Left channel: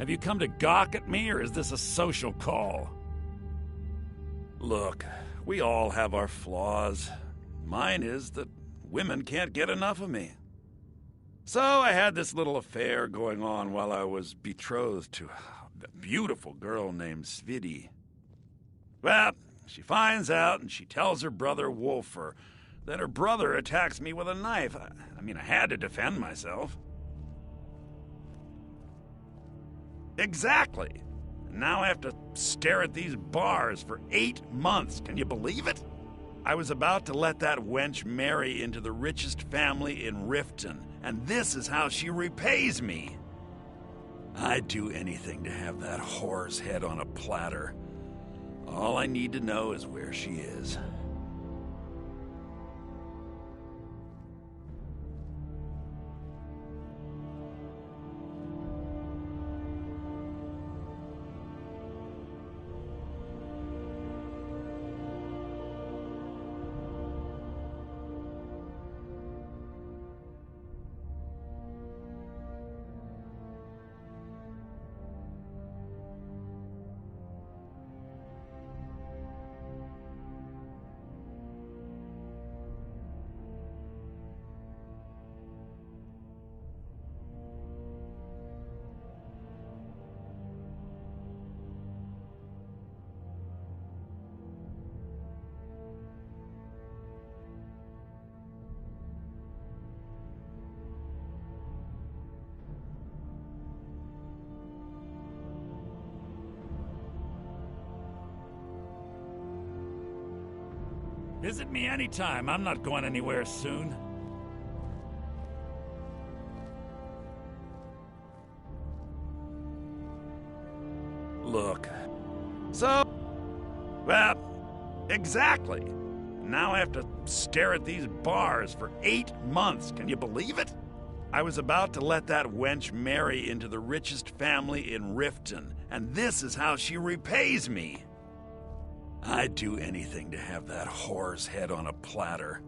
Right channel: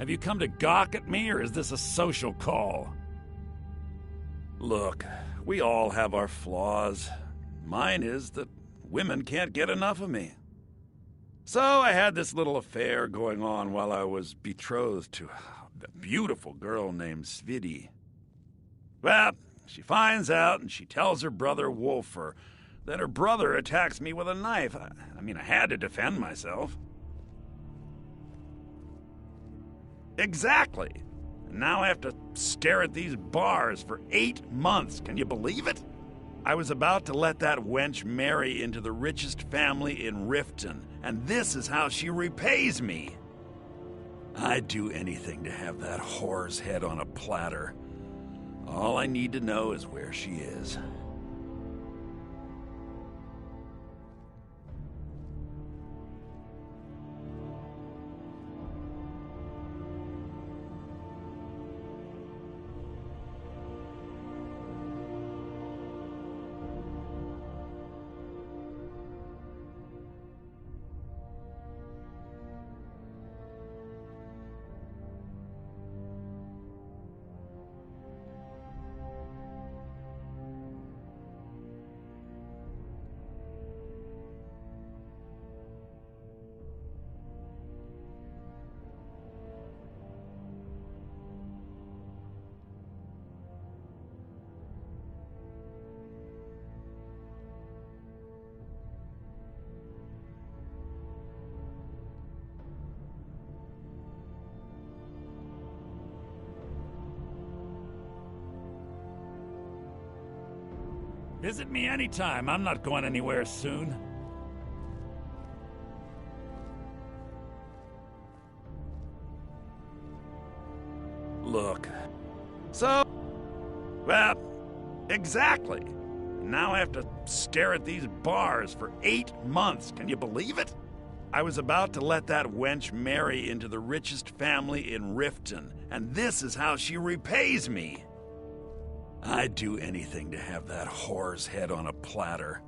Have you come to gawk at me, or is this a social call? Look, we all have our flaws. Mine is that women can't get enough of me. So I had this little affair going on while I was betrothed to a beautiful girl named Svidi. Well, she finds out and she tells her brother Wolfer. Then her brother attacks me with a knife. I had to defend myself. Exactly. And now I have to stare at these bars for 8 months. Can you believe it? I was about to let that wench marry into the richest family in Riften, and this is how she repays me. I'd do anything to have that whore's head on a platter. All I need to know is where she is. Visit me anytime. I'm not going anywhere soon. Look. So, well, exactly. Now I have to stare at these bars for 8 months. Can you believe it? I was about to let that wench marry into the richest family in Riften, and this is how she repays me. I'd do anything to have that whore's head on a platter.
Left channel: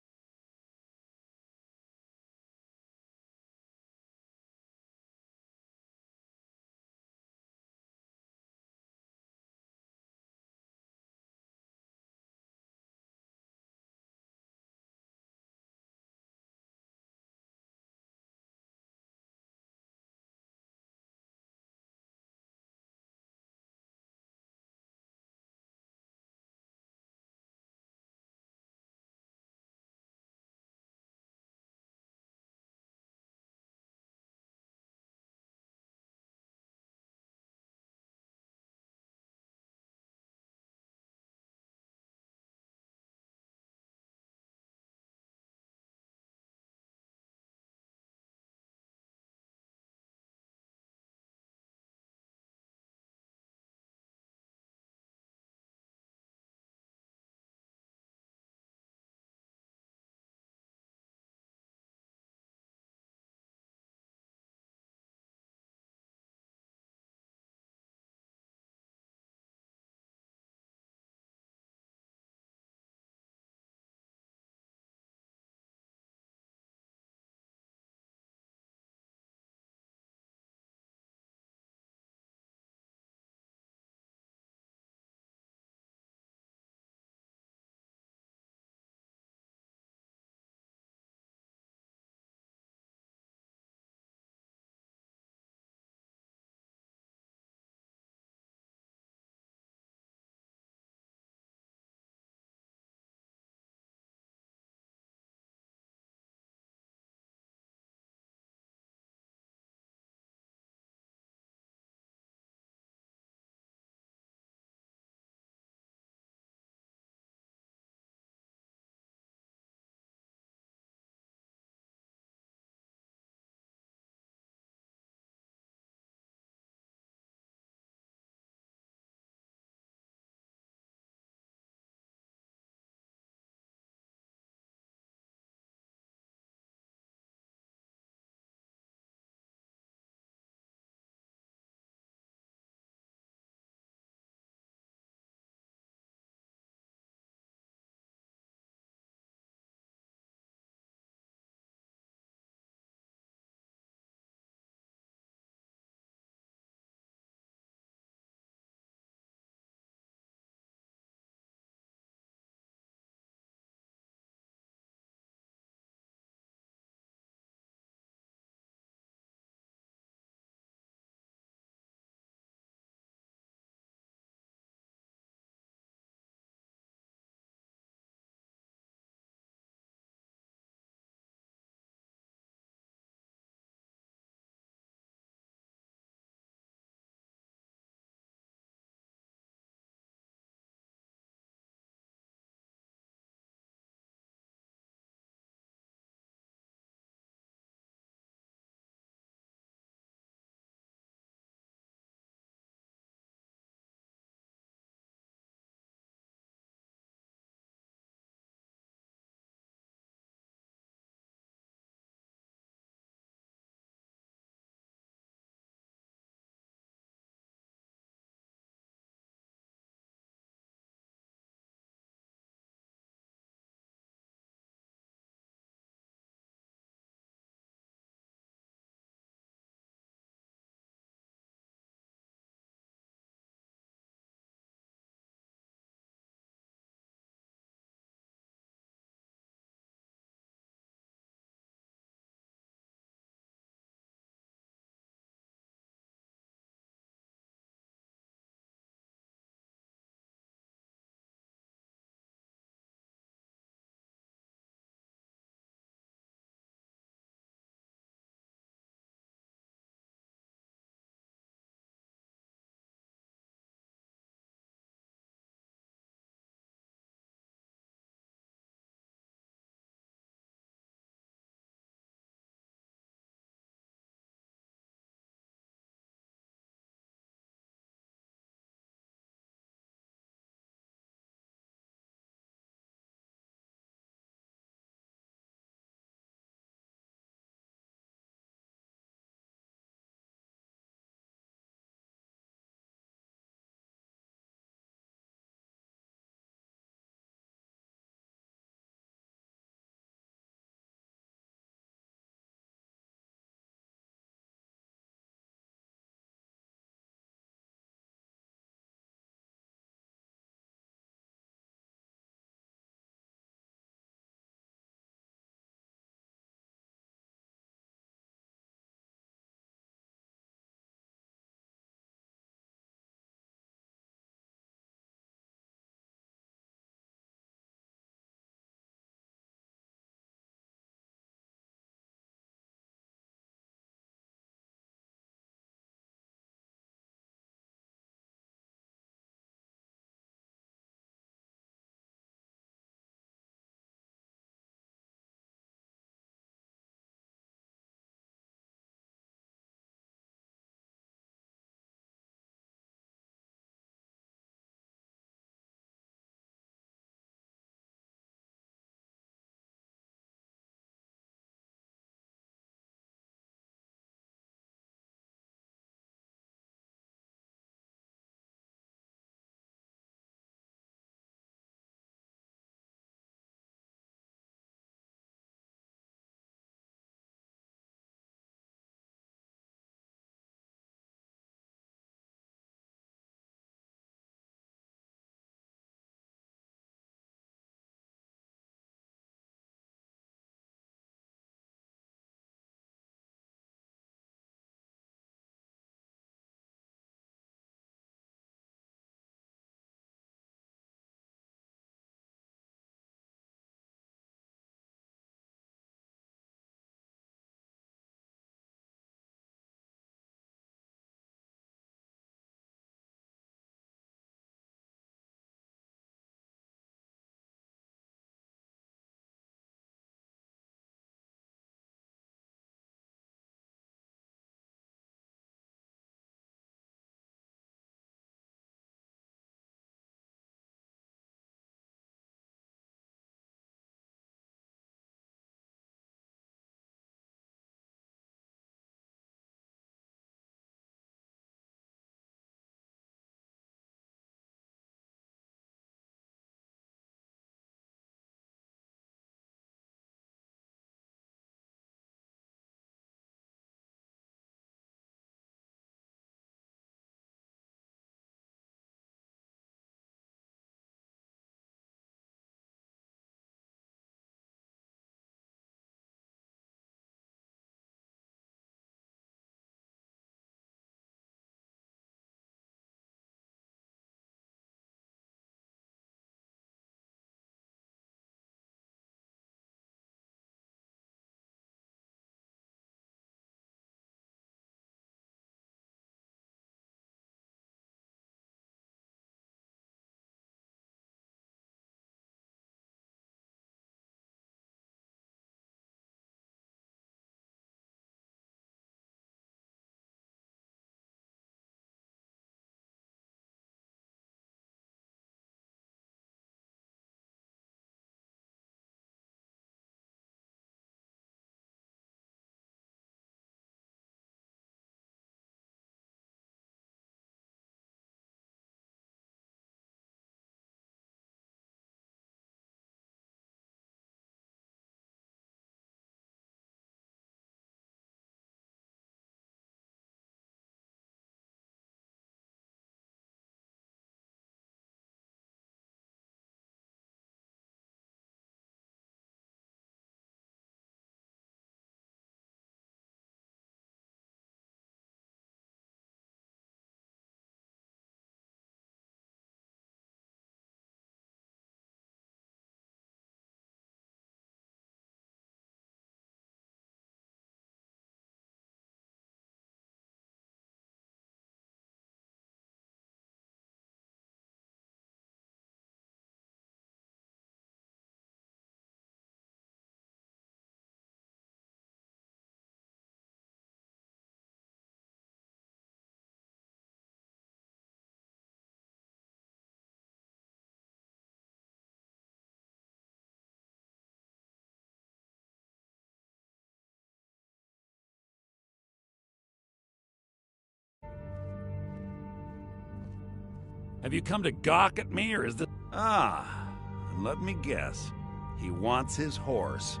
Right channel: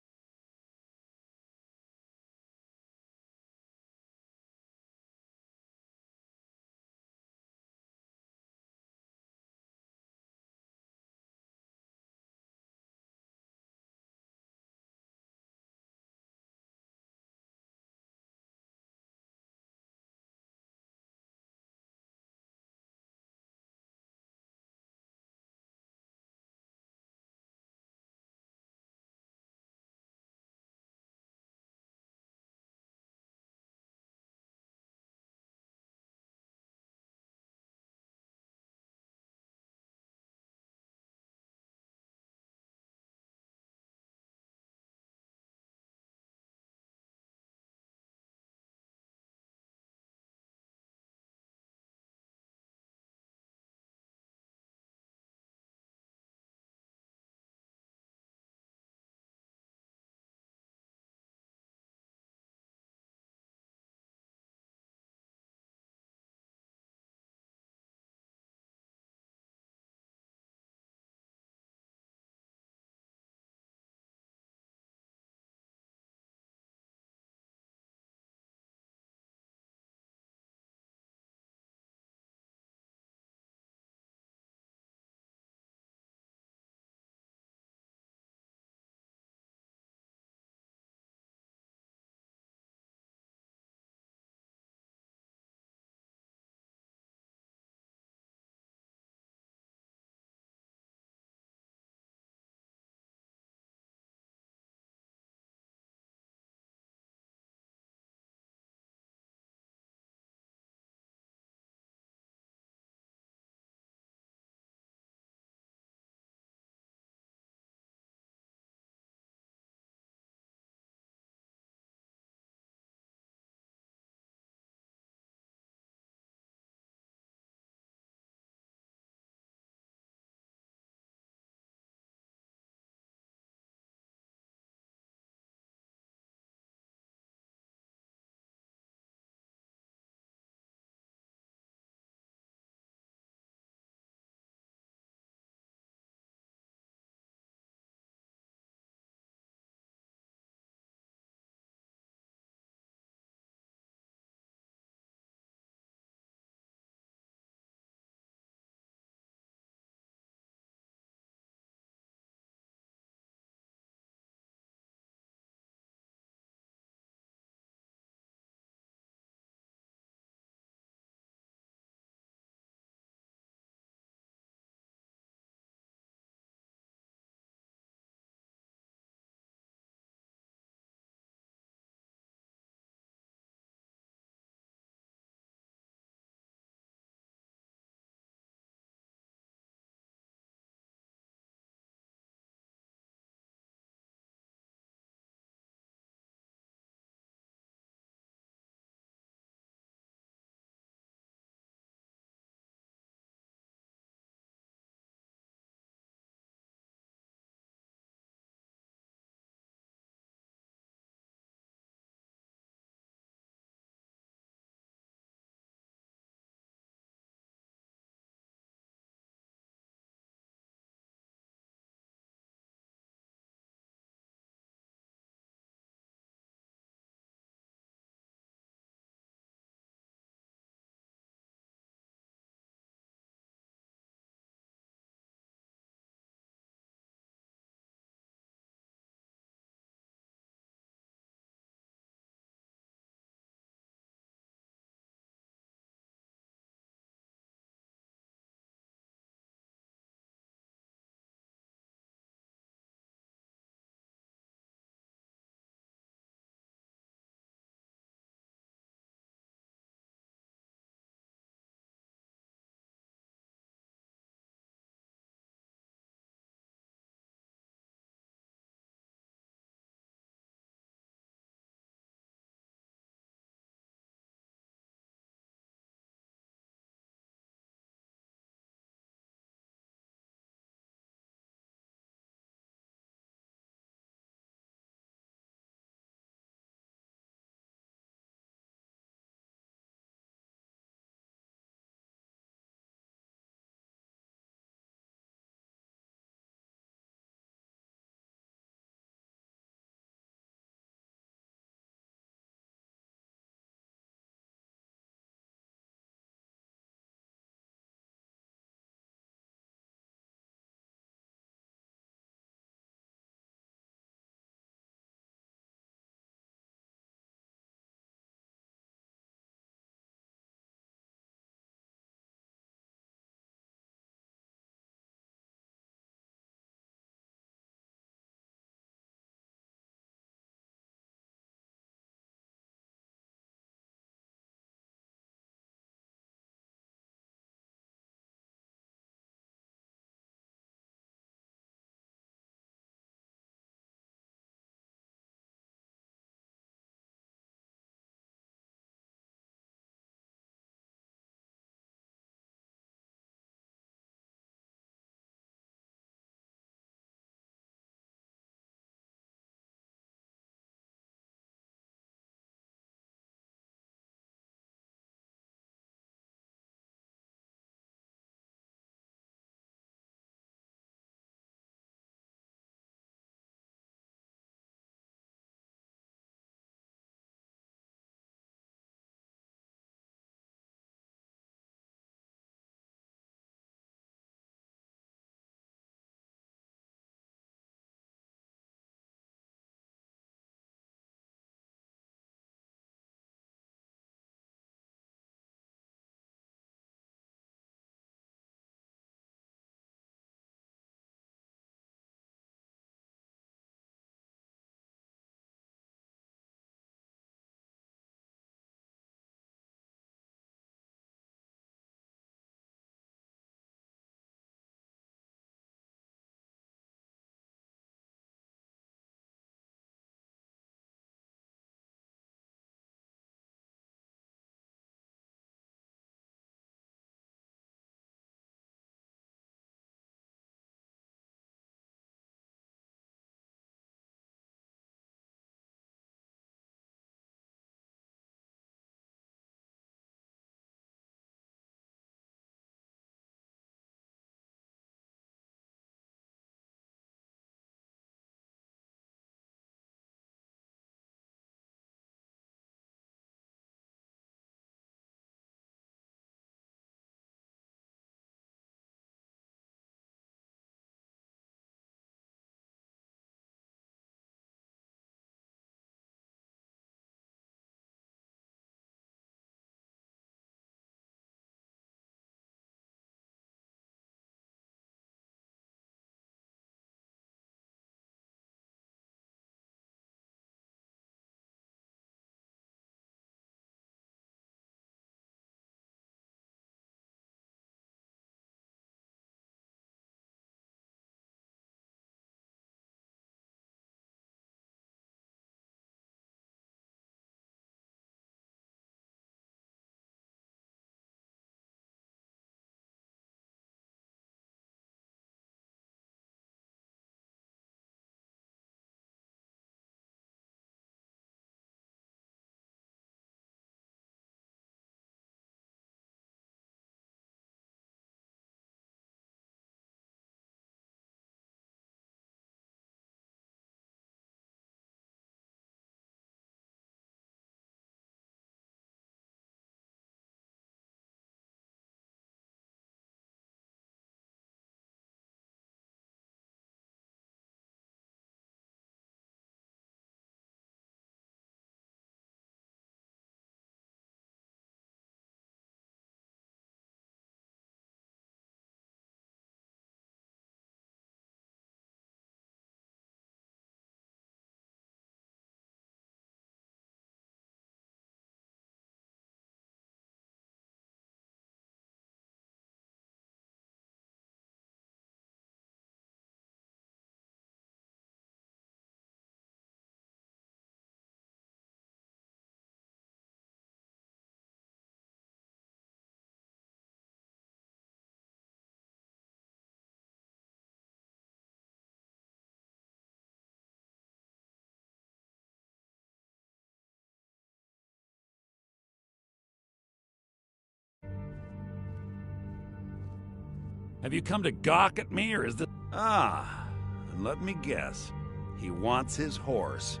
Have you come to gawk at me, or is this... Ah, and let me guess. He wants his horse.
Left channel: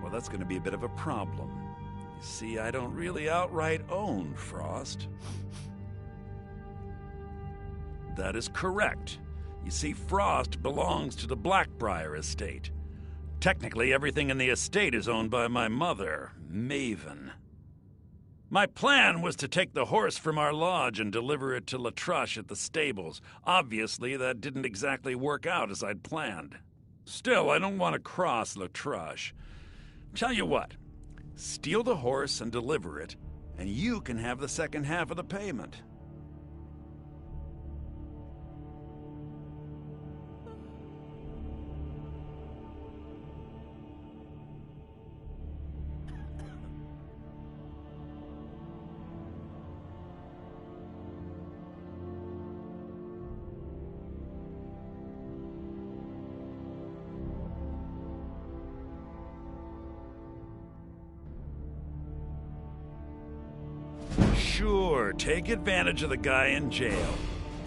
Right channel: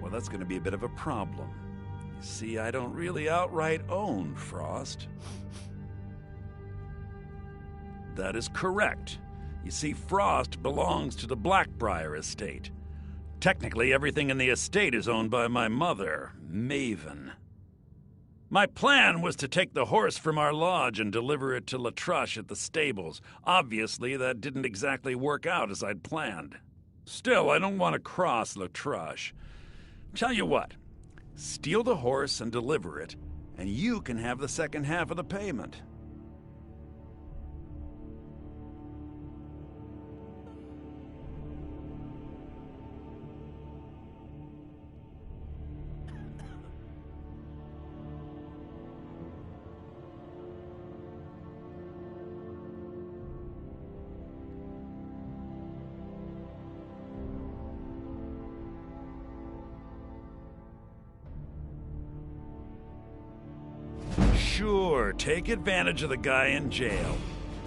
Well, that's going to be a bit of a problem. You see, I don't really outright own Frost. That is correct. You see, Frost belongs to the Blackbriar estate. Technically, everything in the estate is owned by my mother, Maven. My plan was to take the horse from our lodge and deliver it to Latrush at the stables. Obviously, that didn't exactly work out as I'd planned. Still, I don't want to cross Latrush. Tell you what, steal the horse and deliver it, and you can have the second half of the payment. Sure, take advantage of the guy in jail.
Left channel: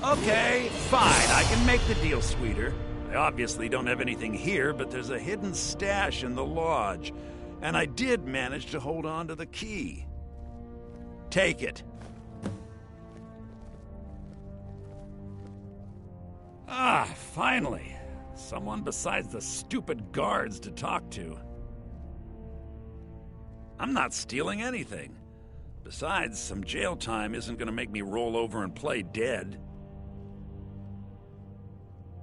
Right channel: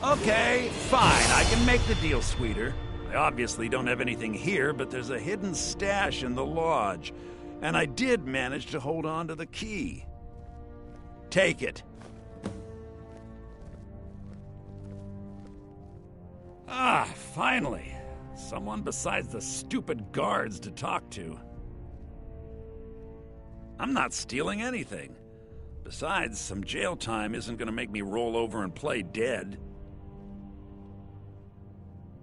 Okay, fine, I can make the deal sweeter. I obviously don't have anything here, but there's a hidden stash in the lodge, and I did manage to hold on to the key. Take it. Ah, finally. Someone besides the stupid guards to talk to. I'm not stealing anything. Besides, some jail time isn't going to make me roll over and play dead.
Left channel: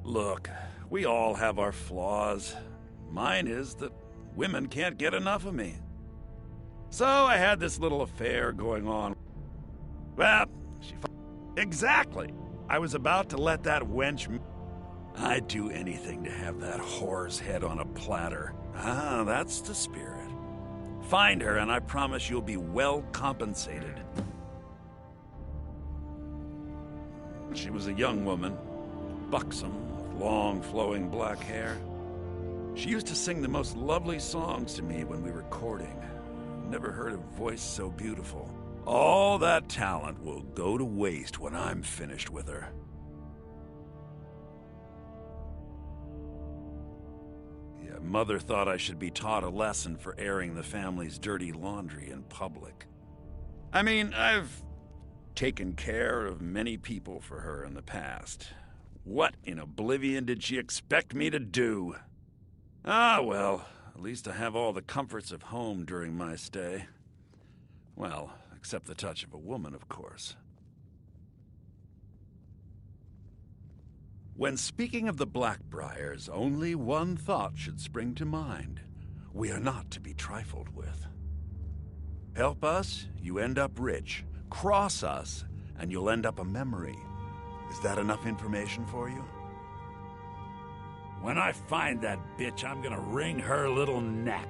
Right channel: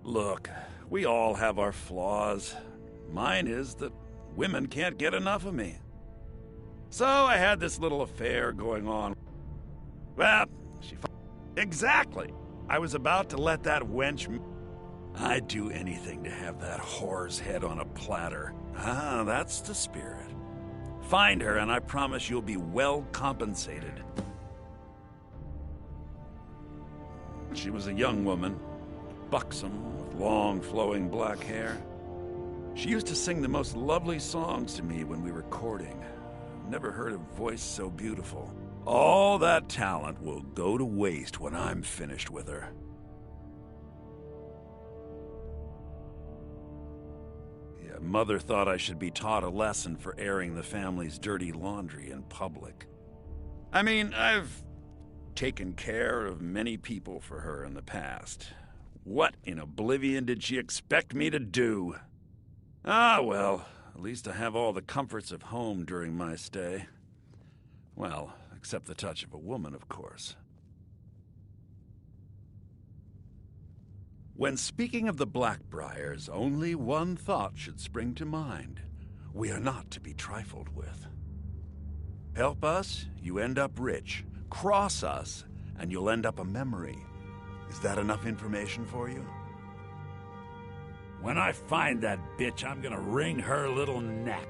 Look, we all have our flaws. Mine is that women can't get enough of me. So I had this little affair going on. Well, exactly. I was about to let that wench... I'd do anything to have that whore's head on a platter. Ah, that's the spirit. Find her, and I promise you'll be well compensated. She was a young woman, buxom, with long, flowing black hair. She used to sing the most lovely songs to me when we were courting. Never heard a voice so beautiful. All that talent will go to waste when I'm finished with her. Mother thought I should be taught a lesson for airing the family's dirty laundry in public. I mean, I've taken care of many people for her in the past. What in oblivion did she expect me to do? Ah, well, at least I have all the comforts of home during my stay. Well, except the touch of a woman, of course. When speaking of the Blackbriars, only one thought should spring to mind. We are not to be trifled with. Help us, you end up rich. Cross us, and you'll end up a memory. Is that enough information for you? When I find that bitch, I'm gonna wring her little neck.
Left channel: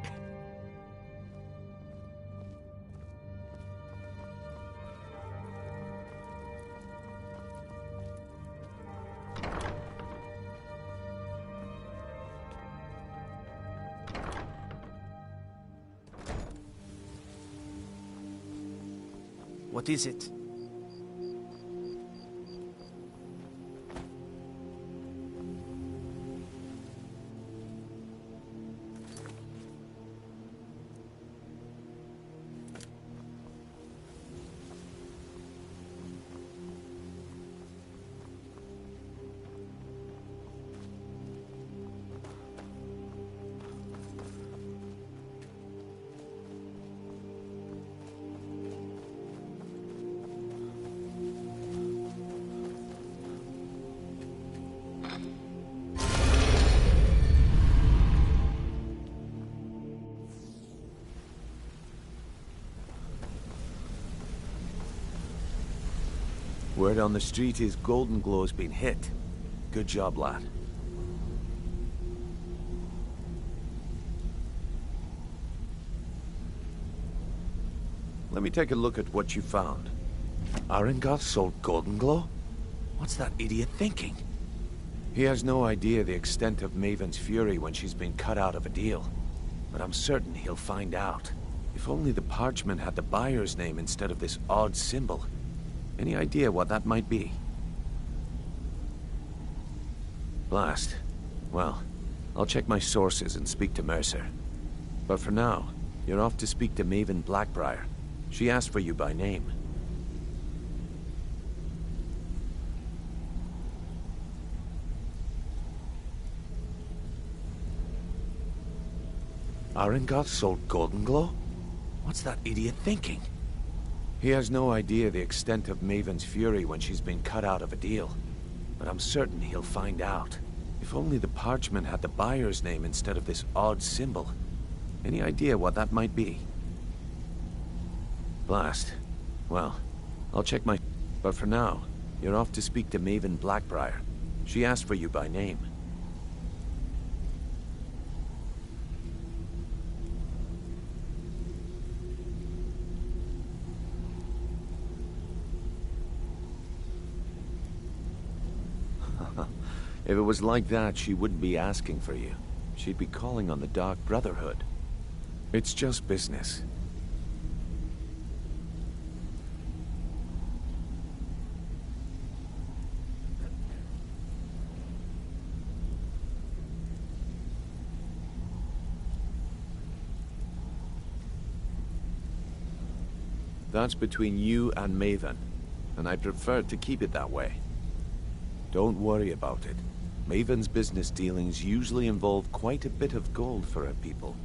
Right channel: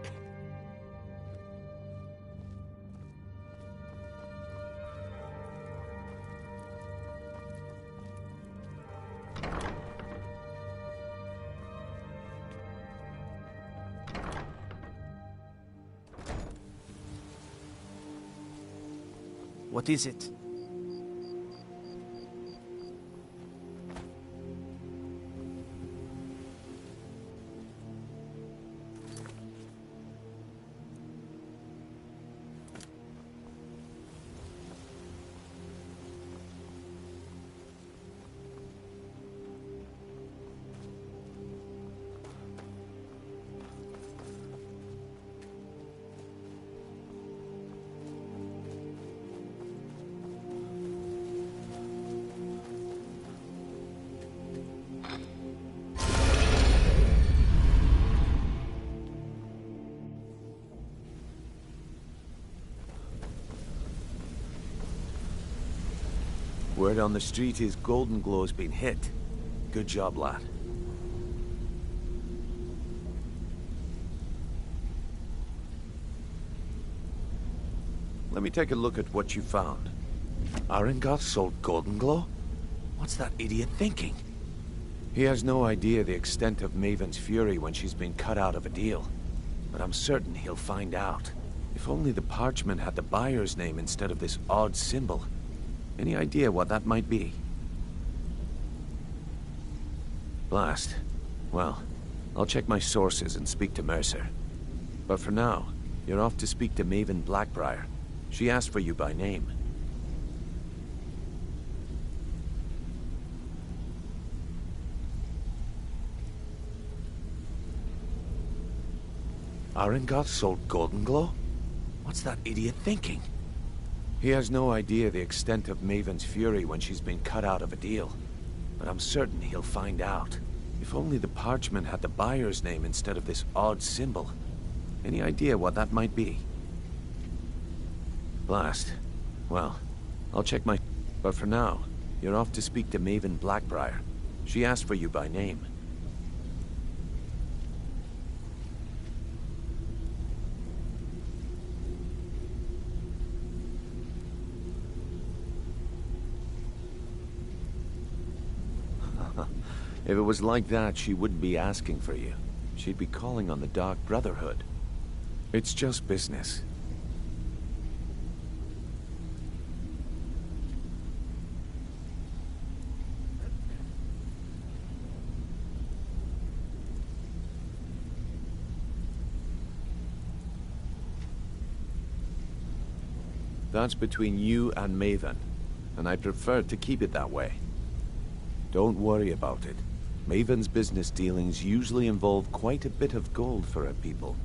What is it? Word on the street is Golden Glow's been hit. Good job, lad. Let me take a look at what you found. Arengoth sold Golden Glow? What's that idiot thinking? He has no idea the extent of Maven's fury when she's been cut out of a deal. But I'm certain he'll find out. If only the parchment had the buyer's name instead of this odd symbol. Any idea what that might be? Blast. Well, I'll check my sources and speak to Mercer. But for now, you're off to speak to Maven Blackbriar. She asked for you by name. Arengoth sold Golden Glow? What's that idiot thinking? He has no idea the extent of Maven's fury when she's been cut out of a deal. But I'm certain he'll find out. If only the parchment had the buyer's name instead of this odd symbol. Any idea what that might be? Blast. Well, I'll check my... But for now, you're off to speak to Maven Blackbriar. She asked for you by name. If it was like that, she wouldn't be asking for you. She'd be calling on the Dark Brotherhood. It's just business. That's between you and Maven, and I prefer to keep it that way. Don't worry about it. Maven's business dealings usually involve quite a bit of gold for her people.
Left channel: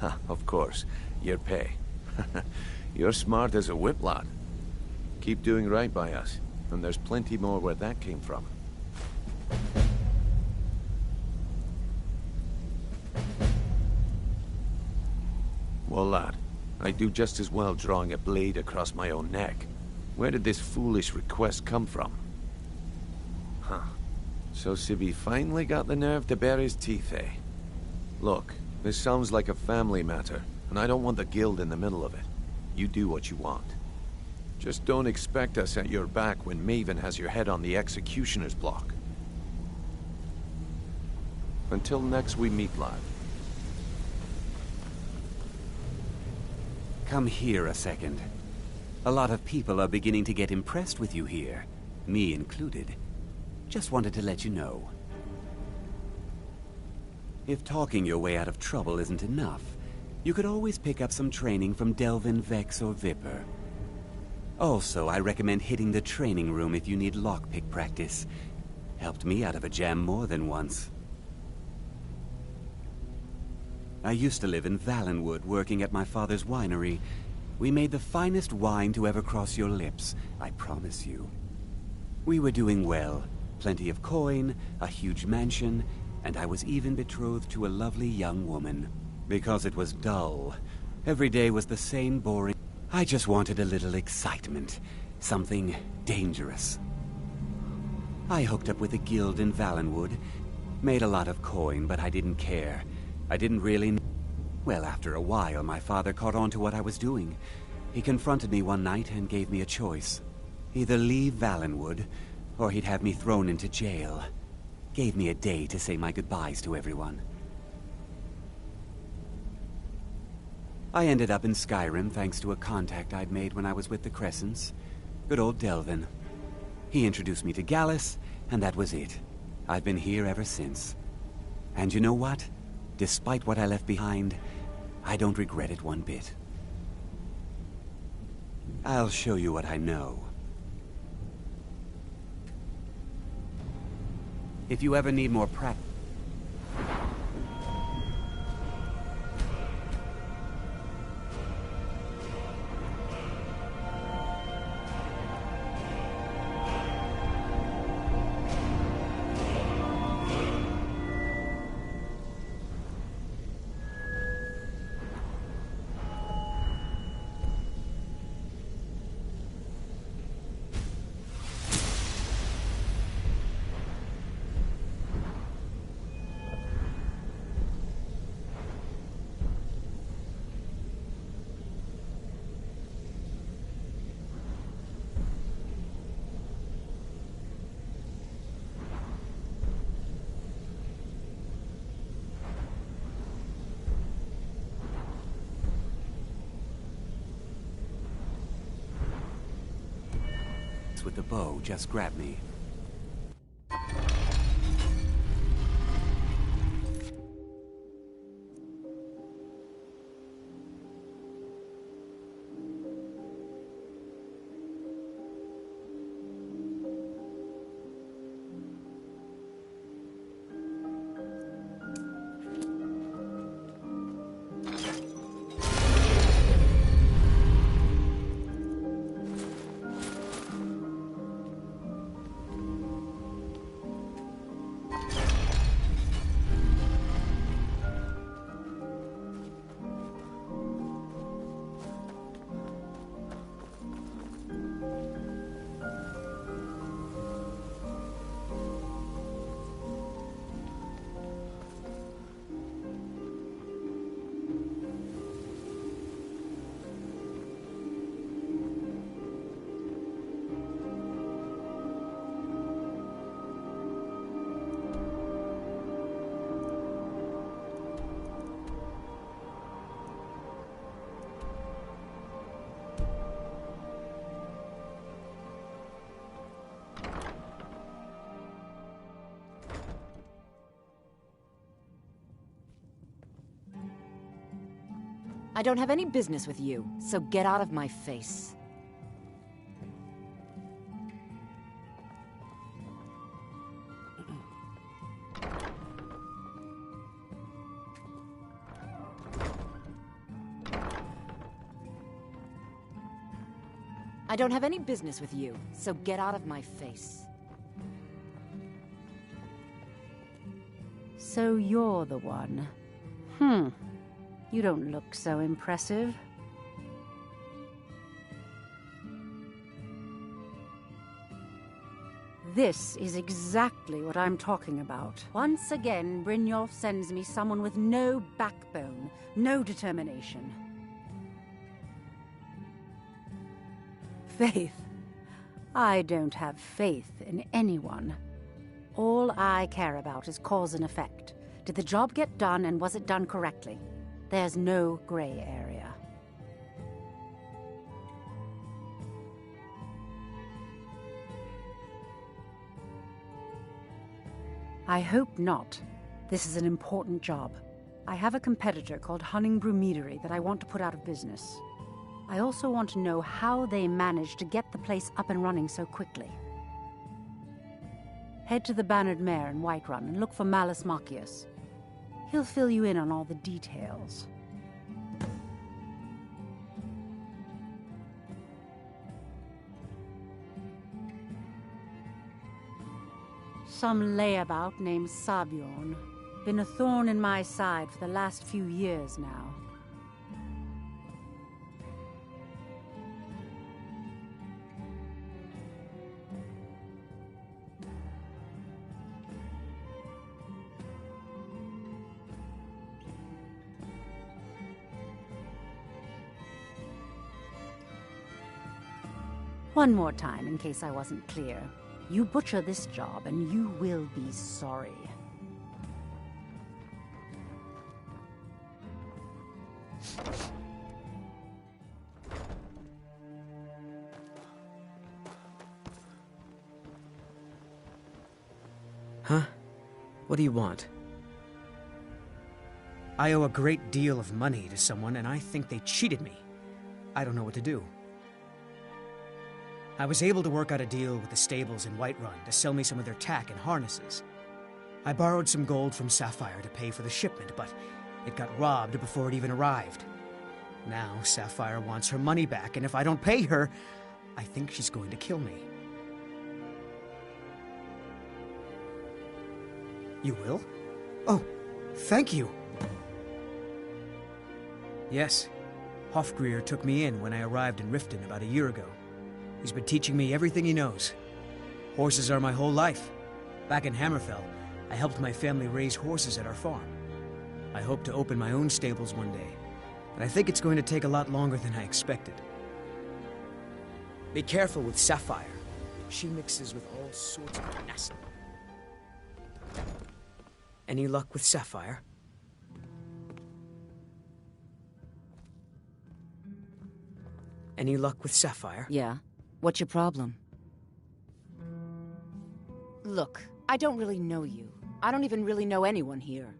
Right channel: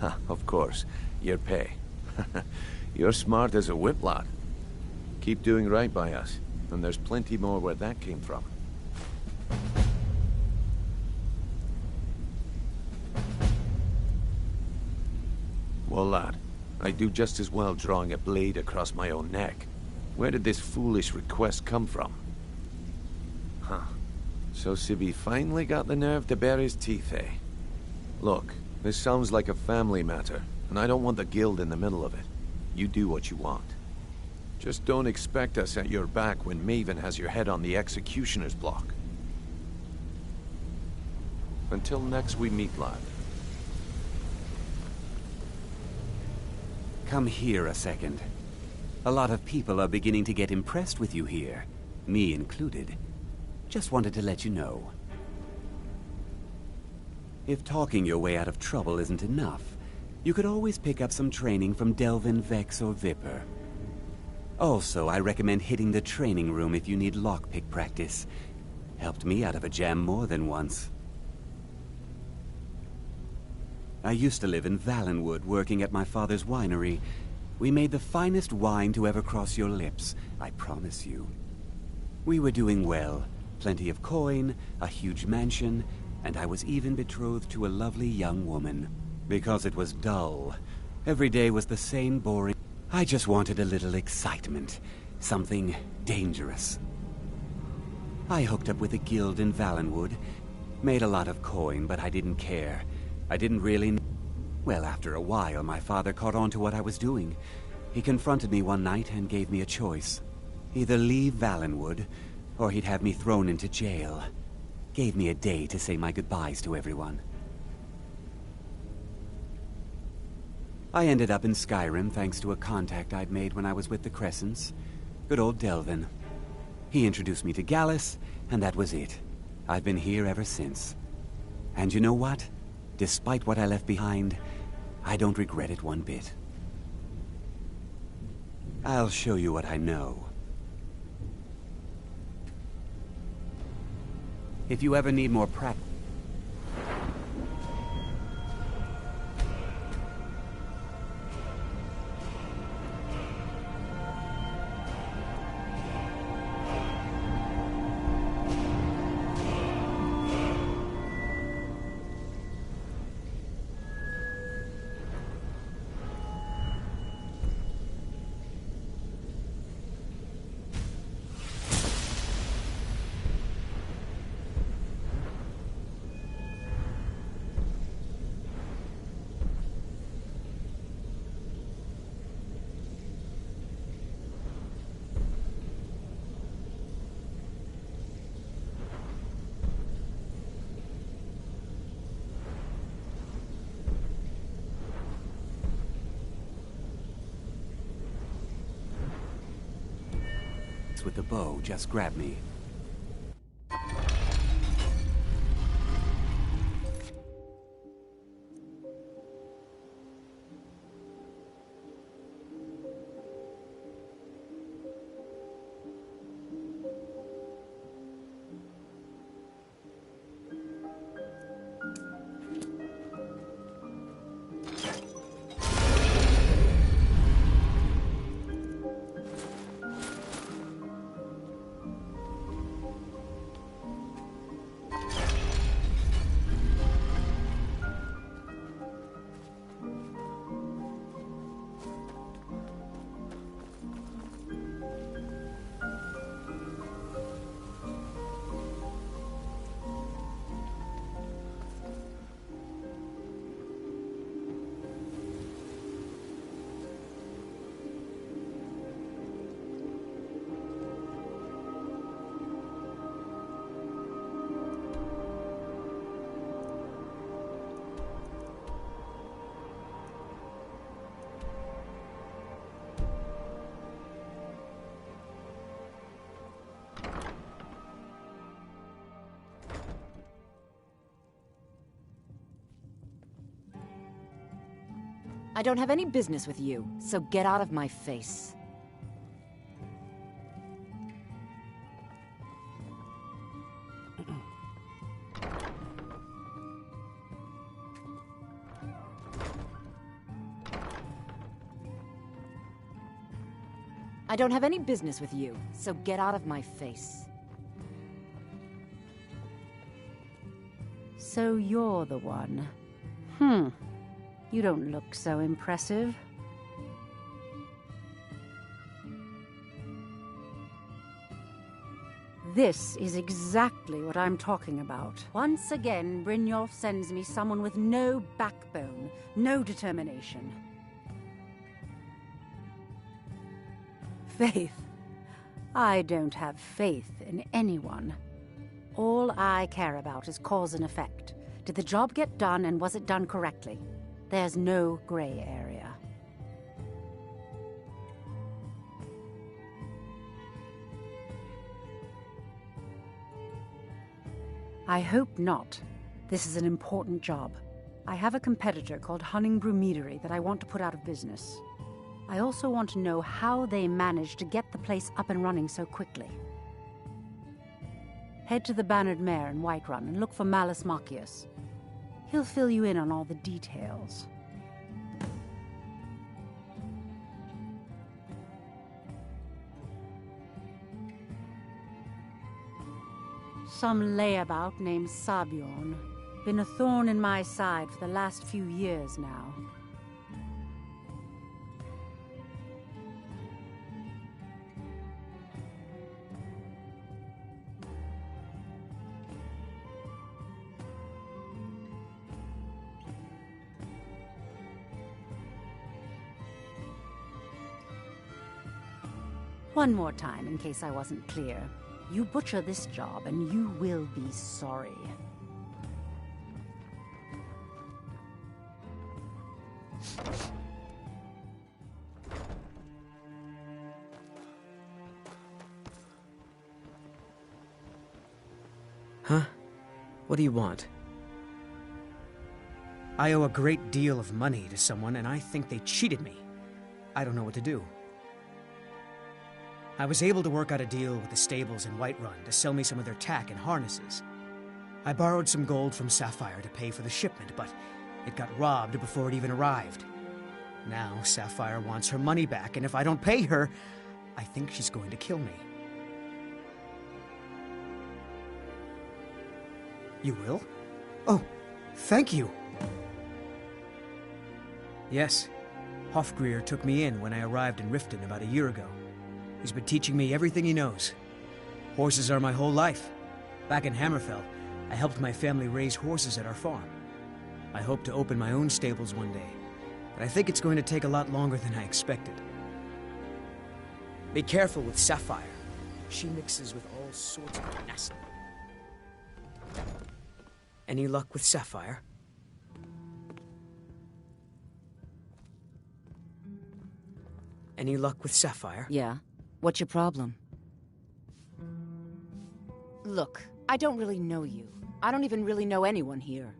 Ha, of course, your pay. You're smart as a whip, lad. Keep doing right by us, and there's plenty more where that came from. Well, lad, I'd do just as well drawing a blade across my own neck. Where did this foolish request come from? Huh. So Sibby finally got the nerve to bare his teeth, eh? Look, this sounds like a family matter, and I don't want the guild in the middle of it. You do what you want. Just don't expect us at your back when Maven has your head on the executioner's block. Until next we meet, lad. Come here a second. A lot of people are beginning to get impressed with you here, me included. Just wanted to let you know. If talking your way out of trouble isn't enough, you could always pick up some training from Delvin, Vex, or Viper. Also, I recommend hitting the training room if you need lockpick practice. Helped me out of a jam more than once. I used to live in Valenwood, working at my father's winery. We made the finest wine to ever cross your lips, I promise you. We were doing well. Plenty of coin, a huge mansion, and I was even betrothed to a lovely young woman. Because it was dull. Every day was the same boring... I just wanted a little excitement. Something dangerous. I hooked up with a guild in Valenwood. Made a lot of coin, but I didn't care. I didn't really... Well, after a while, my father caught on to what I was doing. He confronted me one night and gave me a choice. Either leave Valenwood, or he'd have me thrown into jail. Gave me a day to say my goodbyes to everyone. I ended up in Skyrim thanks to a contact I'd made when I was with the Crescents. Good old Delvin. He introduced me to Gallus, and that was it. I've been here ever since. And you know what? Despite what I left behind, I don't regret it one bit. I'll show you what I know. If you ever need more practice... with the bow just grabbed me. I don't have any business with you, so get out of my face. I don't have any business with you, so get out of my face. So you're the one. You don't look so impressive. This is exactly what I'm talking about. Once again, Brynjolf sends me someone with no backbone, no determination. Faith. I don't have faith in anyone. All I care about is cause and effect. Did the job get done, and was it done correctly? There's no gray area. I hope not. This is an important job. I have a competitor called Hunningbrew Meadery that I want to put out of business. I also want to know how they managed to get the place up and running so quickly. Head to the Bannered Mare in Whiterun and look for Malus Machius. He'll fill you in on all the details. Some layabout named Sabjorn. Been a thorn in my side for the last few years now. One more time, in case I wasn't clear. You butcher this job, and you will be sorry. Huh? What do you want? I owe a great deal of money to someone, and I think they cheated me. I don't know what to do. I was able to work out a deal with the stables in Whiterun to sell me some of their tack and harnesses. I borrowed some gold from Sapphire to pay for the shipment, but it got robbed before it even arrived. Now Sapphire wants her money back, and if I don't pay her, I think she's going to kill me. You will? Oh, thank you! Yes, Hofgrir took me in when I arrived in Riften about a year ago. He's been teaching me everything he knows. Horses are my whole life. Back in Hammerfell, I helped my family raise horses at our farm. I hope to open my own stables one day, but I think it's going to take a lot longer than I expected. Be careful with Sapphire. She mixes with all sorts of nasty. Any luck with Sapphire? Any luck with Sapphire? Yeah. What's your problem? Look, I don't really know you. I don't even really know anyone here.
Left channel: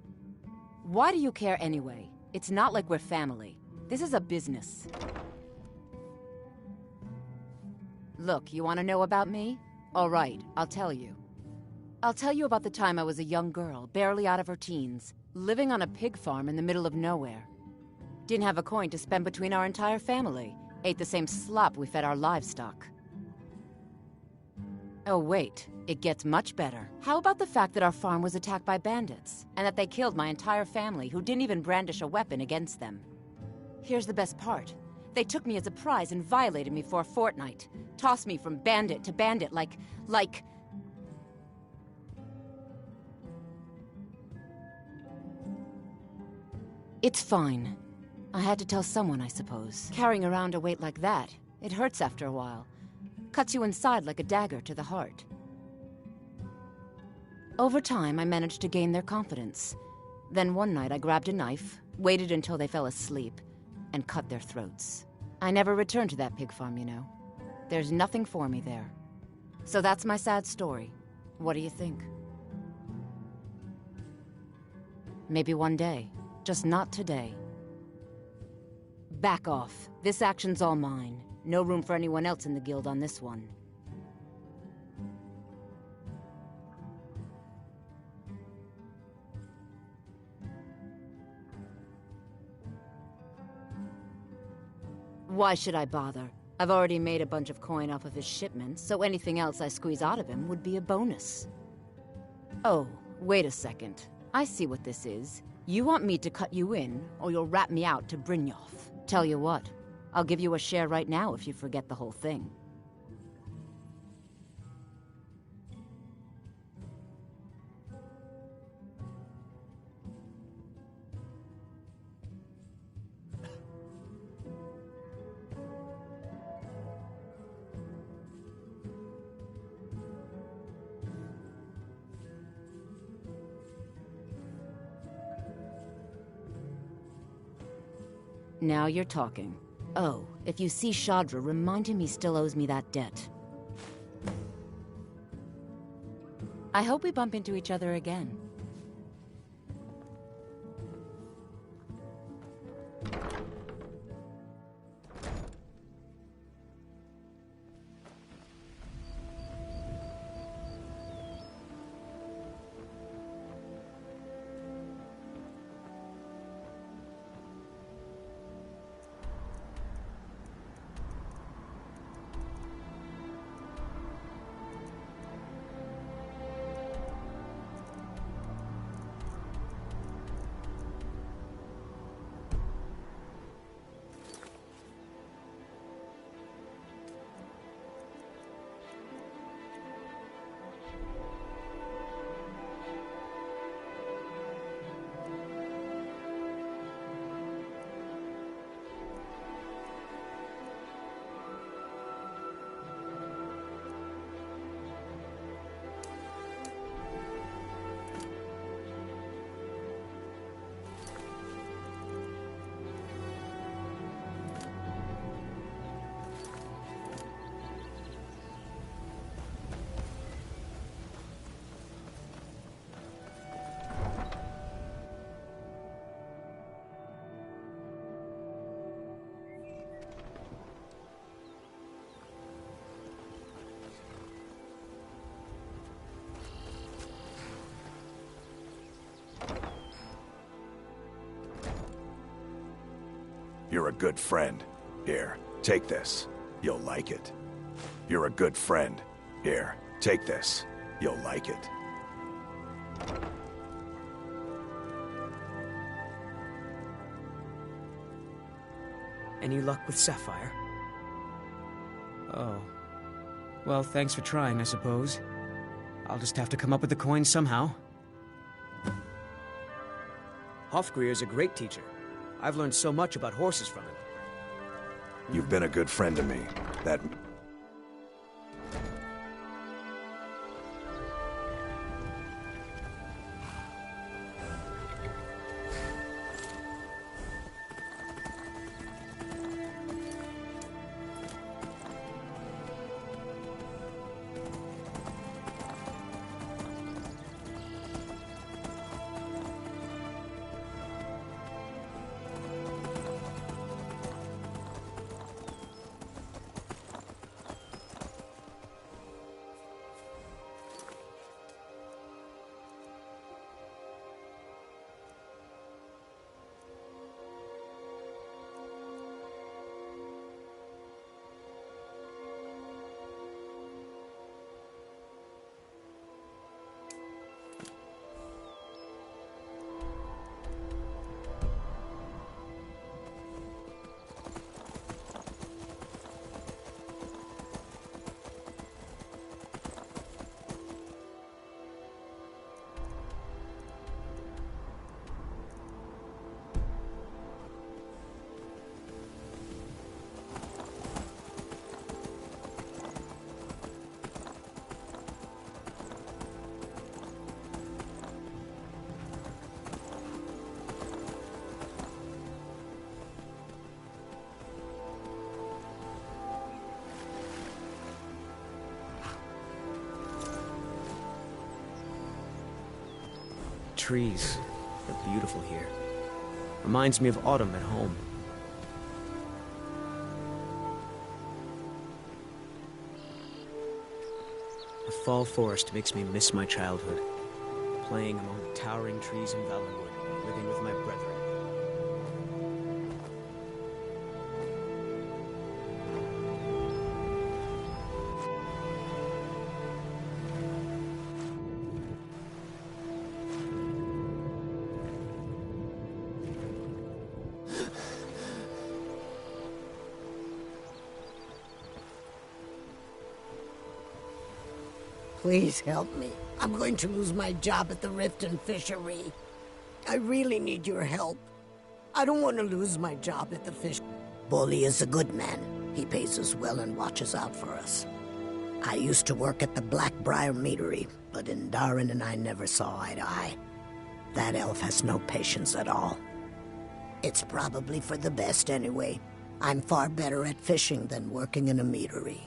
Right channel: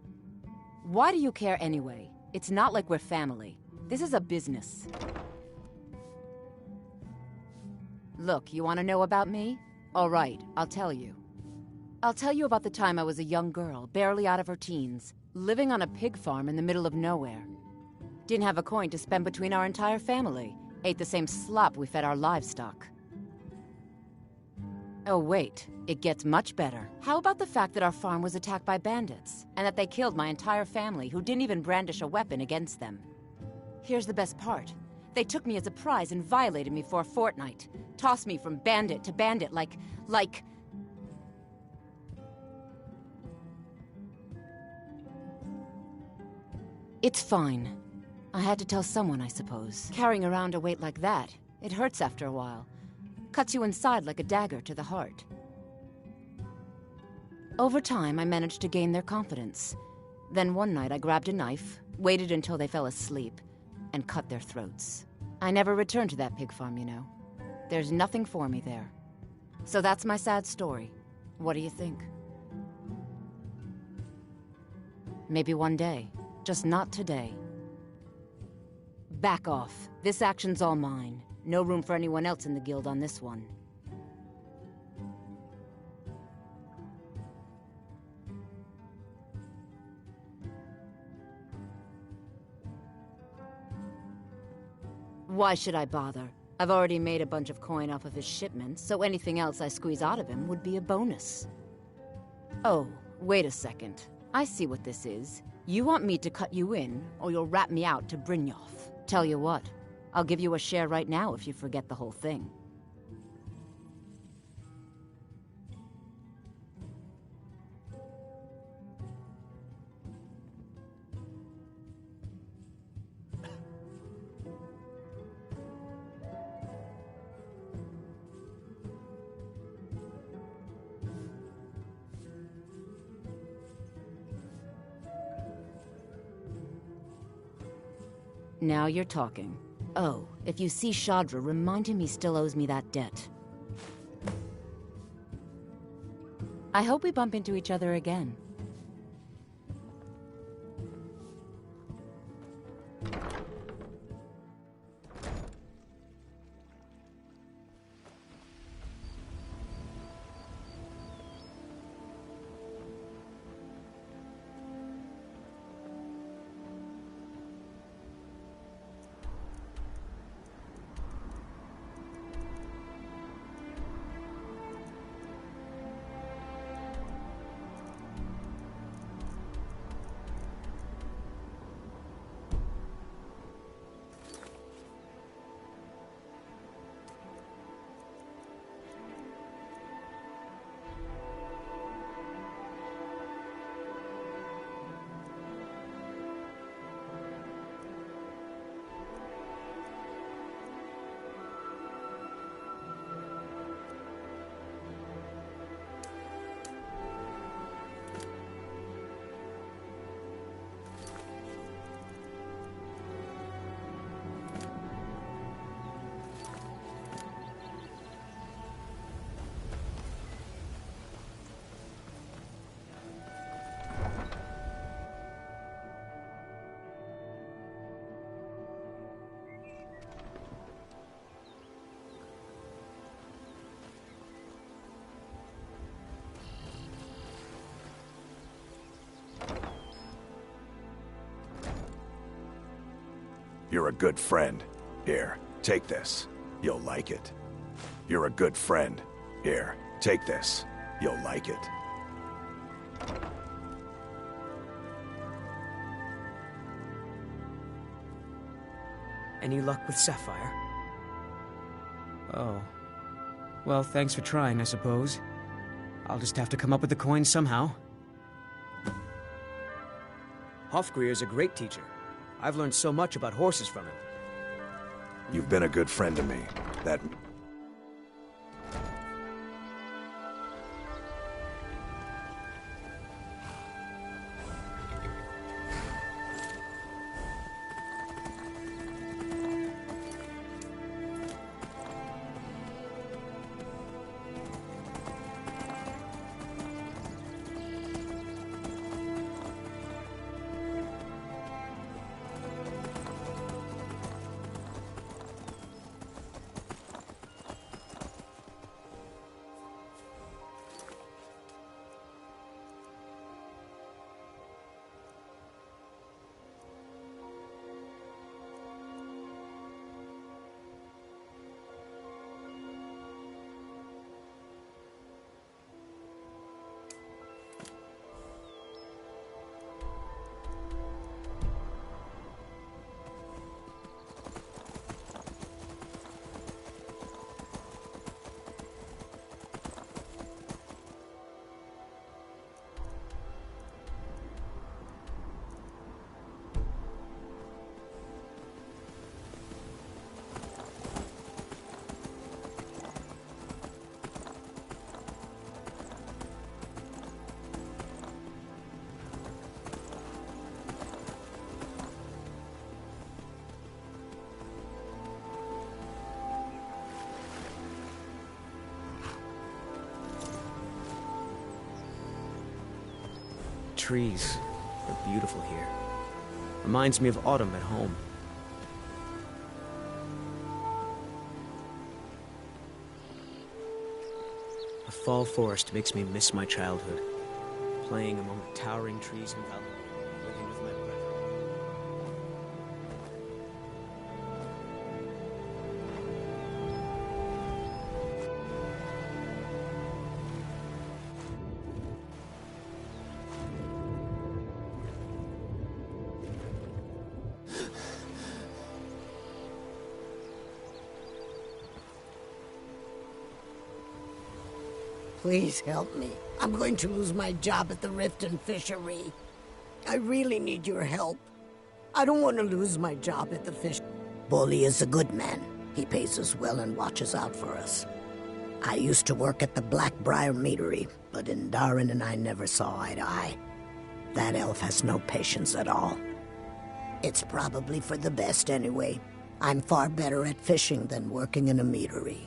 Why do you care anyway? It's not like we're family. This is a business. Look, you want to know about me? All right, I'll tell you. I'll tell you about the time I was a young girl, barely out of her teens, living on a pig farm in the middle of nowhere. Didn't have a coin to spend between our entire family. Ate the same slop we fed our livestock. Oh wait, it gets much better. How about the fact that our farm was attacked by bandits, and that they killed my entire family who didn't even brandish a weapon against them? Here's the best part. They took me as a prize and violated me for a fortnight. Tossed me from bandit to bandit like... It's fine. I had to tell someone, I suppose. Carrying around a weight like that, it hurts after a while. Cuts you inside like a dagger to the heart. Over time, I managed to gain their confidence. Then one night I grabbed a knife, waited until they fell asleep, and cut their throats. I never returned to that pig farm, you know. There's nothing for me there. So that's my sad story. What do you think? Maybe one day. Just not today. Back off. This action's all mine. No room for anyone else in the guild on this one. Why should I bother? I've already made a bunch of coin off of his shipments, so anything else I squeeze out of him would be a bonus. Oh, wait a second. I see what this is. You want me to cut you in, or you'll rat me out to Brynjolf. Tell you what, I'll give you a share right now if you forget the whole thing. Now you're talking. Oh, if you see Shadra, remind him he still owes me that debt. I hope we bump into each other again. You're a good friend. Here, take this. You'll like it. You're a good friend. Here, take this. You'll like it. Any luck with Sapphire? Oh. Well, thanks for trying, I suppose. I'll just have to come up with the coin somehow. Hofgrir's a great teacher. I've learned so much about horses from him. You've been a good friend to me. That... Trees. They're beautiful here. Reminds me of autumn at home. The fall forest makes me miss my childhood. Playing among the towering trees in Valenwood, living with my brethren. Please help me. I'm going to lose my job at the Riften Fishery. I really need your help. I don't want to lose my job at the fish. Bolly is a good man. He pays us well and watches out for us. I used to work at the Blackbriar Meadery, but Indarin and I never saw eye to eye. That elf has no patience at all. It's probably for the best anyway. I'm far better at fishing than working in a meadery.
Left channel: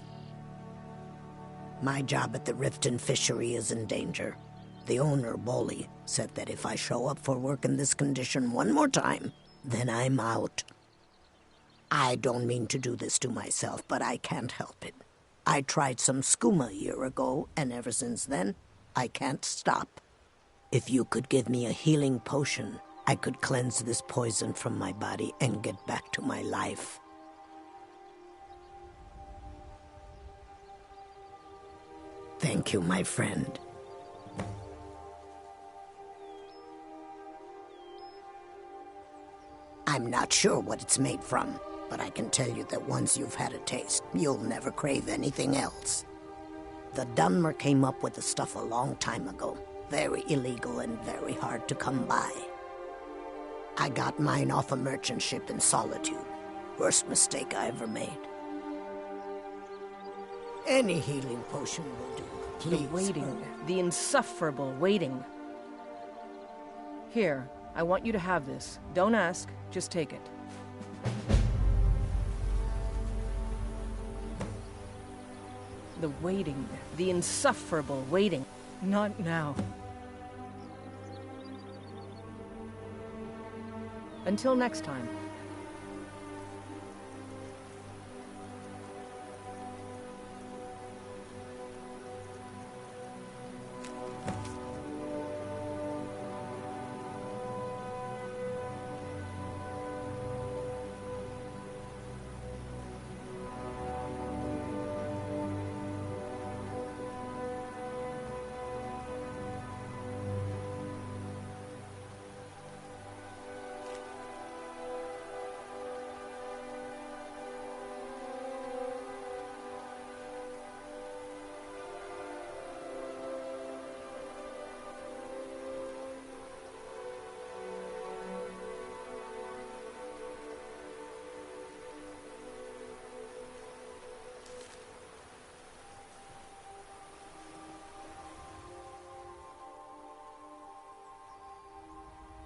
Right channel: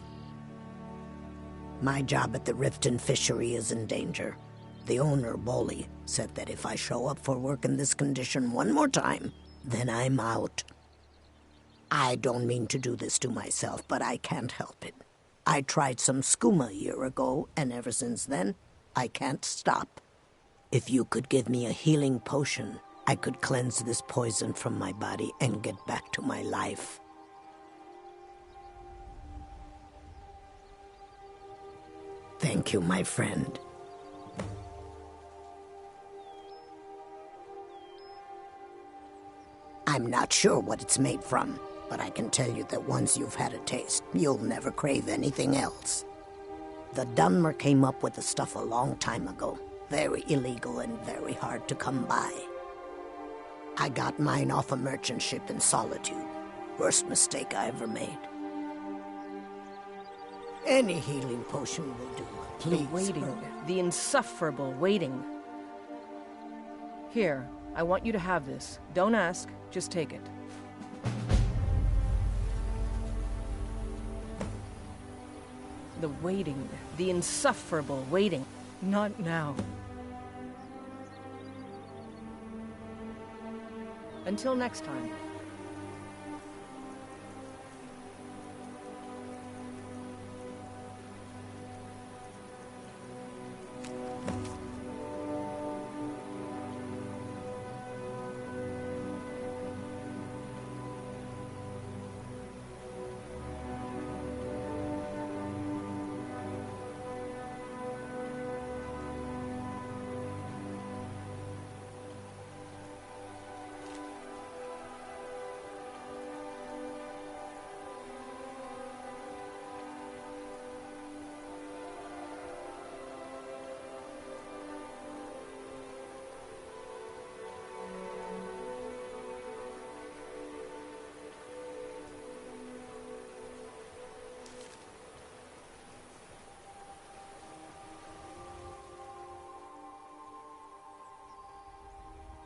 My job at the Riften Fishery is in danger. The owner, Bolly, said that if I show up for work in this condition one more time, then I'm out. I don't mean to do this to myself, but I can't help it. I tried some skooma a year ago, and ever since then, I can't stop. If you could give me a healing potion, I could cleanse this poison from my body and get back to my life. Thank you, my friend. I'm not sure what it's made from, but I can tell you that once you've had a taste, you'll never crave anything else. The Dunmer came up with the stuff a long time ago. Very illegal and very hard to come by. I got mine off a merchant ship in Solitude. Worst mistake I ever made. Any healing potion will do. Please. The waiting. The insufferable waiting. Here, I want you to have this. Don't ask, just take it. The waiting. The insufferable waiting. Not now. Until next time.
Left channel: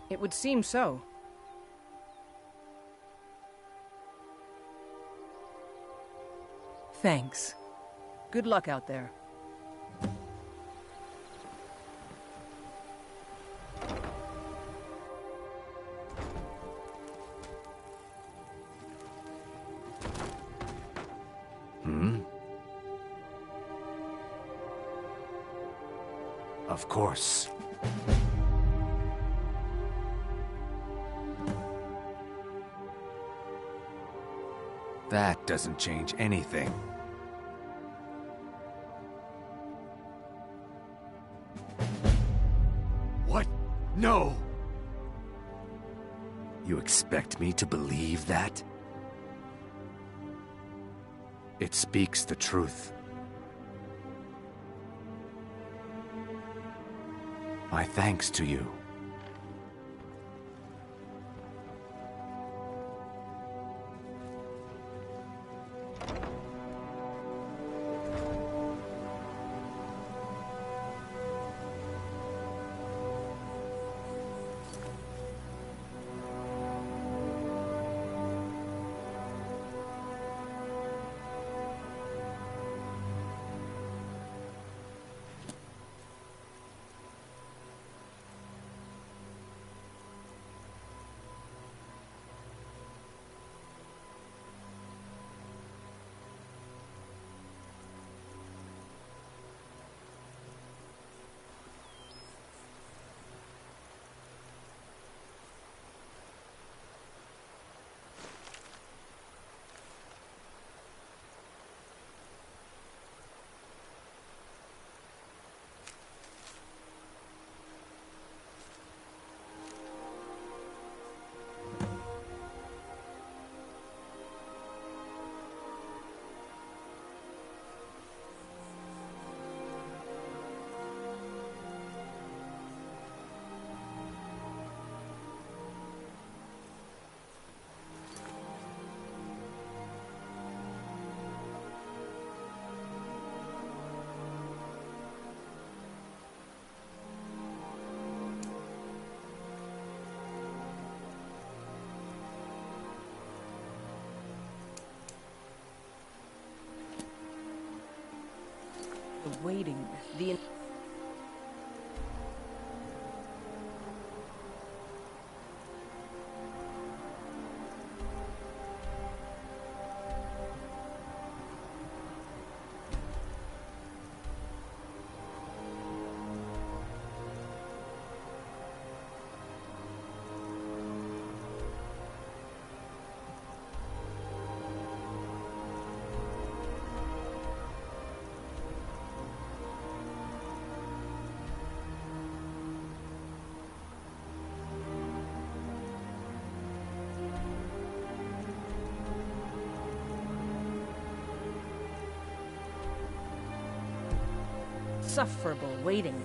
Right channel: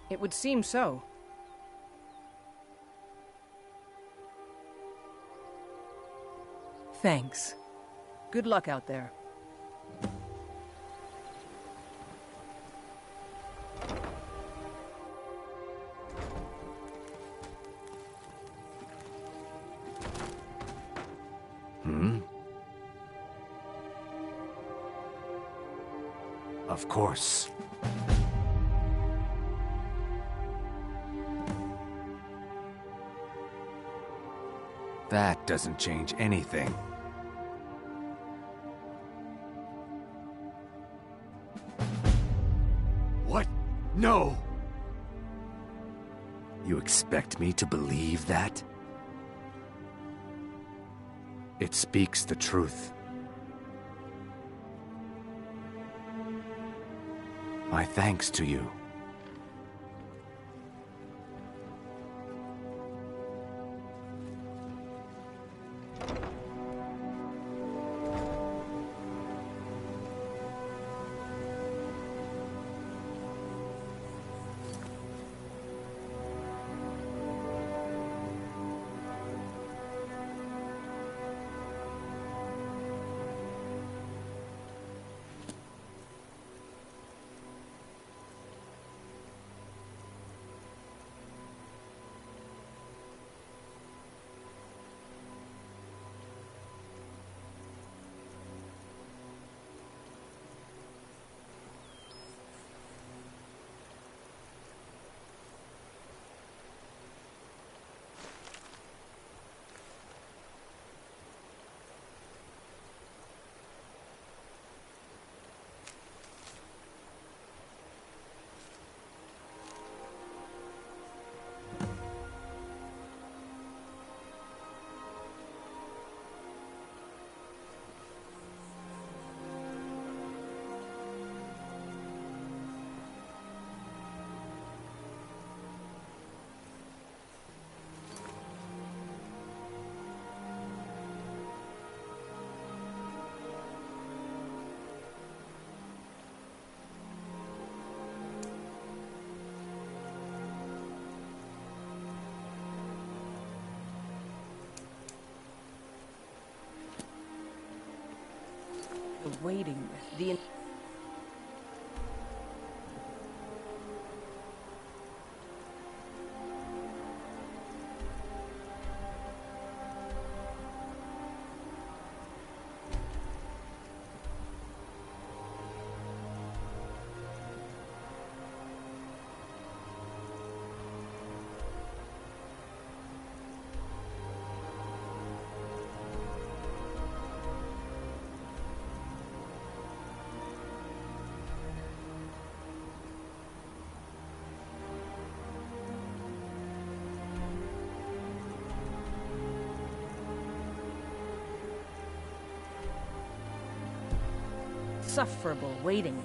It would seem so. Thanks. Good luck out there. Of course. That doesn't change anything. What? No! You expect me to believe that? It speaks the truth. My thanks to you. waiting, the... Insufferable waiting.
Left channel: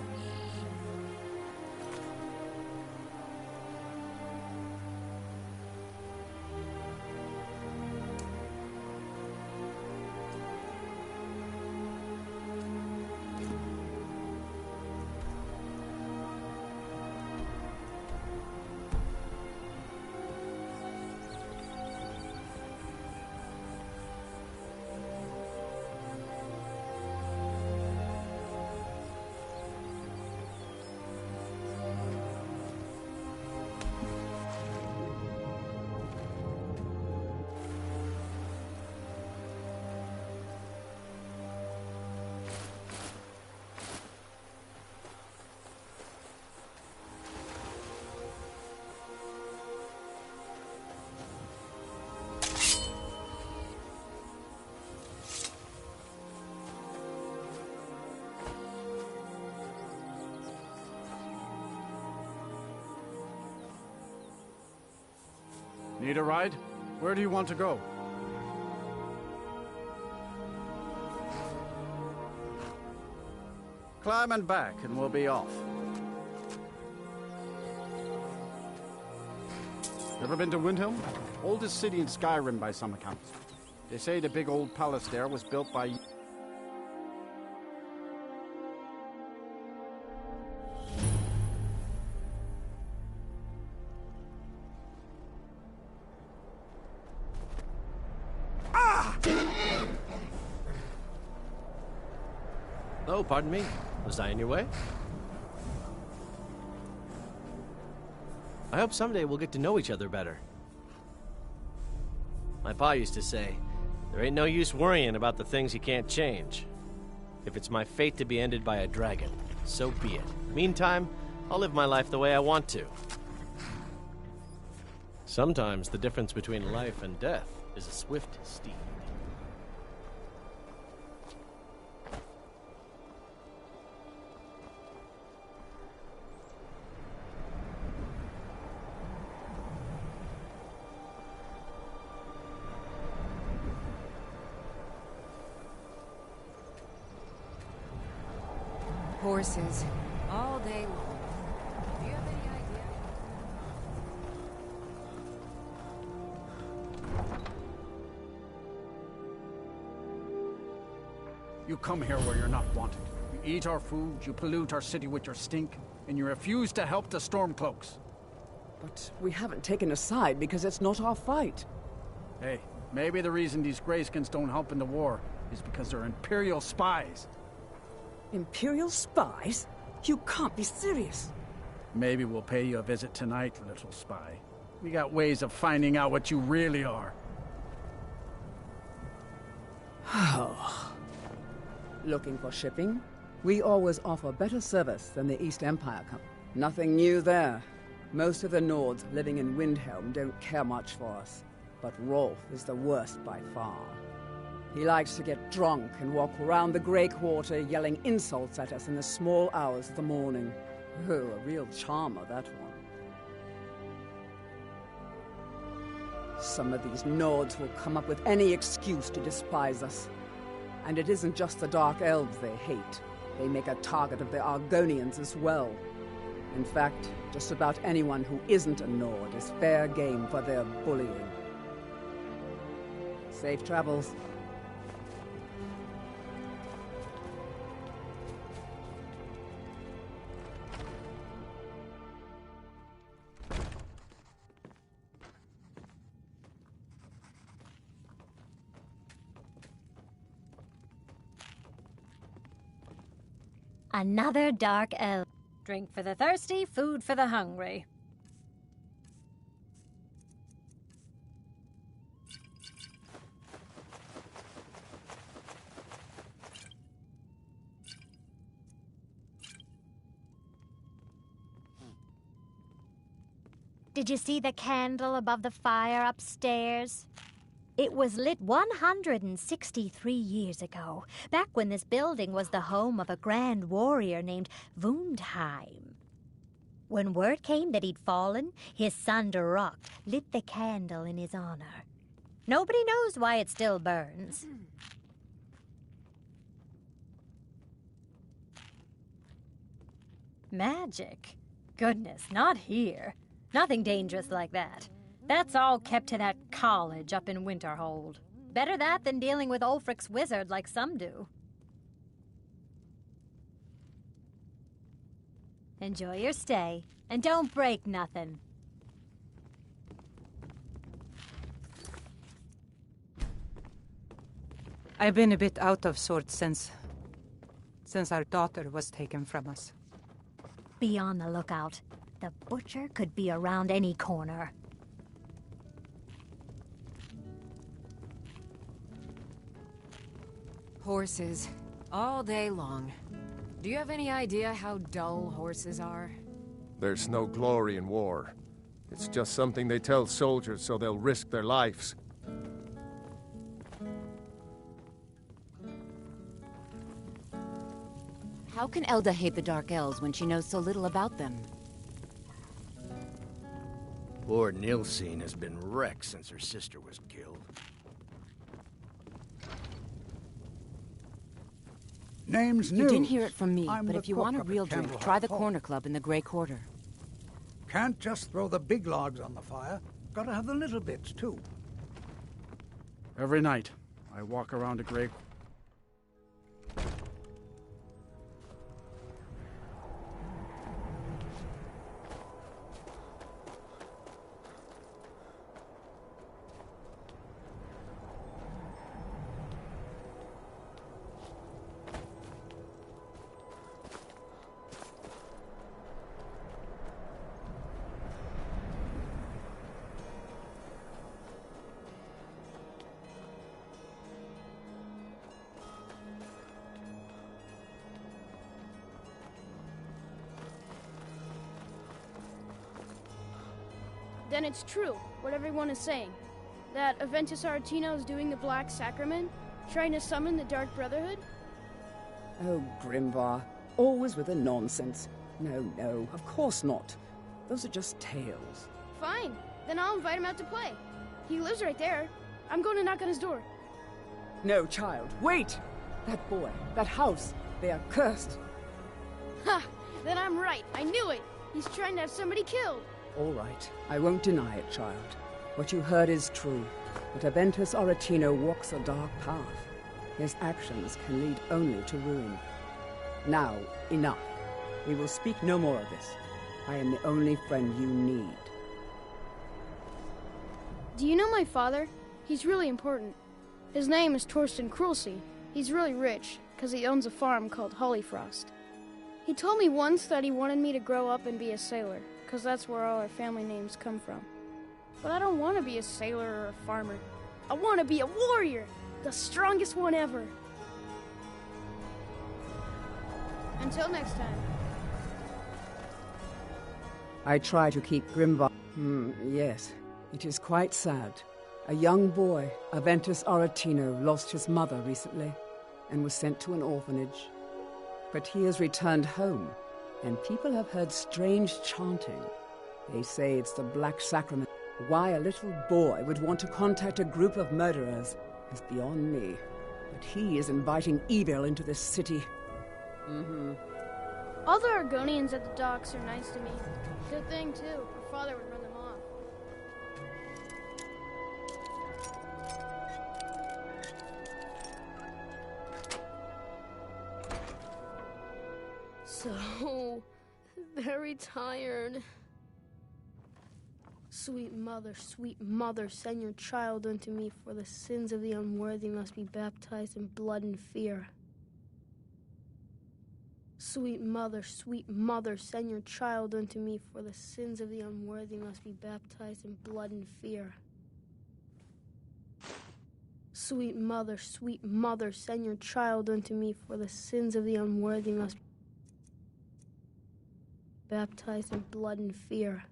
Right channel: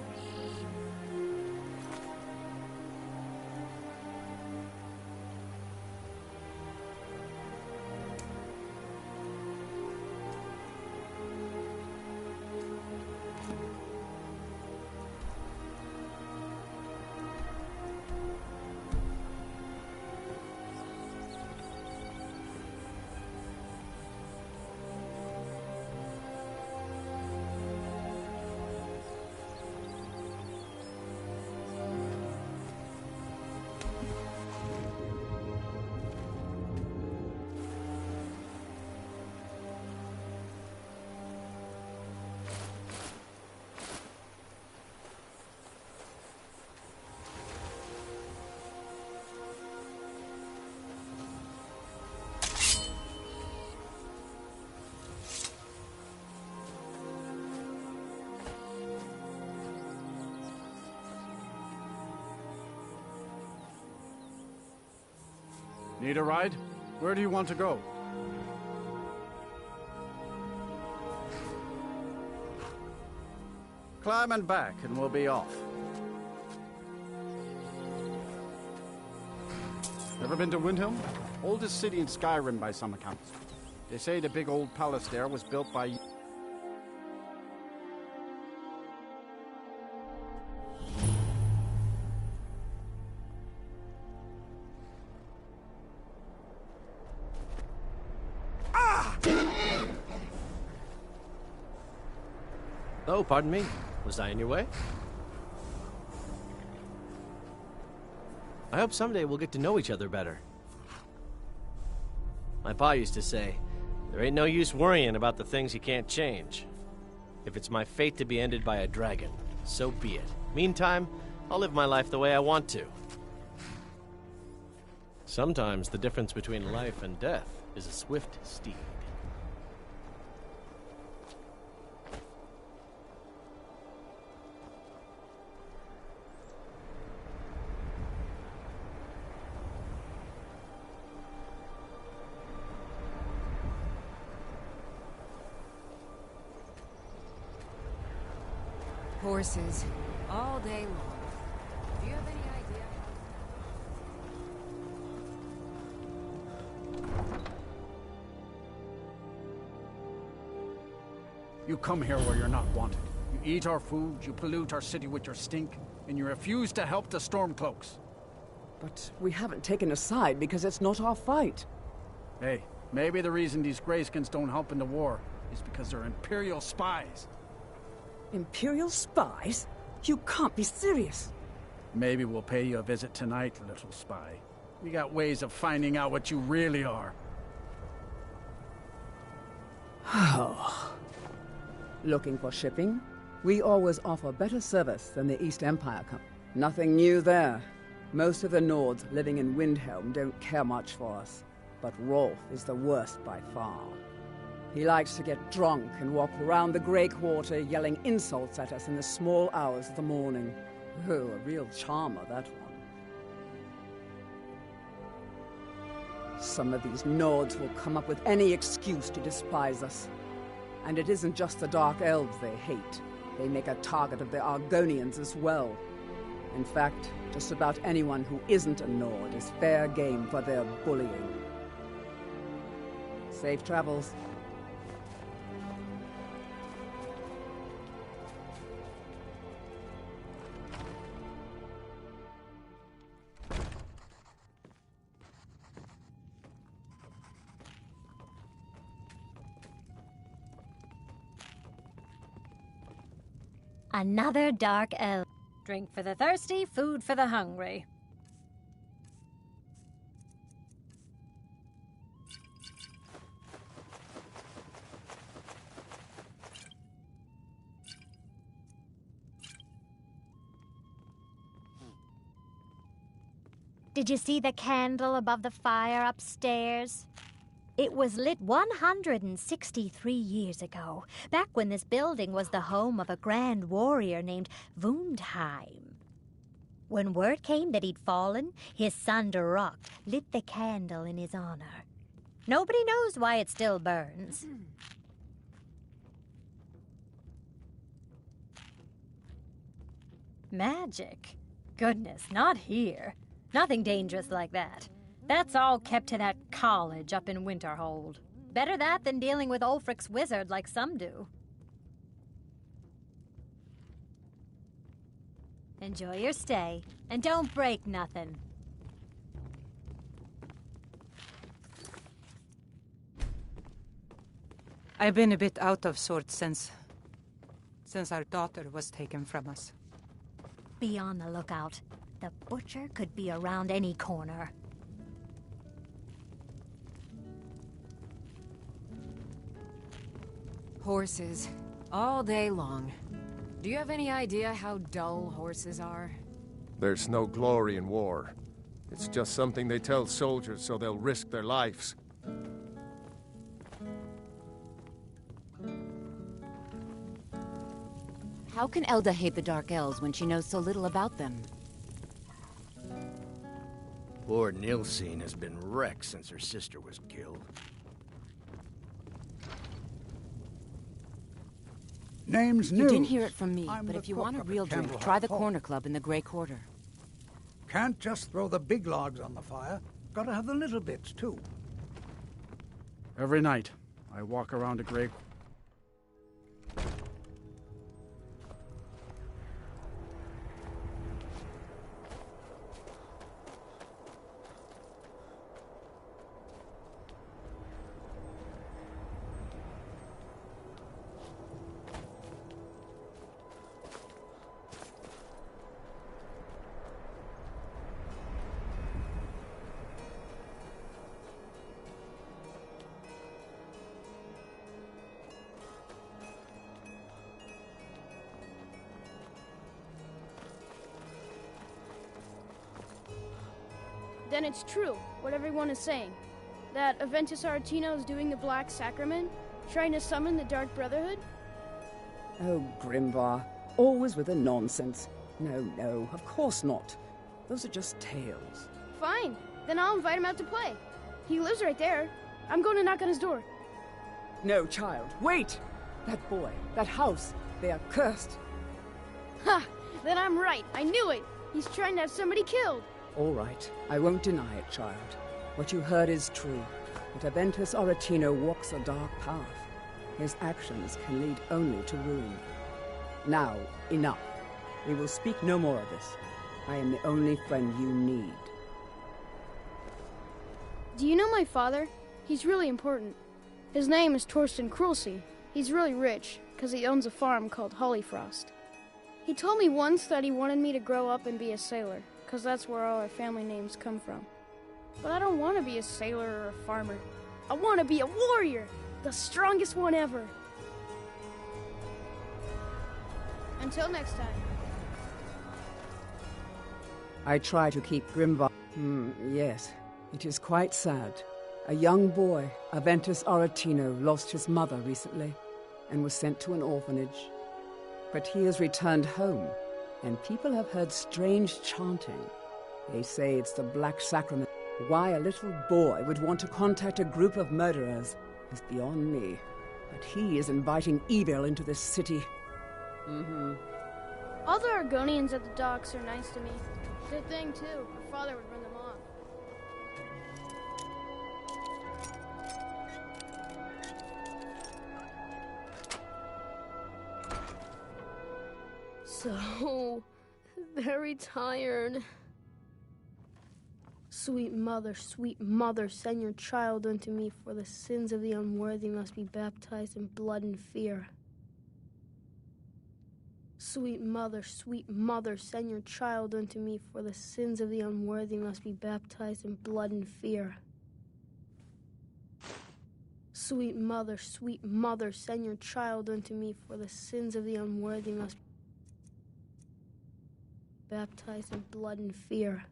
Need a ride? Where do you want to go? Climb and back, and we'll be off. Ever been to Windhelm? Oldest city in Skyrim by some accounts. They say the big old palace there was built by... Oh, pardon me. Was I in your way? I hope someday we'll get to know each other better. My pa used to say, there ain't no use worrying about the things you can't change. If it's my fate to be ended by a dragon, so be it. Meantime, I'll live my life the way I want to. Sometimes the difference between life and death is a swift steed. Horses, all day long. Do you have any idea? You come here where you're not wanted. You eat our food, you pollute our city with your stink, and you refuse to help the Stormcloaks. But we haven't taken a side because it's not our fight. Hey, maybe the reason these Greyskins don't help in the war is because they're Imperial spies. Imperial spies? You can't be serious. Maybe we'll pay you a visit tonight, little spy. We got ways of finding out what you really are. Oh. Looking for shipping? We always offer better service than the East Empire Company. Nothing new there. Most of the Nords living in Windhelm don't care much for us. But Rolf is the worst by far. He likes to get drunk and walk around the Grey Quarter yelling insults at us in the small hours of the morning. Oh, a real charmer, that one. Some of these Nords will come up with any excuse to despise us. And it isn't just the Dark Elves they hate. They make a target of the Argonians as well. In fact, just about anyone who isn't a Nord is fair game for their bullying. Safe travels. Another dark elf. Drink for the thirsty, food for the hungry. Did you see the candle above the fire upstairs? It was lit 163 years ago, back when this building was the home of a grand warrior named Wundheim. When word came that he'd fallen, his son Durok lit the candle in his honor. Nobody knows why it still burns. Magic? Goodness, not here. Nothing dangerous like that. That's all kept to that college up in Winterhold. Better that than dealing with Ulfric's wizard like some do. Enjoy your stay, and don't break nothing. I've been a bit out of sorts since our daughter was taken from us. Be on the lookout. The butcher could be around any corner. Horses. All day long. Do you have any idea how dull horses are? There's no glory in war. It's just something they tell soldiers so they'll risk their lives. How can Elda hate the Dark Elves when she knows so little about them? Poor Nilsine has been wrecked since her sister was killed. Name's You News. didn't hear it from me, I'm but the if you cook want a up at real drink, Candleheart try the Hall. Corner Club in the Grey Quarter. Can't just throw the big logs on the fire. Gotta have the little bits, too. Every night, I walk around a grave. Then it's true, what everyone is saying. That Aventus Aretino is doing the Black Sacrament, trying to summon the Dark Brotherhood? Oh, Grimvar, always with the nonsense. No, of course not. Those are just tales. Fine, then I'll invite him out to play. He lives right there. I'm going to knock on his door. No, child, wait! That boy, that house, they are cursed. Ha! Then I'm right. I knew it. He's trying to have somebody killed. All right, I won't deny it, child. What you heard is true. But Aventus Aretino walks a dark path. His actions can lead only to ruin. Now, enough. We will speak no more of this. I am the only friend you need. Do you know my father? He's really important. His name is Torsten Krulsey. He's really rich, because he owns a farm called Hollyfrost. He told me once that he wanted me to grow up and be a sailor, because that's where all our family names come from. But I don't want to be a sailor or a farmer. I want to be a warrior, the strongest one ever. Until next time. I try to keep Grimvar. Yes, it is quite sad. A young boy, Aventus Aretino, lost his mother recently and was sent to an orphanage. But he has returned home, and people have heard strange chanting. They say it's the Black Sacrament. Why a little boy would want to contact a group of murderers is beyond me. But he is inviting evil into this city. All the Argonians at the docks are nice to me. Good thing, too. Her father would run them off. So very tired. Sweet mother, send your child unto me, for the sins of the unworthy must be baptized in blood and fear. Sweet mother, send your child unto me, for the sins of the unworthy must be baptized in blood and fear. Sweet mother, send your child unto me, for the sins of the unworthy must be baptized in blood and fear.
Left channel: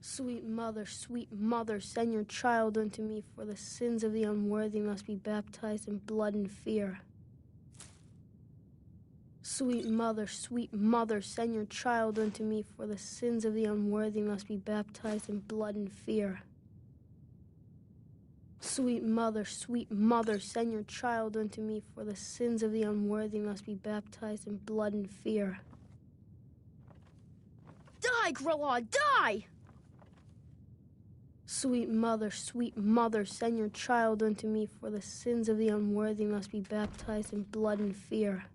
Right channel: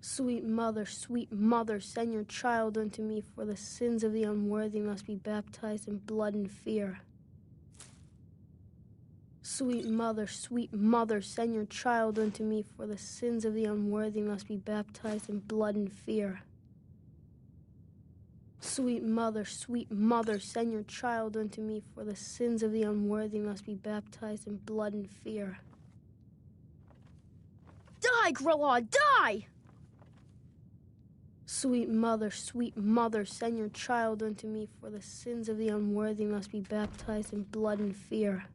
Sweet mother, send your child unto me, for the sins of the unworthy must be baptized in blood and fear. Sweet mother, send your child unto me, for the sins of the unworthy must be baptized in blood and fear. Sweet mother, send your child unto me, for the sins of the unworthy must be baptized in blood and fear. Die, Grelod, die! Sweet mother, send your child unto me, for the sins of the unworthy must be baptized in blood and fear.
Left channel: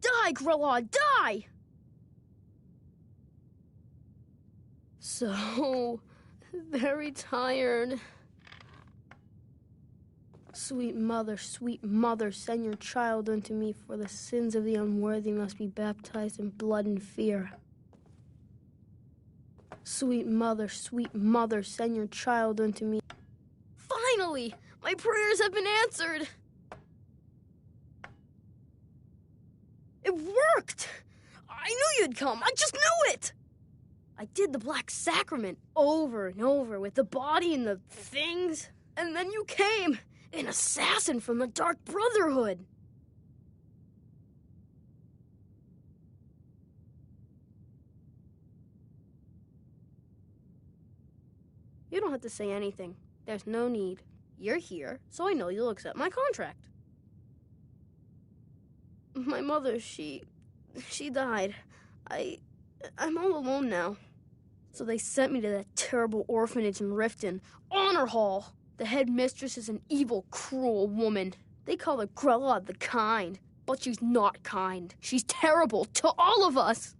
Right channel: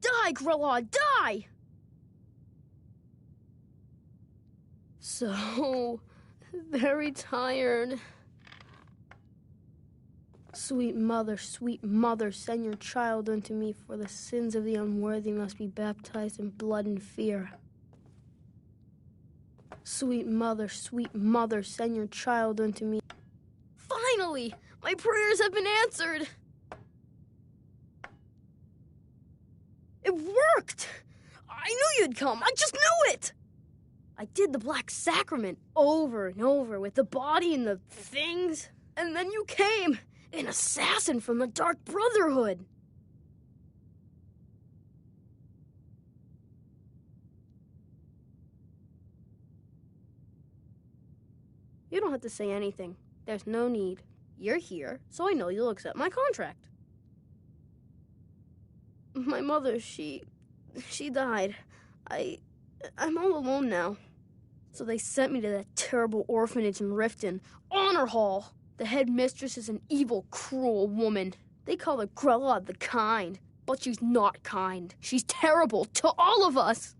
Die, Grelod, die! So very tired. Sweet mother, send your child unto me, for the sins of the unworthy must be baptized in blood and fear. Sweet mother, send your child unto me. Finally! My prayers have been answered! It worked! I knew you'd come! I just knew it! I did the Black Sacrament over and over with the body and the things. And then you came, an assassin from the Dark Brotherhood. You don't have to say anything. There's no need. You're here, so I know you'll accept my contract. My mother, she died. I'm all alone now. So they sent me to that terrible orphanage in Riften, Honor Hall. The headmistress is an evil, cruel woman. They call her Grelod the Kind, but she's not kind. She's terrible to all of us.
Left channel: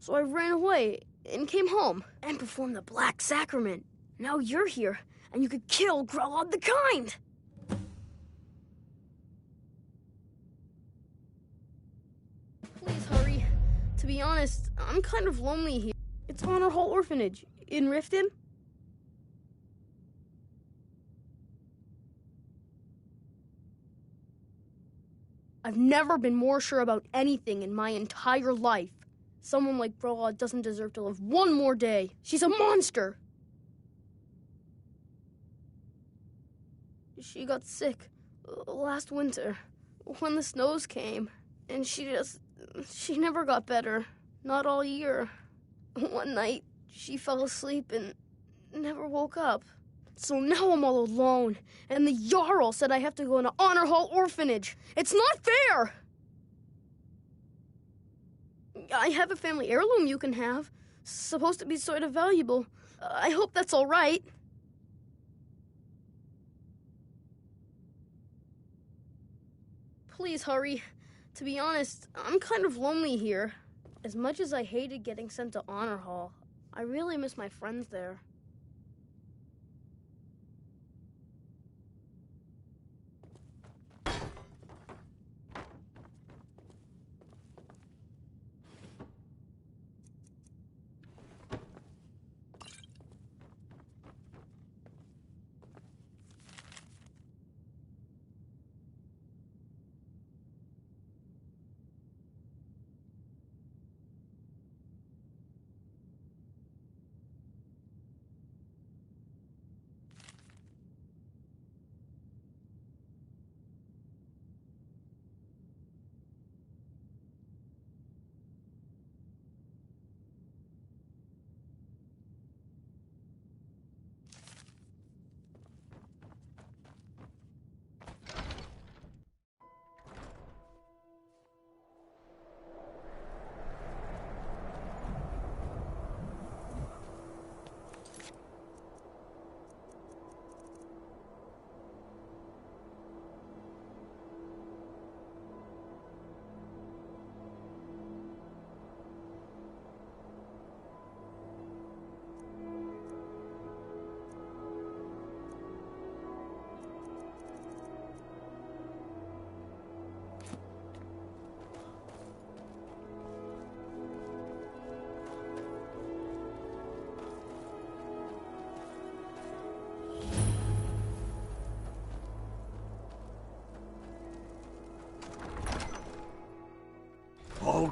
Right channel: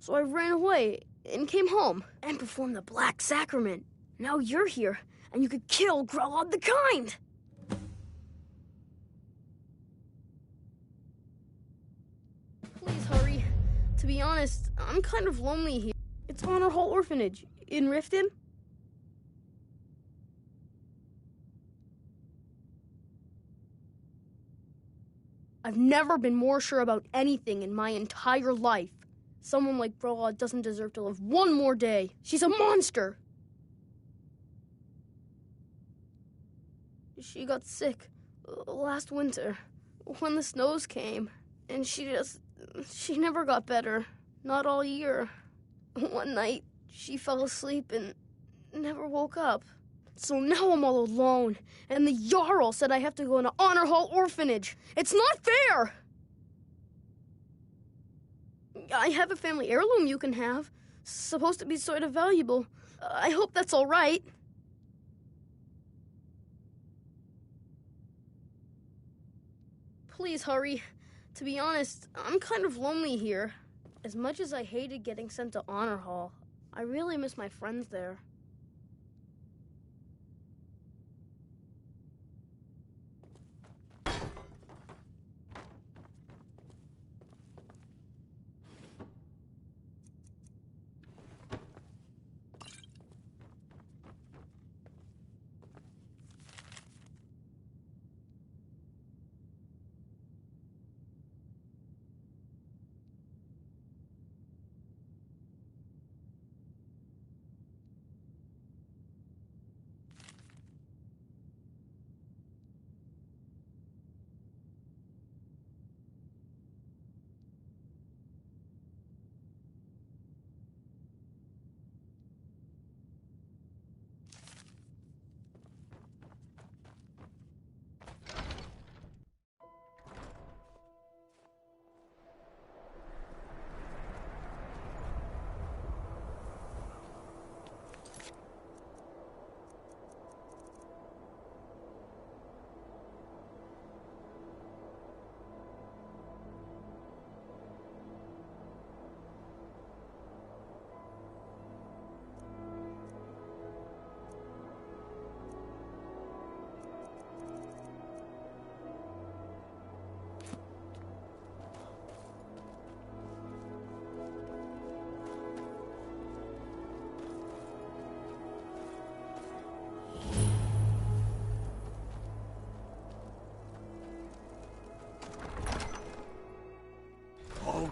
So I ran away and came home and performed the Black Sacrament. Now you're here, and you could kill Grelod the Kind. Please hurry. To be honest, I'm kind of lonely here. It's Honor Hall Orphanage in Riften. I've never been more sure about anything in my entire life. Someone like Grelod doesn't deserve to live one more day. She's a monster. She got sick last winter when the snows came, and she never got better. Not all year. One night, she fell asleep and never woke up. So now I'm all alone, and the Jarl said I have to go into Honor Hall Orphanage. It's not fair! I have a family heirloom you can have. Supposed to be sort of valuable. I hope that's all right. Please hurry. To be honest, I'm kind of lonely here. As much as I hated getting sent to Honor Hall, I really miss my friends there.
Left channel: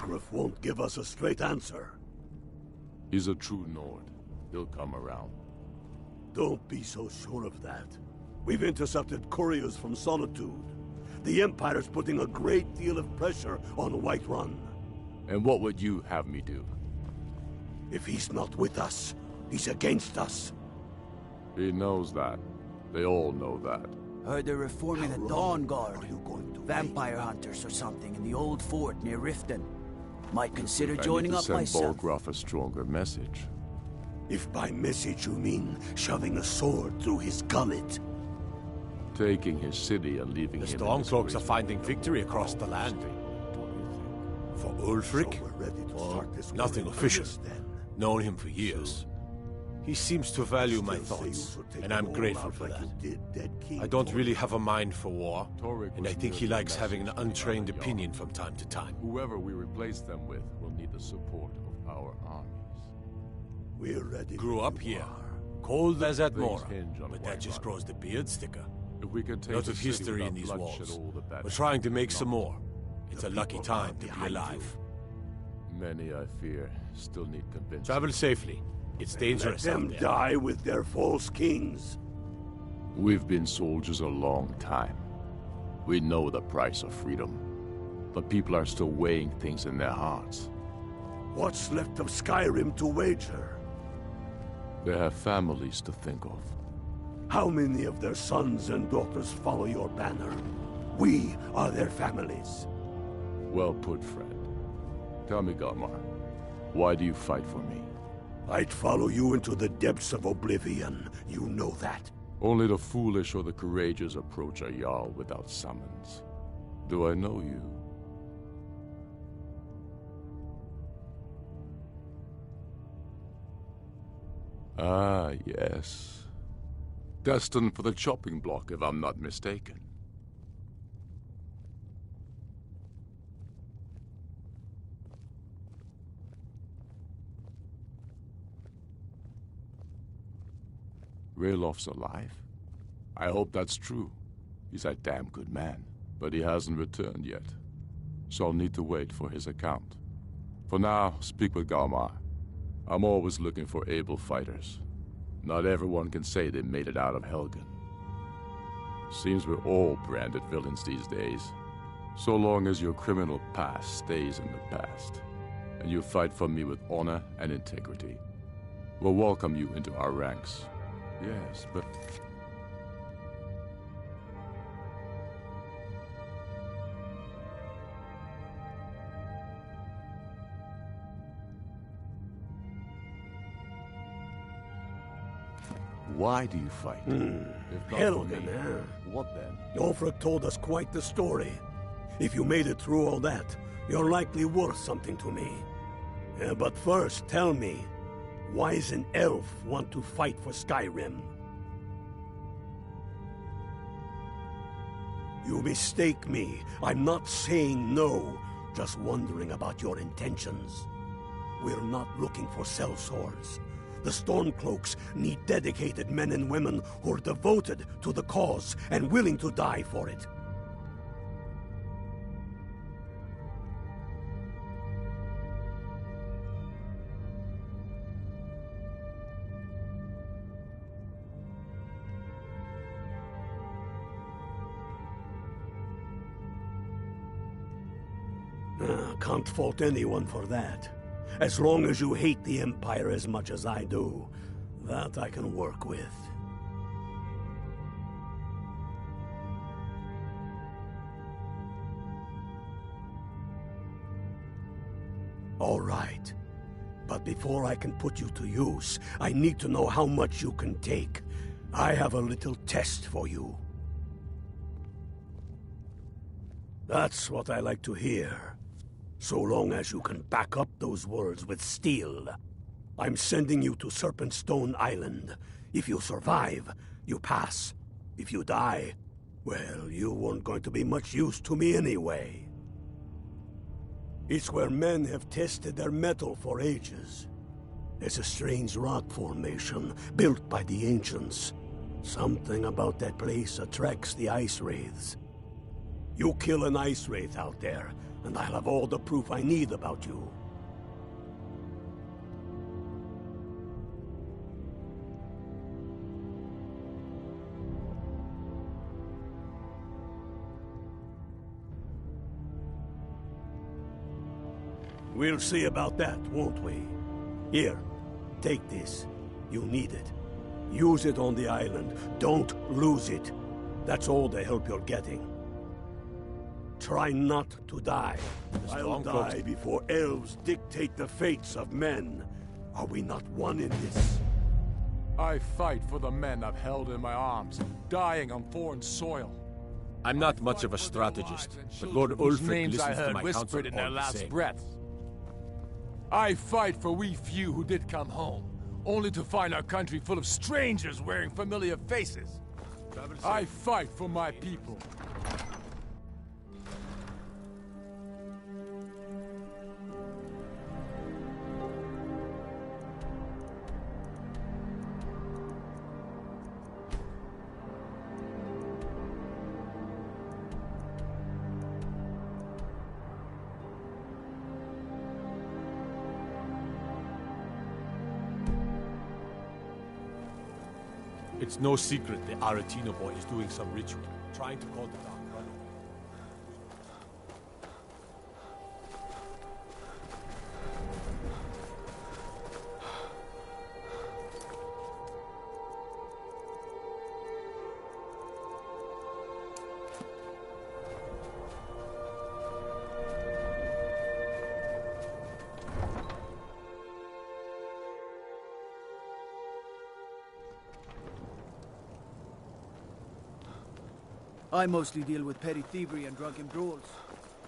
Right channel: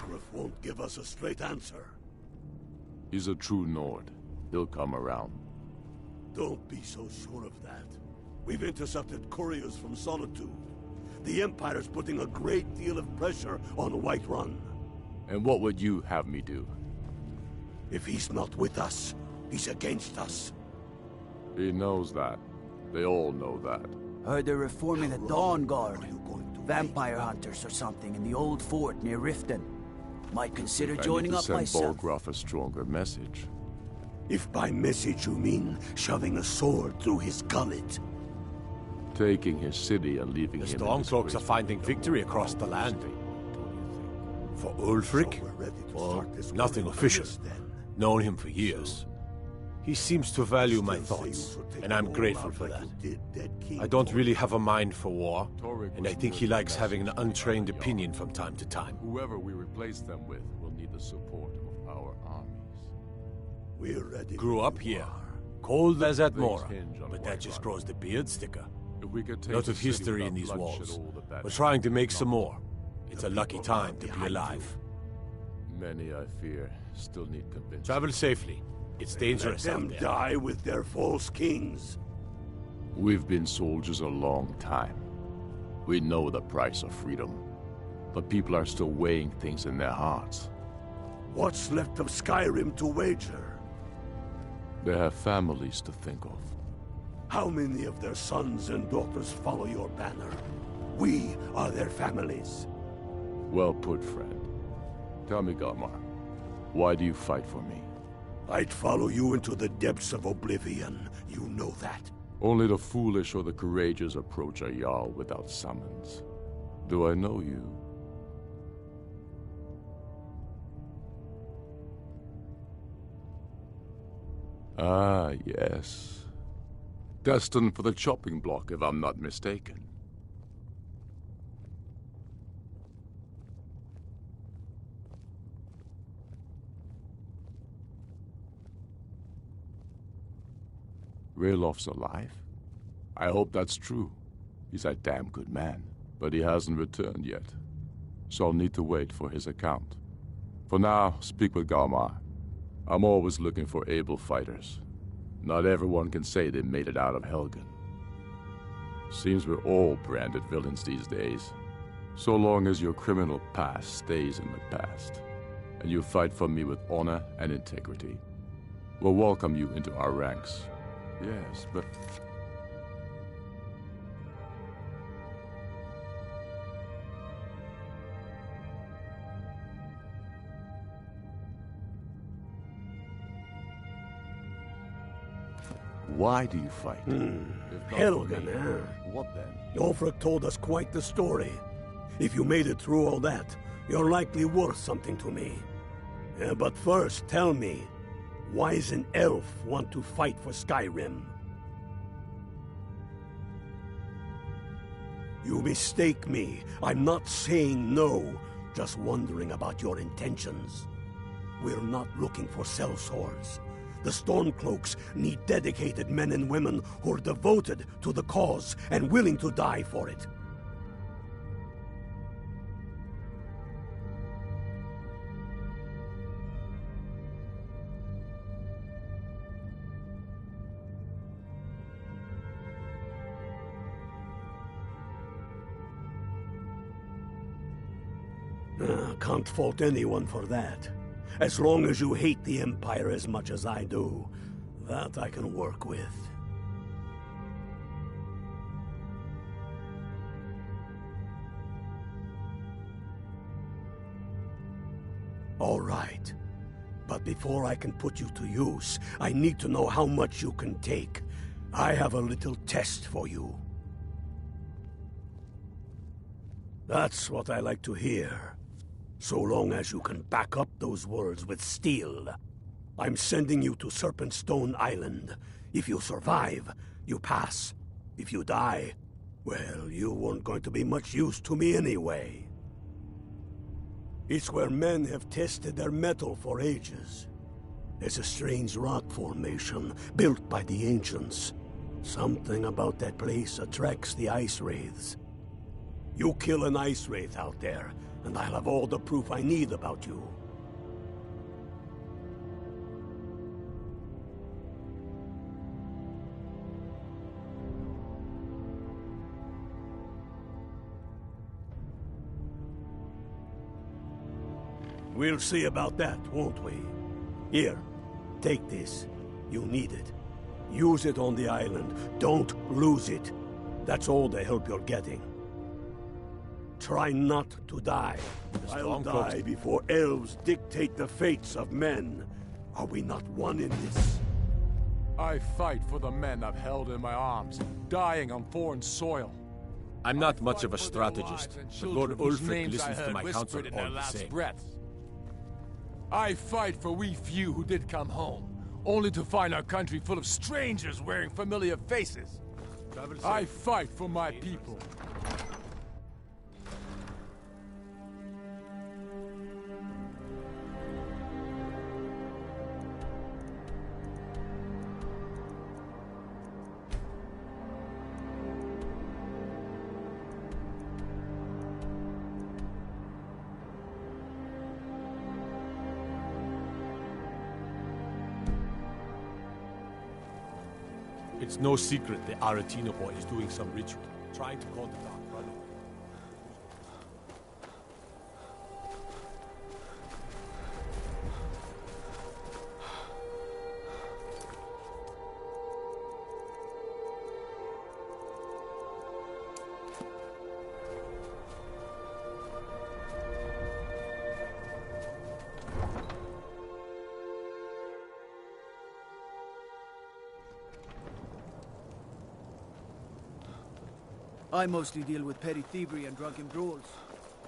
Ulfric won't give us a straight answer. He's a true Nord. He'll come around. Don't be so sure of that. We've intercepted couriers from Solitude. The Empire's putting a great deal of pressure on Whiterun. And what would you have me do? If he's not with us, he's against us. He knows that. They all know that. Heard they're reforming the Dawn Guard. Vampire hunters or something in the old fort near Riften. Might consider joining up myself. Send Bolgraf a stronger message. If by message you mean shoving a sword through his gullet. Taking his city and leaving him. The Stormcloaks are finding victory across the land. For Ulfric? Well, nothing official. Known him for years. He seems to value my thoughts, and I'm grateful for that. I don't really have a mind for war, and I think he likes having an untrained opinion from time to time. Whoever we replace them with will need the support of our armies. We're ready. Grew up here, cold as at Mora, but that just grows the beard thicker. Lot of history in these walls. We're trying to make some more. It's a lucky time to be alive. Many, I fear, still need convincing. Travel safely. It's dangerous out there. Let them die with their false kings. We've been soldiers a long time. We know the price of freedom. But people are still weighing things in their hearts. What's left of Skyrim to wager? They have families to think of. How many of their sons and daughters follow your banner? We are their families. Well put, friend. Tell me, Galmar, why do you fight for me? I'd follow you into the depths of oblivion. You know that. Only the foolish or the courageous approach a Jarl without summons. Do I know you? Ah, yes. Destined for the chopping block, if I'm not mistaken. Railof's alive? I hope that's true. He's a damn good man, but he hasn't returned yet. So I'll need to wait for his account. For now, speak with Galmar. I'm always looking for able fighters. Not everyone can say they made it out of Helgen. Seems we're all branded villains these days. So long as your criminal past stays in the past, and you fight for me with honor and integrity, we'll welcome you into our ranks. Yes, but... Why do you fight? Helgen, huh? What then? Ulfric told us quite the story. If you made it through all that, you're likely worth something to me. But first, tell me, why does an elf want to fight for Skyrim? You mistake me. I'm not saying no, just wondering about your intentions. We're not looking for sellswords. The Stormcloaks need dedicated men and women who are devoted to the cause and willing to die for it. Can't fault anyone for that. As long as you hate the Empire as much as I do, that I can work with. All right. But before I can put you to use, I need to know how much you can take. I have a little test for you. That's what I like to hear. So long as you can back up those words with steel. I'm sending you to Serpentstone Island. If you survive, you pass. If you die, well, you weren't going to be much use to me anyway. It's where men have tested their metal for ages. There's a strange rock formation built by the ancients. Something about that place attracts the ice wraiths. You kill an ice wraith out there, and I'll have all the proof I need about you. We'll see about that, won't we? Here, take this. You need it. Use it on the island. Don't lose it. That's all the help you're getting. Try not to die. I'll die before elves dictate the fates of men. Are we not one in this? I fight for the men I've held in my arms, dying on foreign soil. I'm not much of a strategist, but Lord Ulfric listens to my counsel whispered in their all the last same. breaths. I fight for we few who did come home, only to find our country full of strangers wearing familiar faces. I fight for my people. It's no secret the Aretino boy is doing some ritual, trying to call the Dark Brotherhood. I mostly deal with petty thievery and drunken brawls.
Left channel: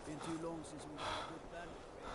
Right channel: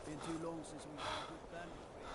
Been too long since we had a good bandit raid.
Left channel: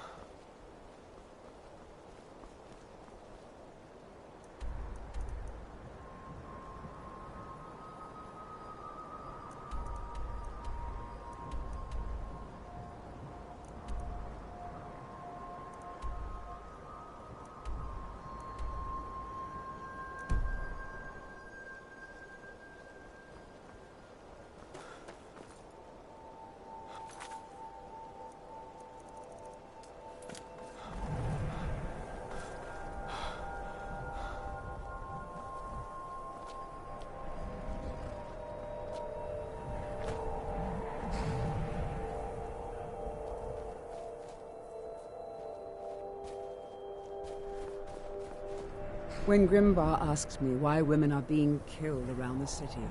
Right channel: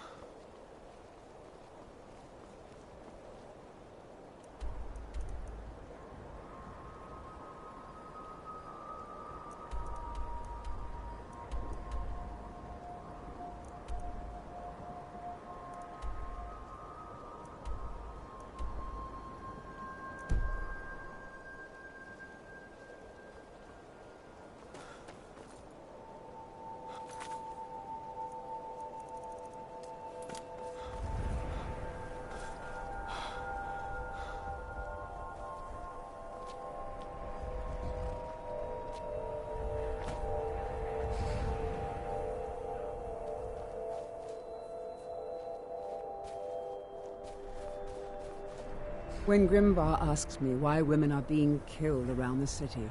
When Grimvar asks me why women are being killed around the city,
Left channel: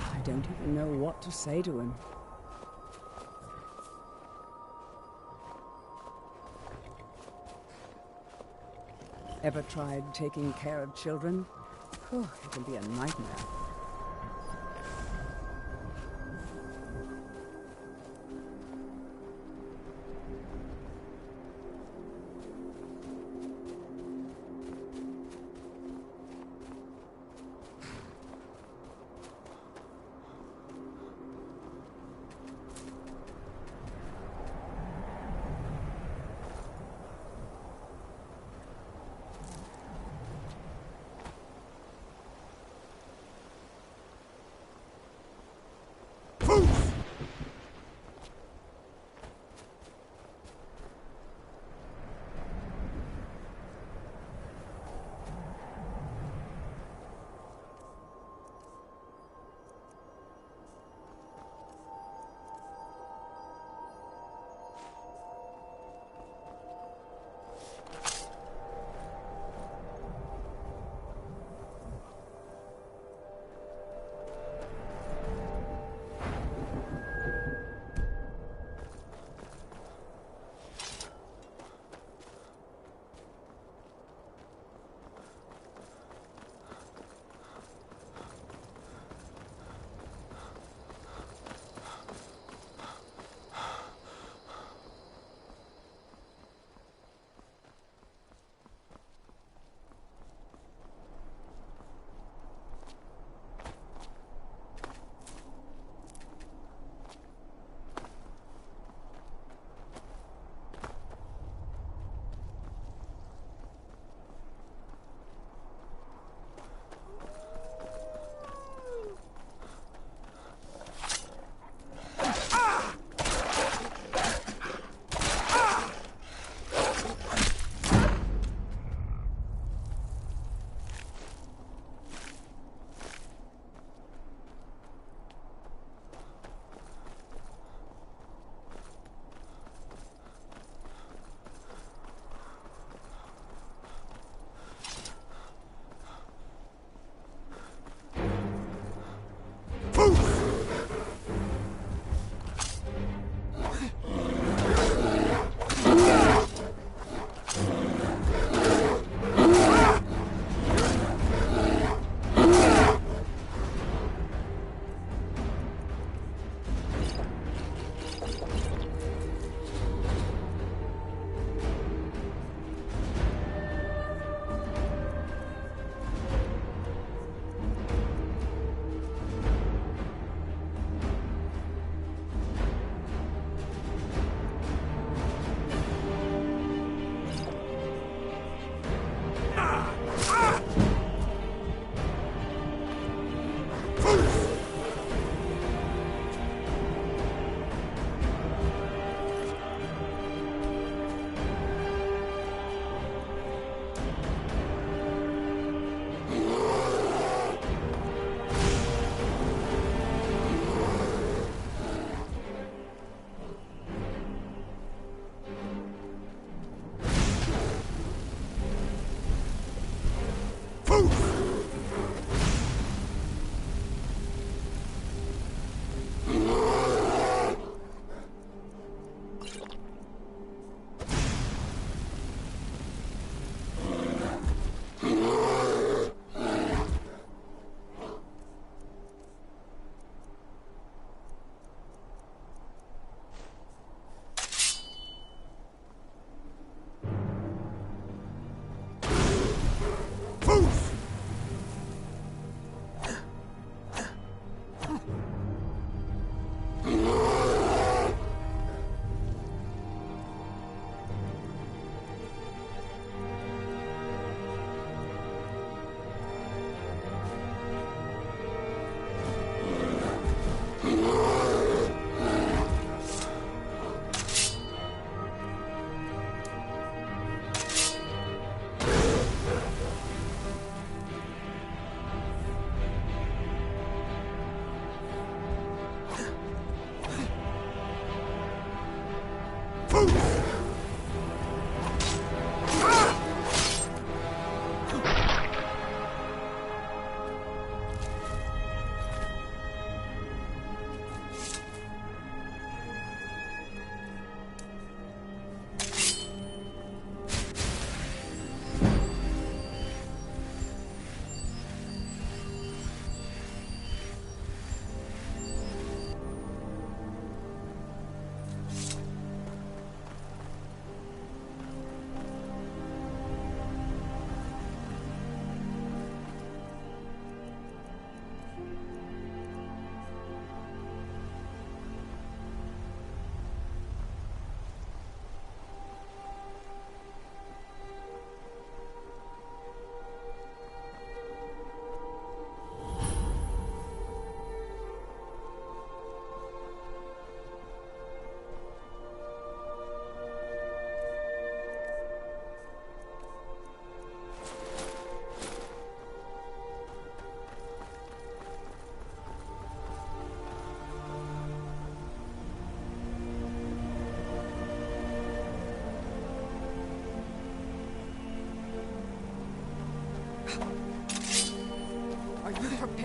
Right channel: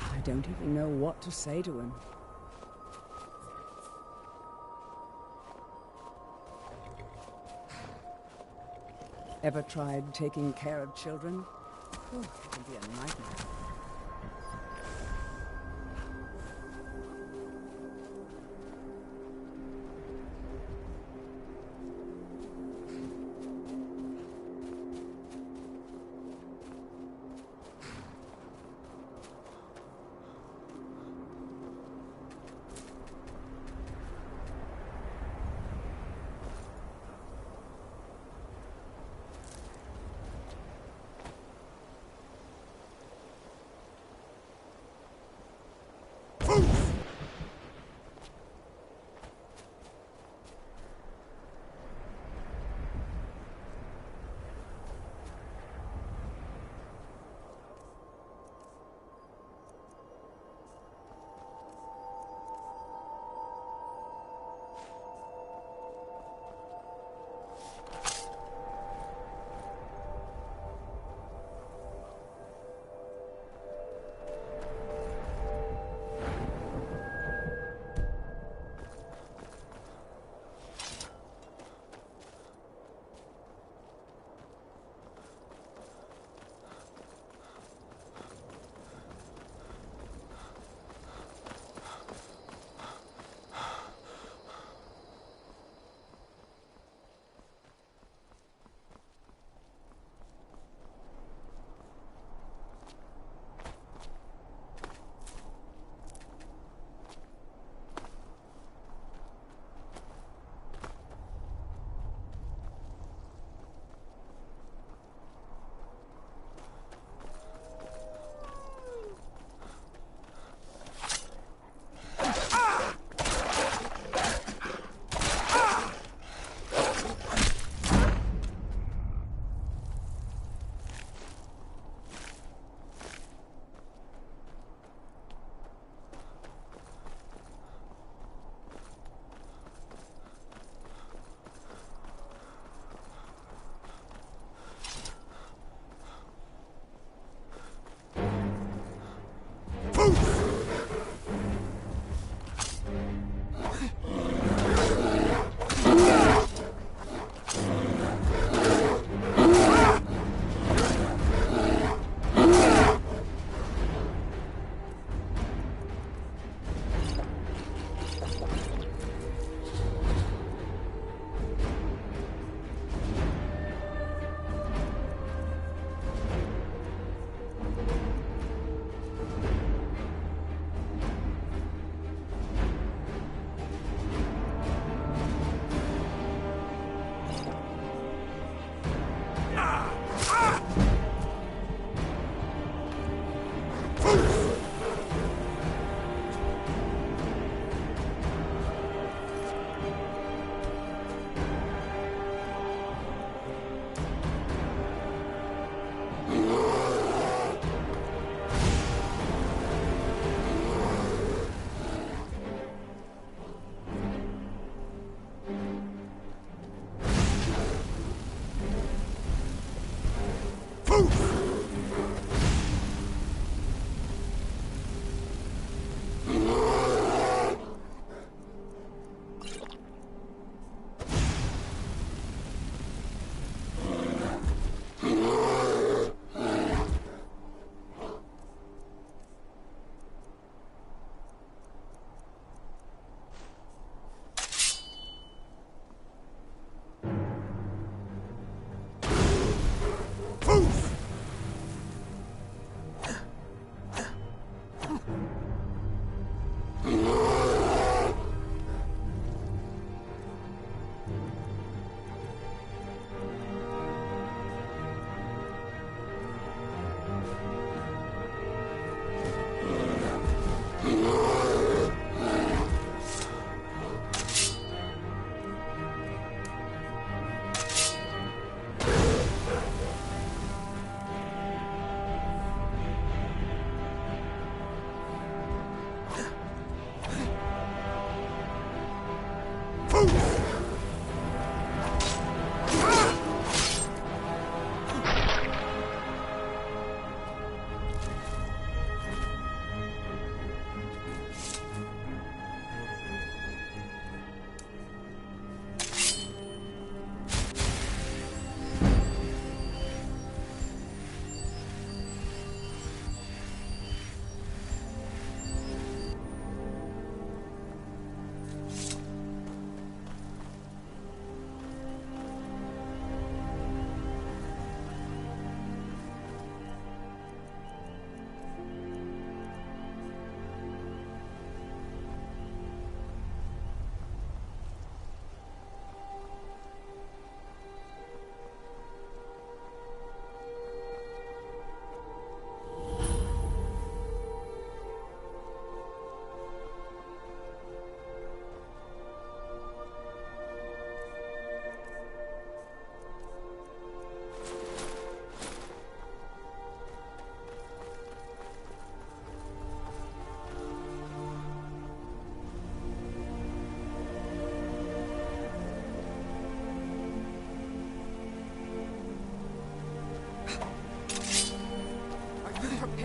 I don't even know what to say to him. Ever tried taking care of children? It can be a nightmare.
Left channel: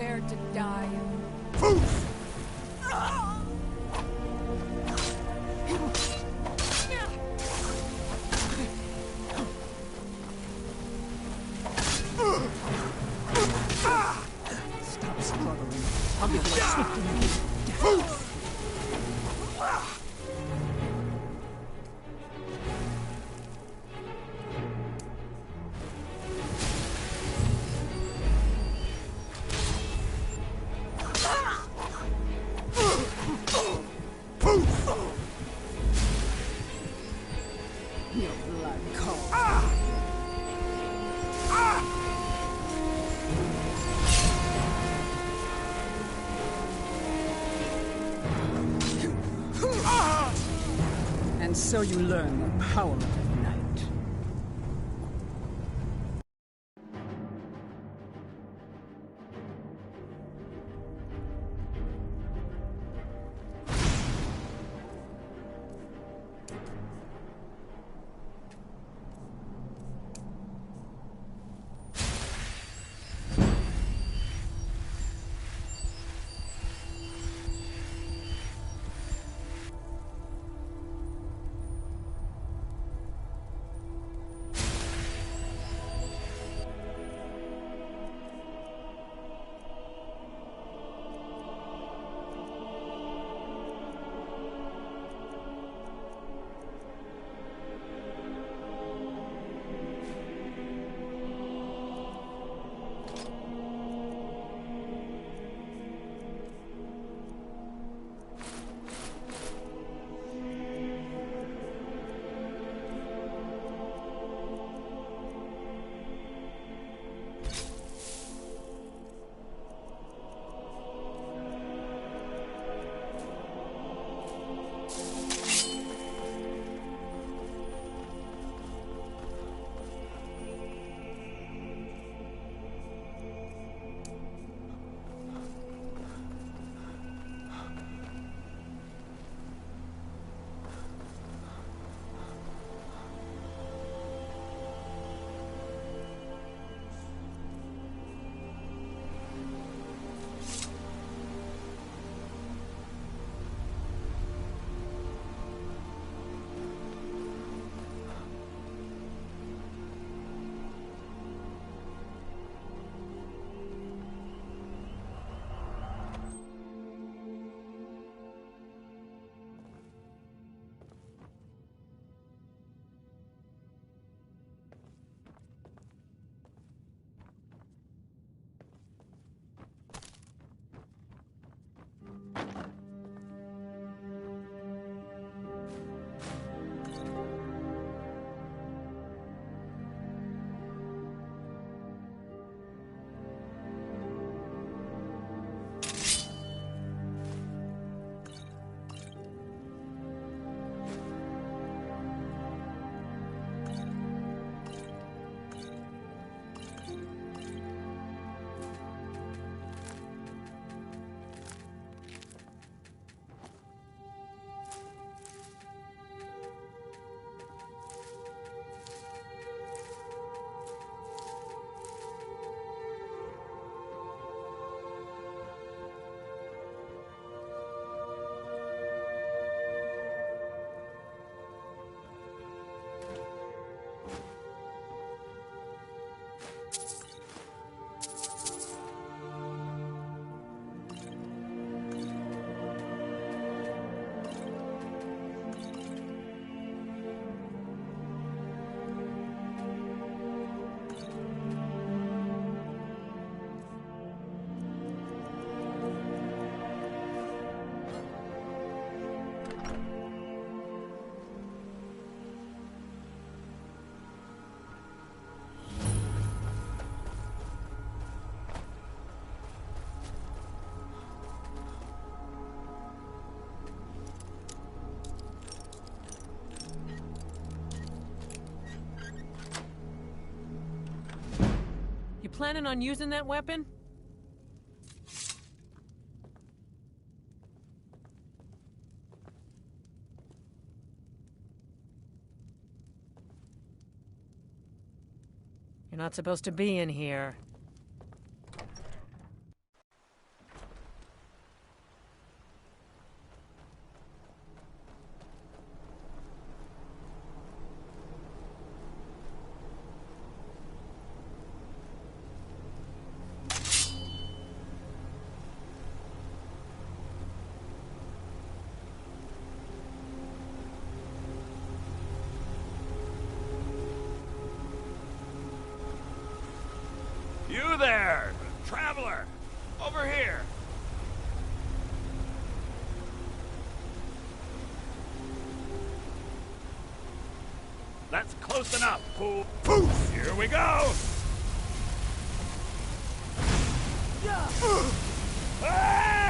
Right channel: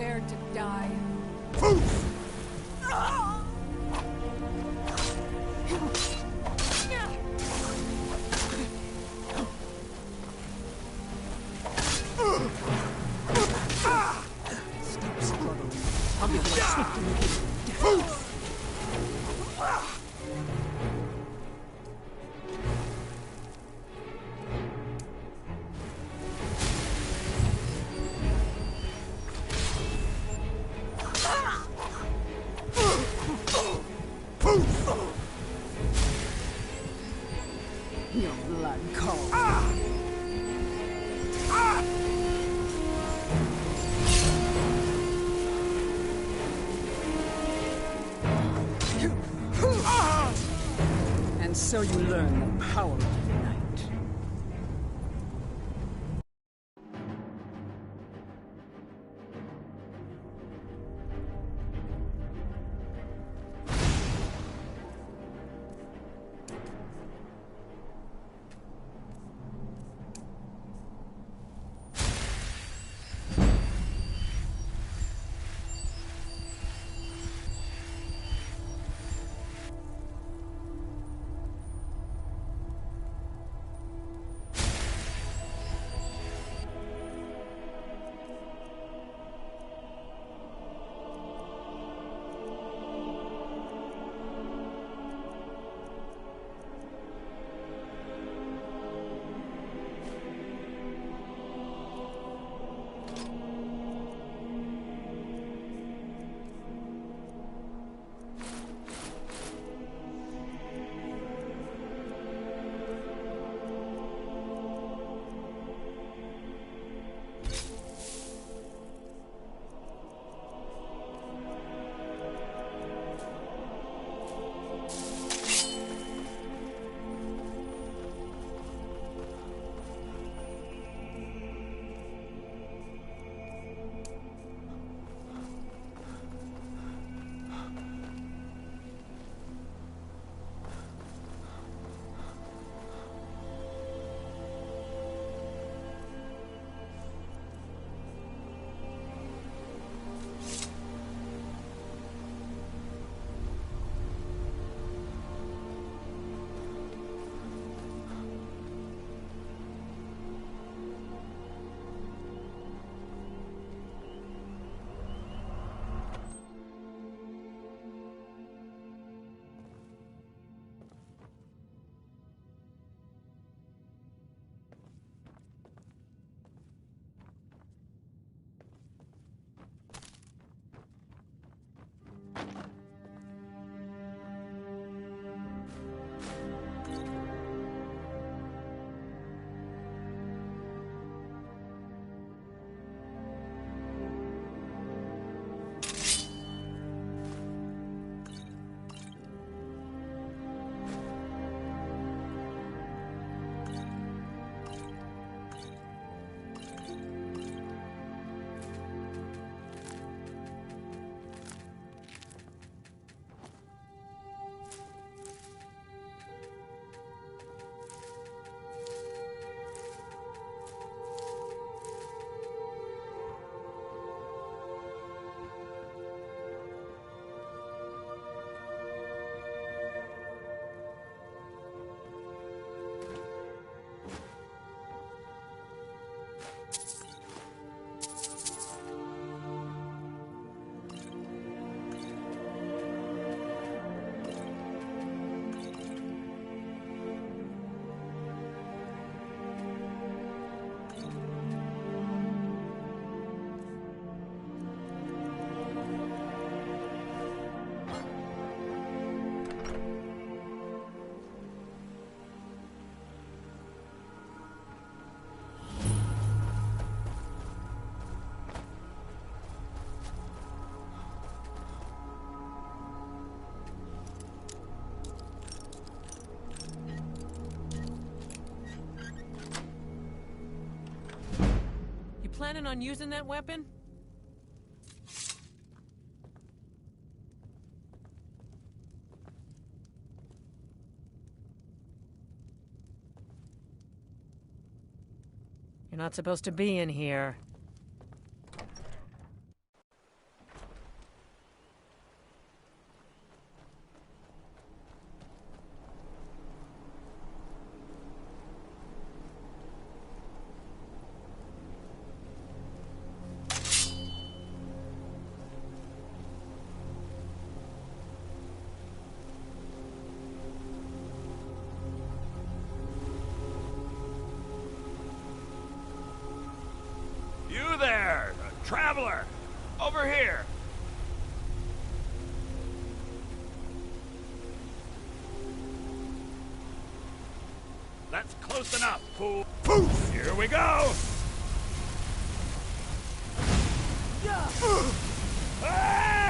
prepared to die. Stop struggling. I'll give you a swift and immediate death. Your blood calls. And so you learn the power of the night. Planning on using that weapon? You're not supposed to be in here. You there, traveler! Over here! That's close enough, fool! Poof! Here we go! Ah!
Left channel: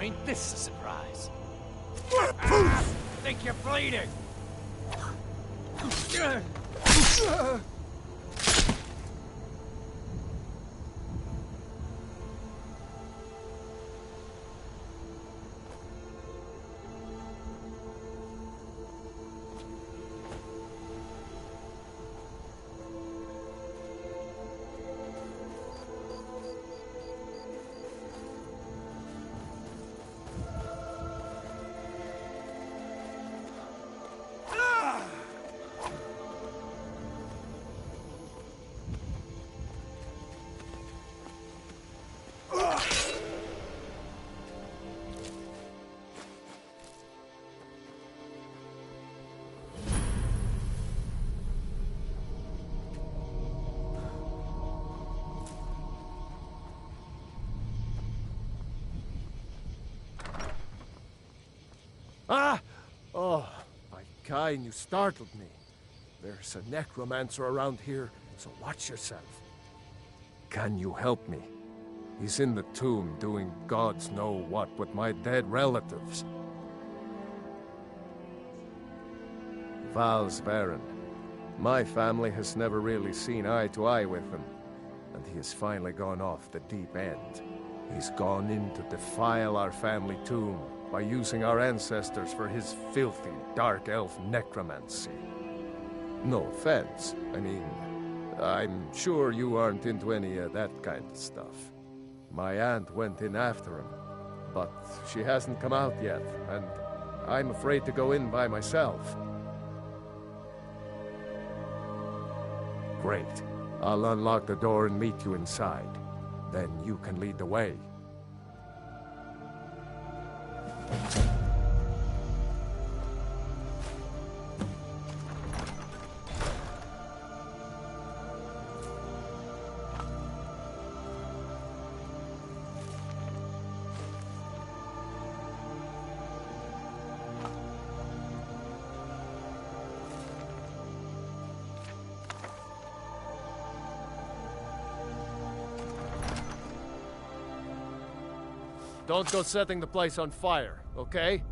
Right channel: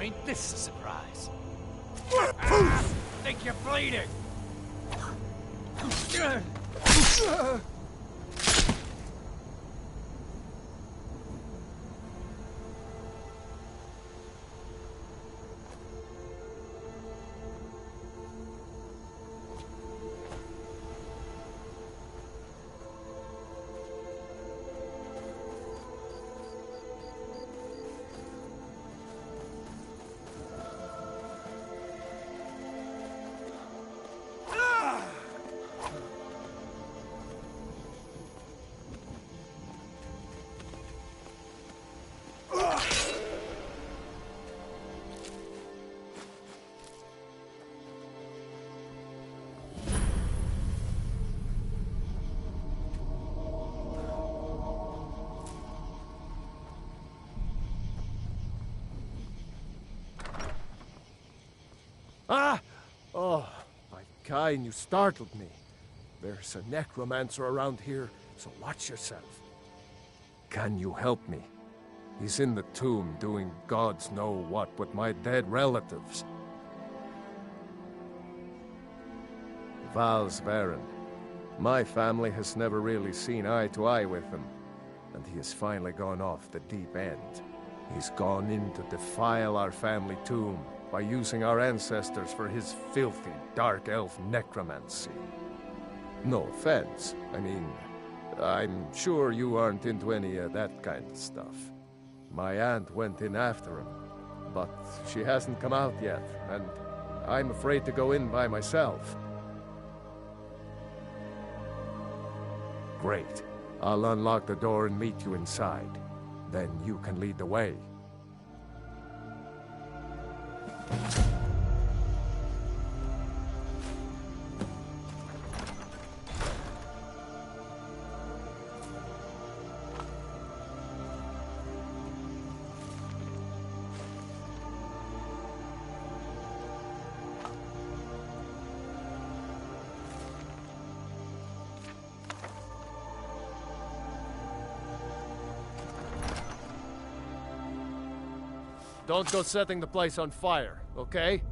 Ain't this a surprise? Think you're bleeding! Ah! Oh, my kind, you startled me. There's a necromancer around here, so watch yourself. Can you help me? He's in the tomb doing gods know what with my dead relatives. Val's Varen. My family has never really seen eye to eye with him, and he has finally gone off the deep end. He's gone in to defile our family tomb by using our ancestors for his filthy, dark elf necromancy. No offense. I mean, I'm sure you aren't into any of that kind of stuff. My aunt went in after him, but she hasn't come out yet, and I'm afraid to go in by myself. Great. I'll unlock the door and meet you inside. Then you can lead the way. Don't go setting the place on fire, okay?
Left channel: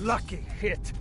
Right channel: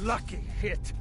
Lucky hit.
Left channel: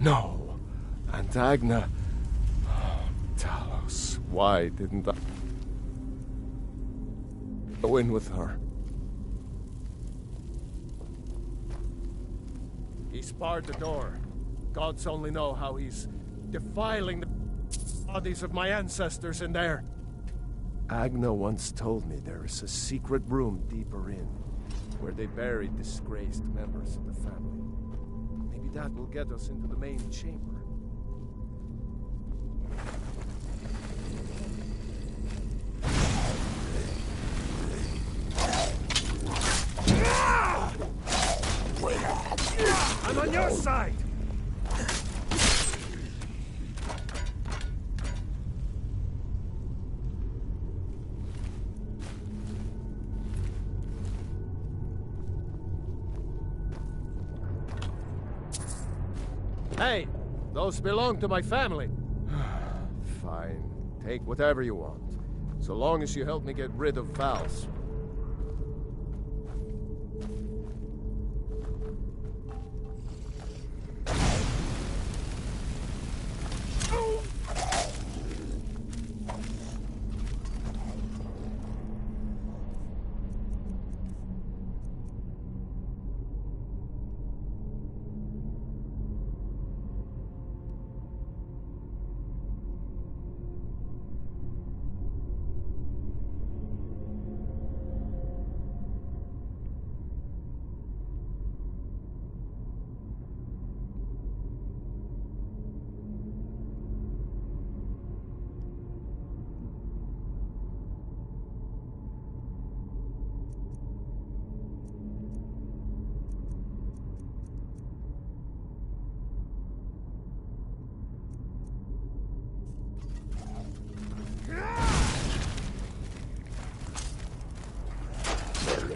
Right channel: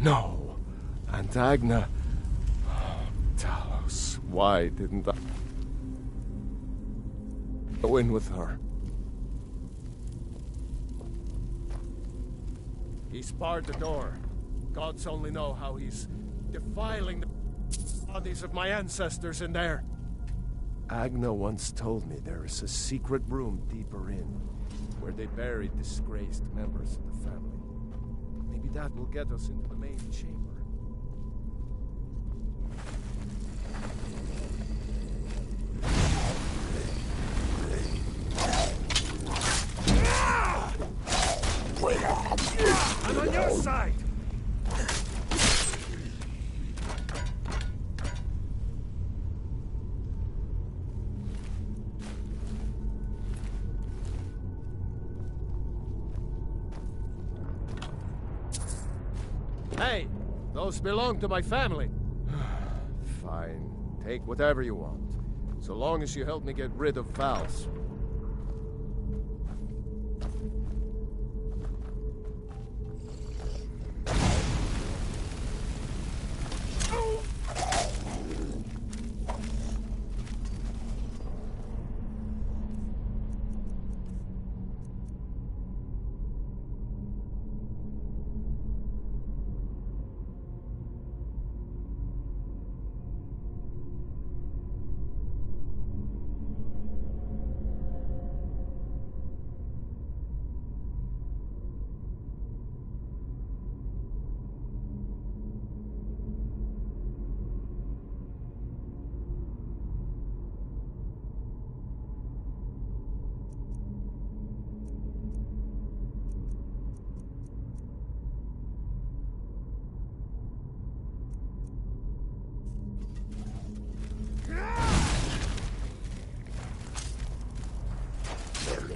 No. Aunt Agna. Oh, Talos, why didn't I go in with her? He's barred the door. Gods only know how he's defiling the bodies of my ancestors in there. Agna once told me there is a secret room deeper in, where they buried disgraced members of the family. Maybe that will get us into the main chamber. I'm on your side! Hey, those belong to my family. Fine. Take whatever you want. So long as you help me get rid of Val's.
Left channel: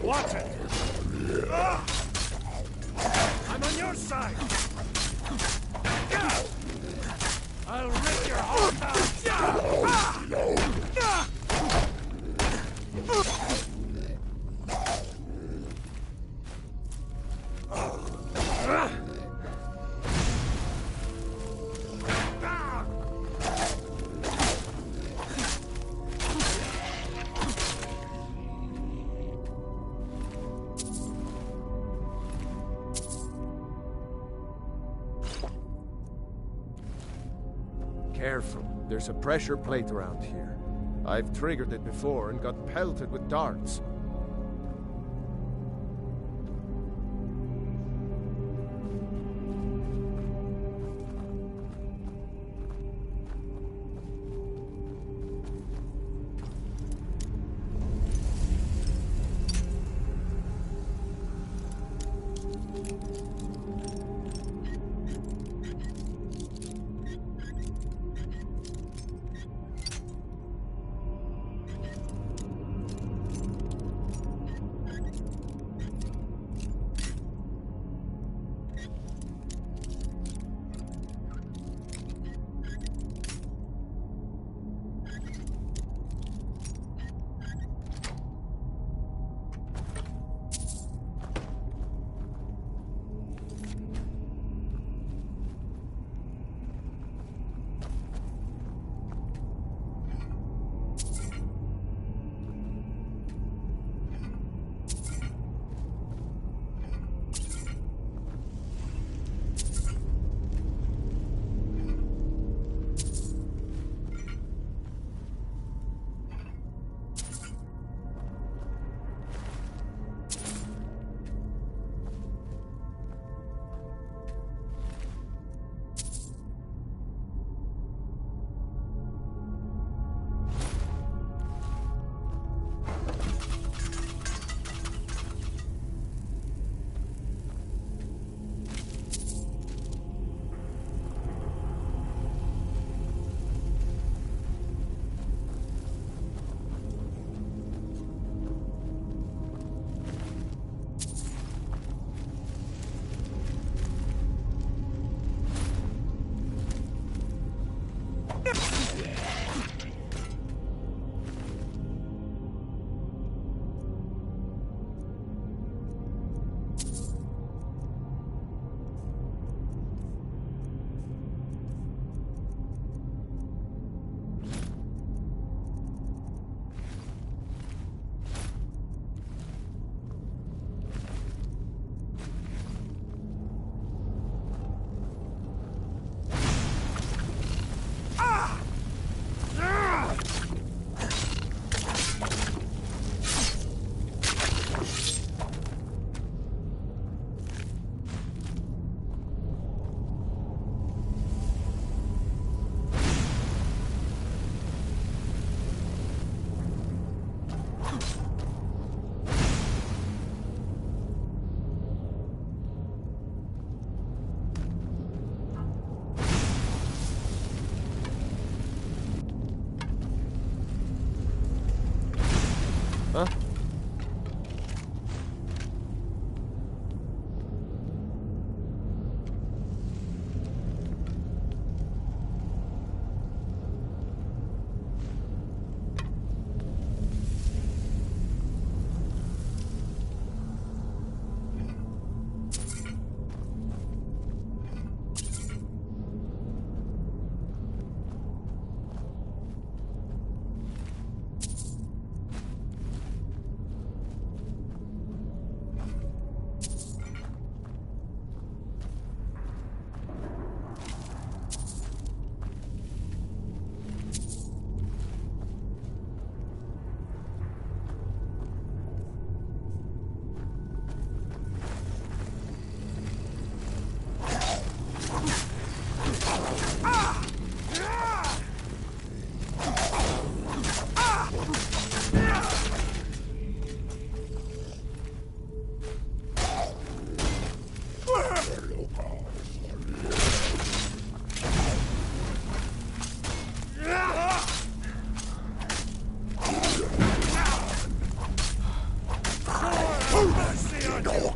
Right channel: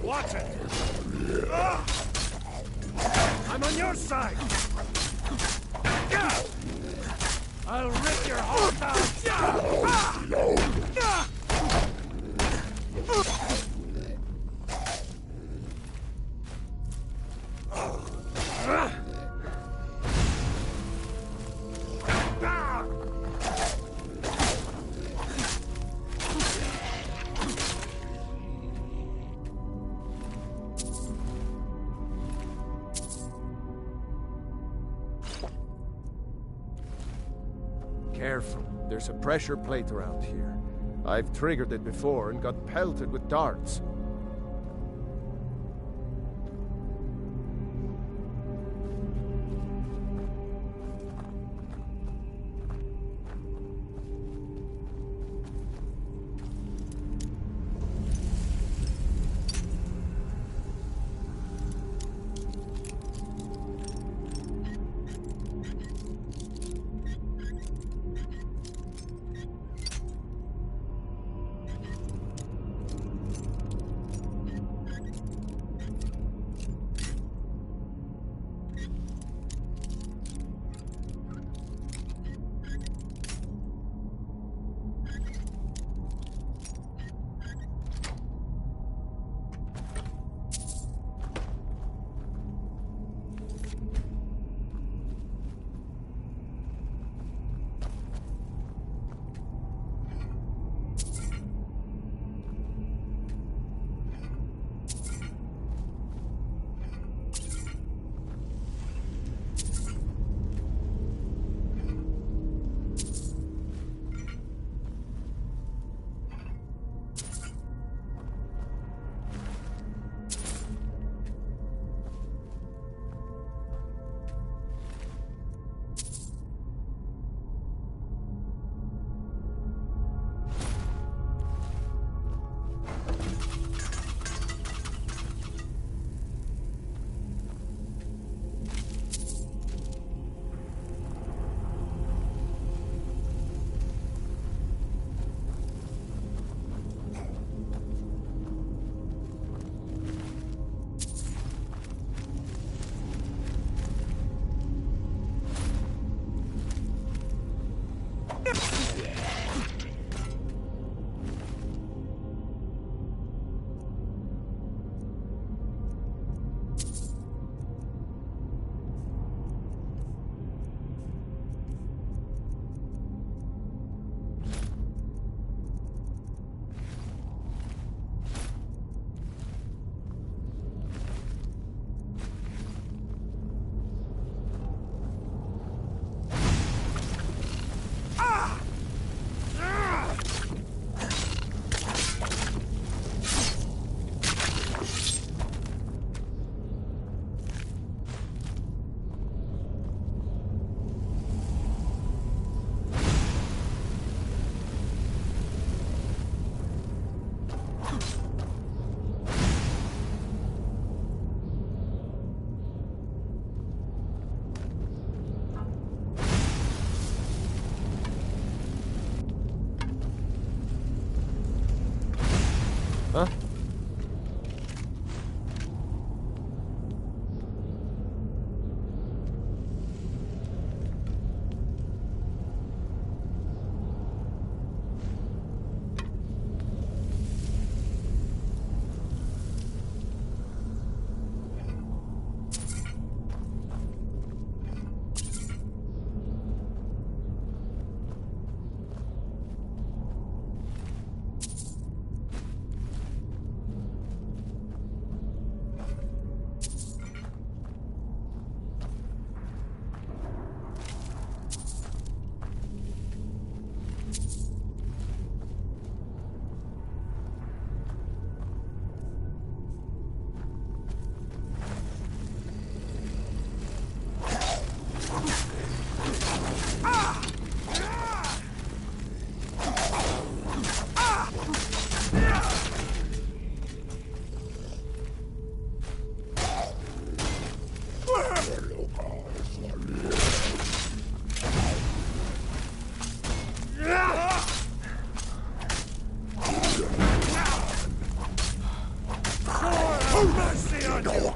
Watch it! I'm on your side! I'll rip your heart out! Careful. There's a pressure plate around here. I've triggered it before and got pelted with darts. mercy on you!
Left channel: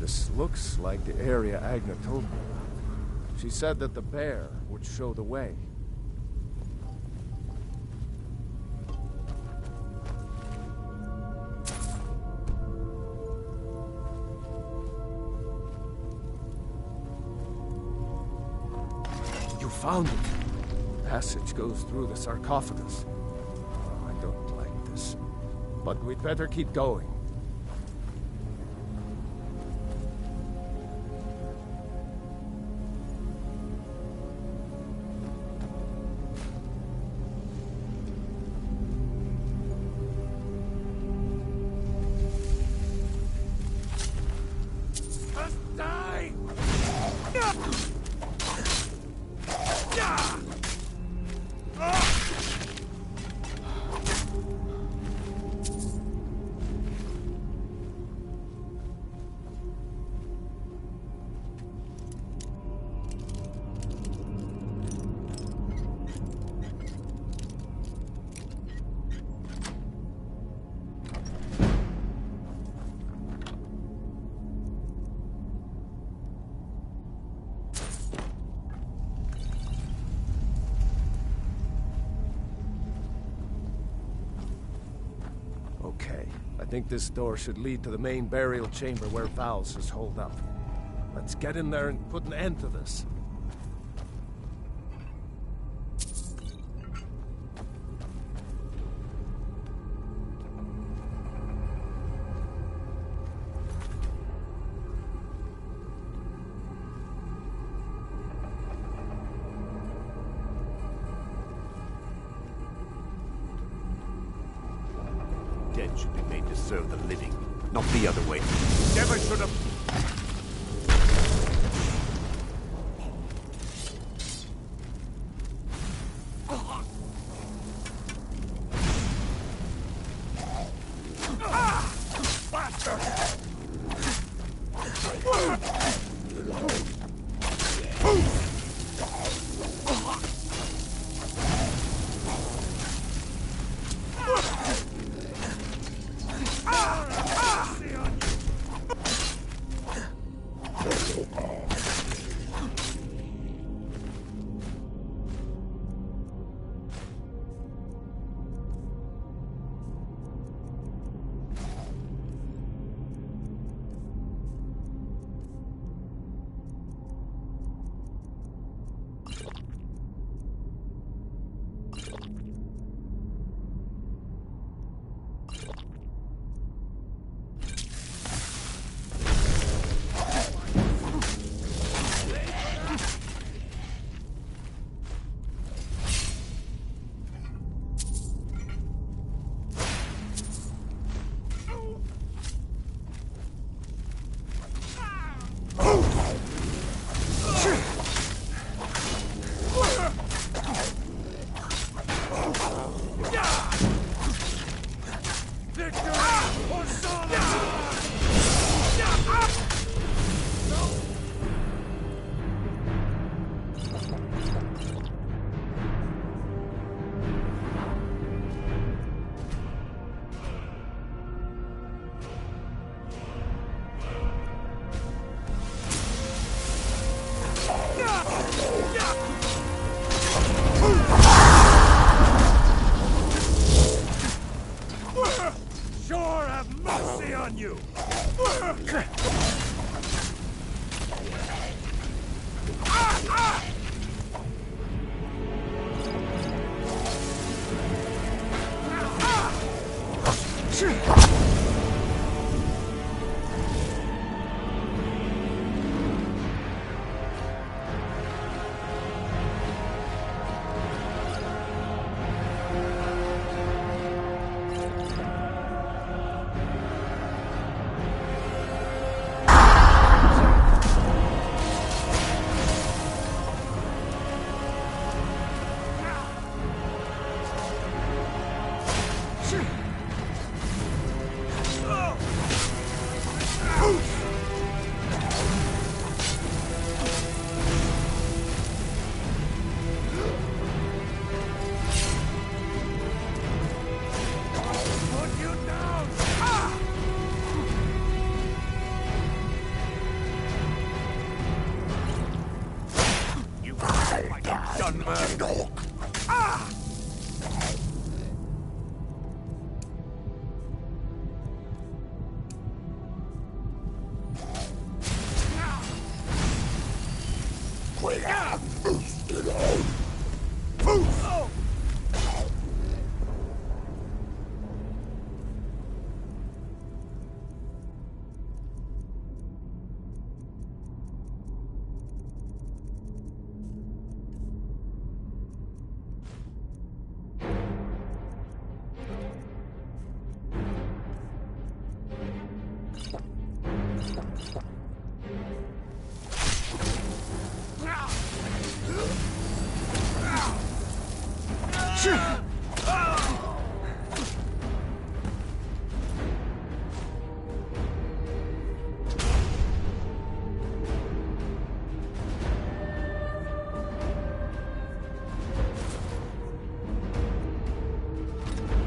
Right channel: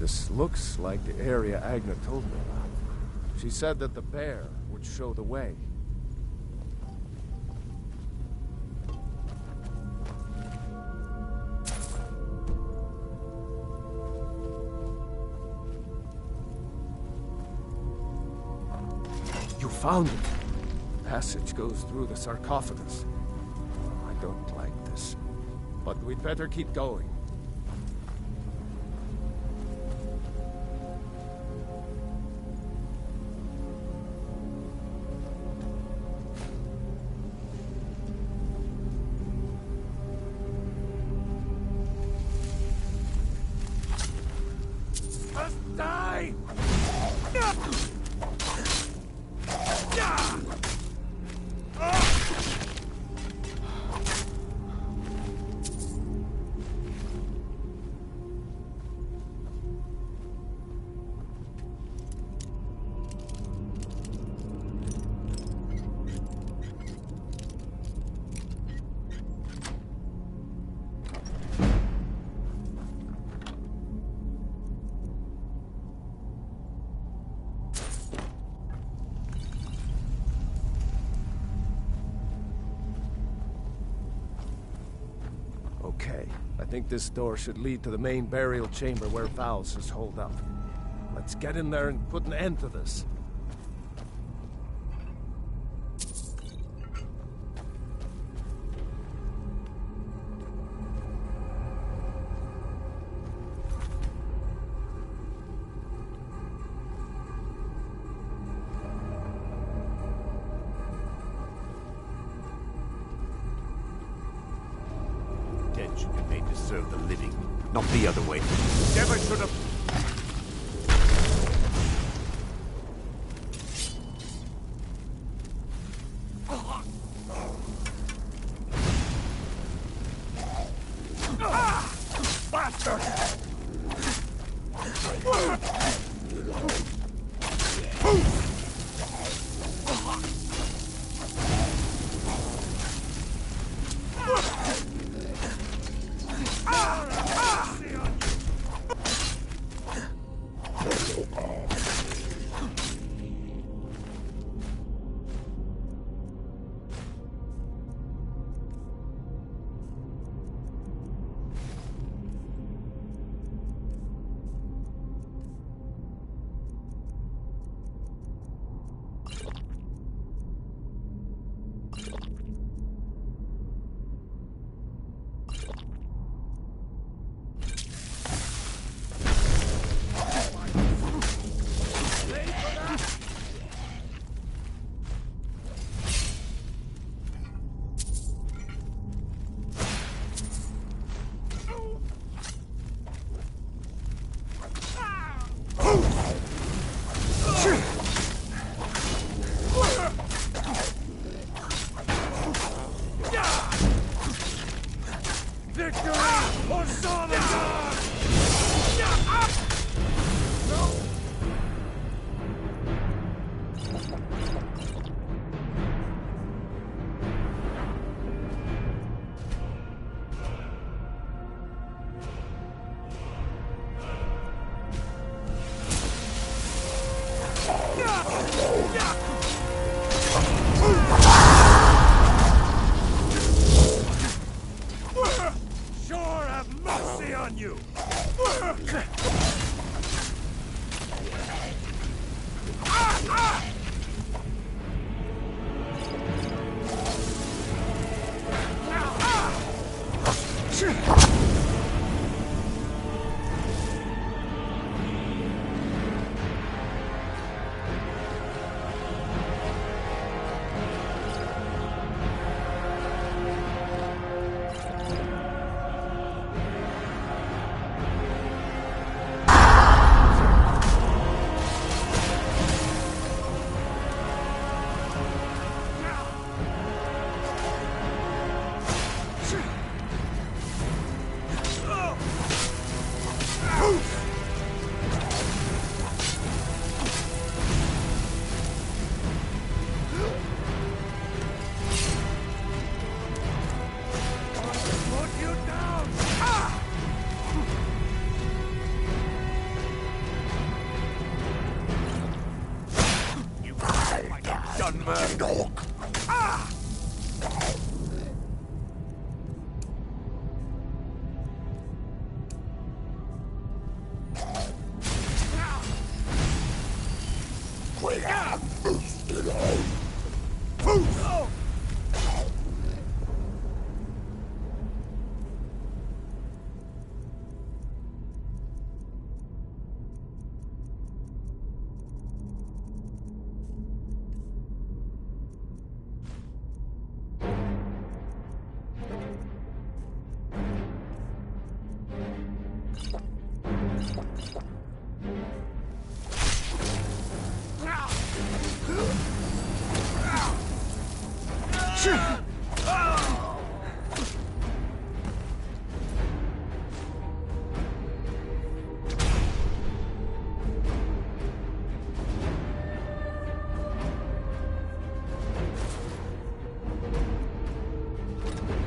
This looks like the area Agna told me about. She said that the bear would show the way. You found it! The passage goes through the sarcophagus. Oh, I don't like this. But we'd better keep going. Die! Okay, I think this door should lead to the main burial chamber where Vals is holed up. Let's get in there and put an end to this. Dead should be made to serve the living, not the other way. Never should have... Sure have mercy on you!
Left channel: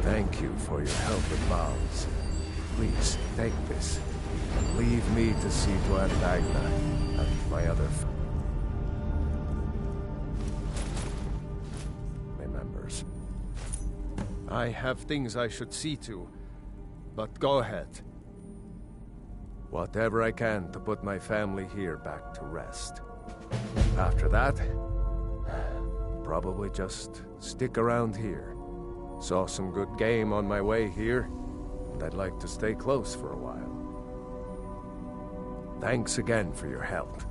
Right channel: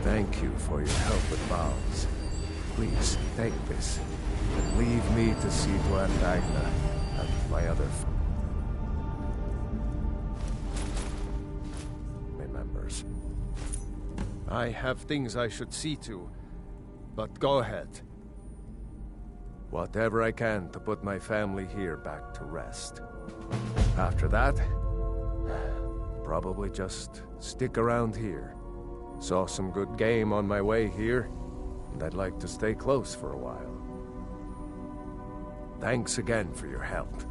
Thank you for your help with vows. Please, take this, and leave me to see to Andagna and my other family members. I have things I should see to, but go ahead. Whatever I can to put my family here back to rest. After that, probably just stick around here. Saw some good game on my way here, and I'd like to stay close for a while. Thanks again for your help.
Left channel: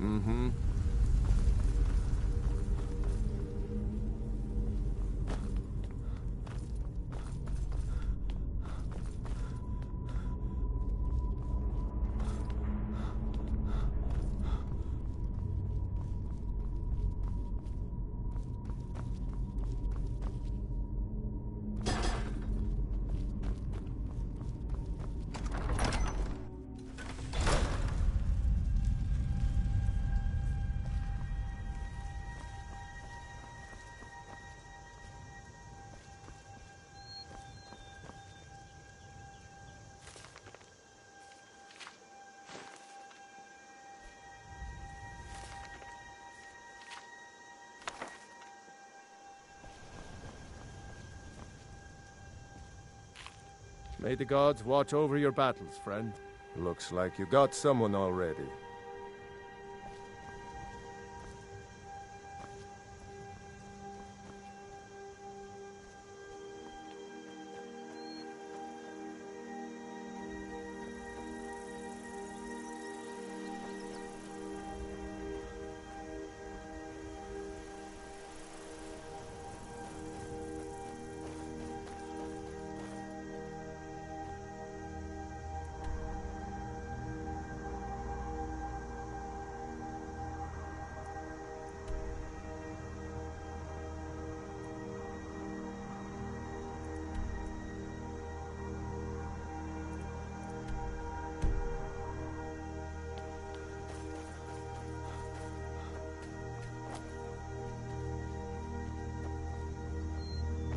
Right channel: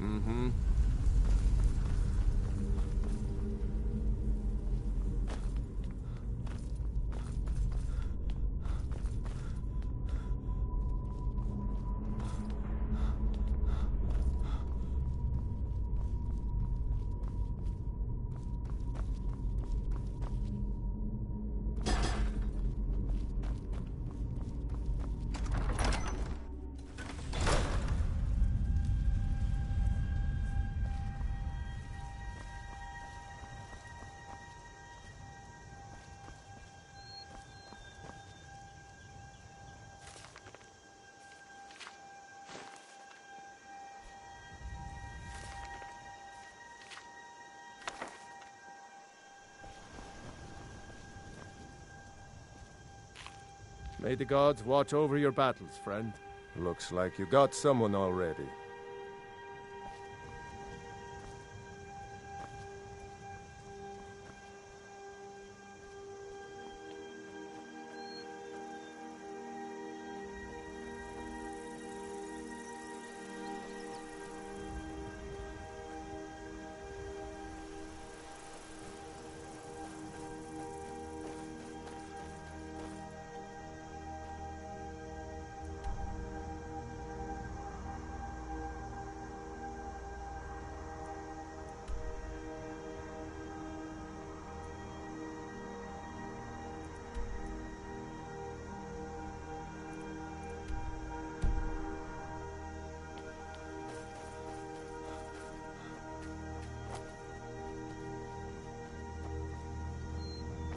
Mm-hmm. May the gods watch over your battles, friend. Looks like you got someone already.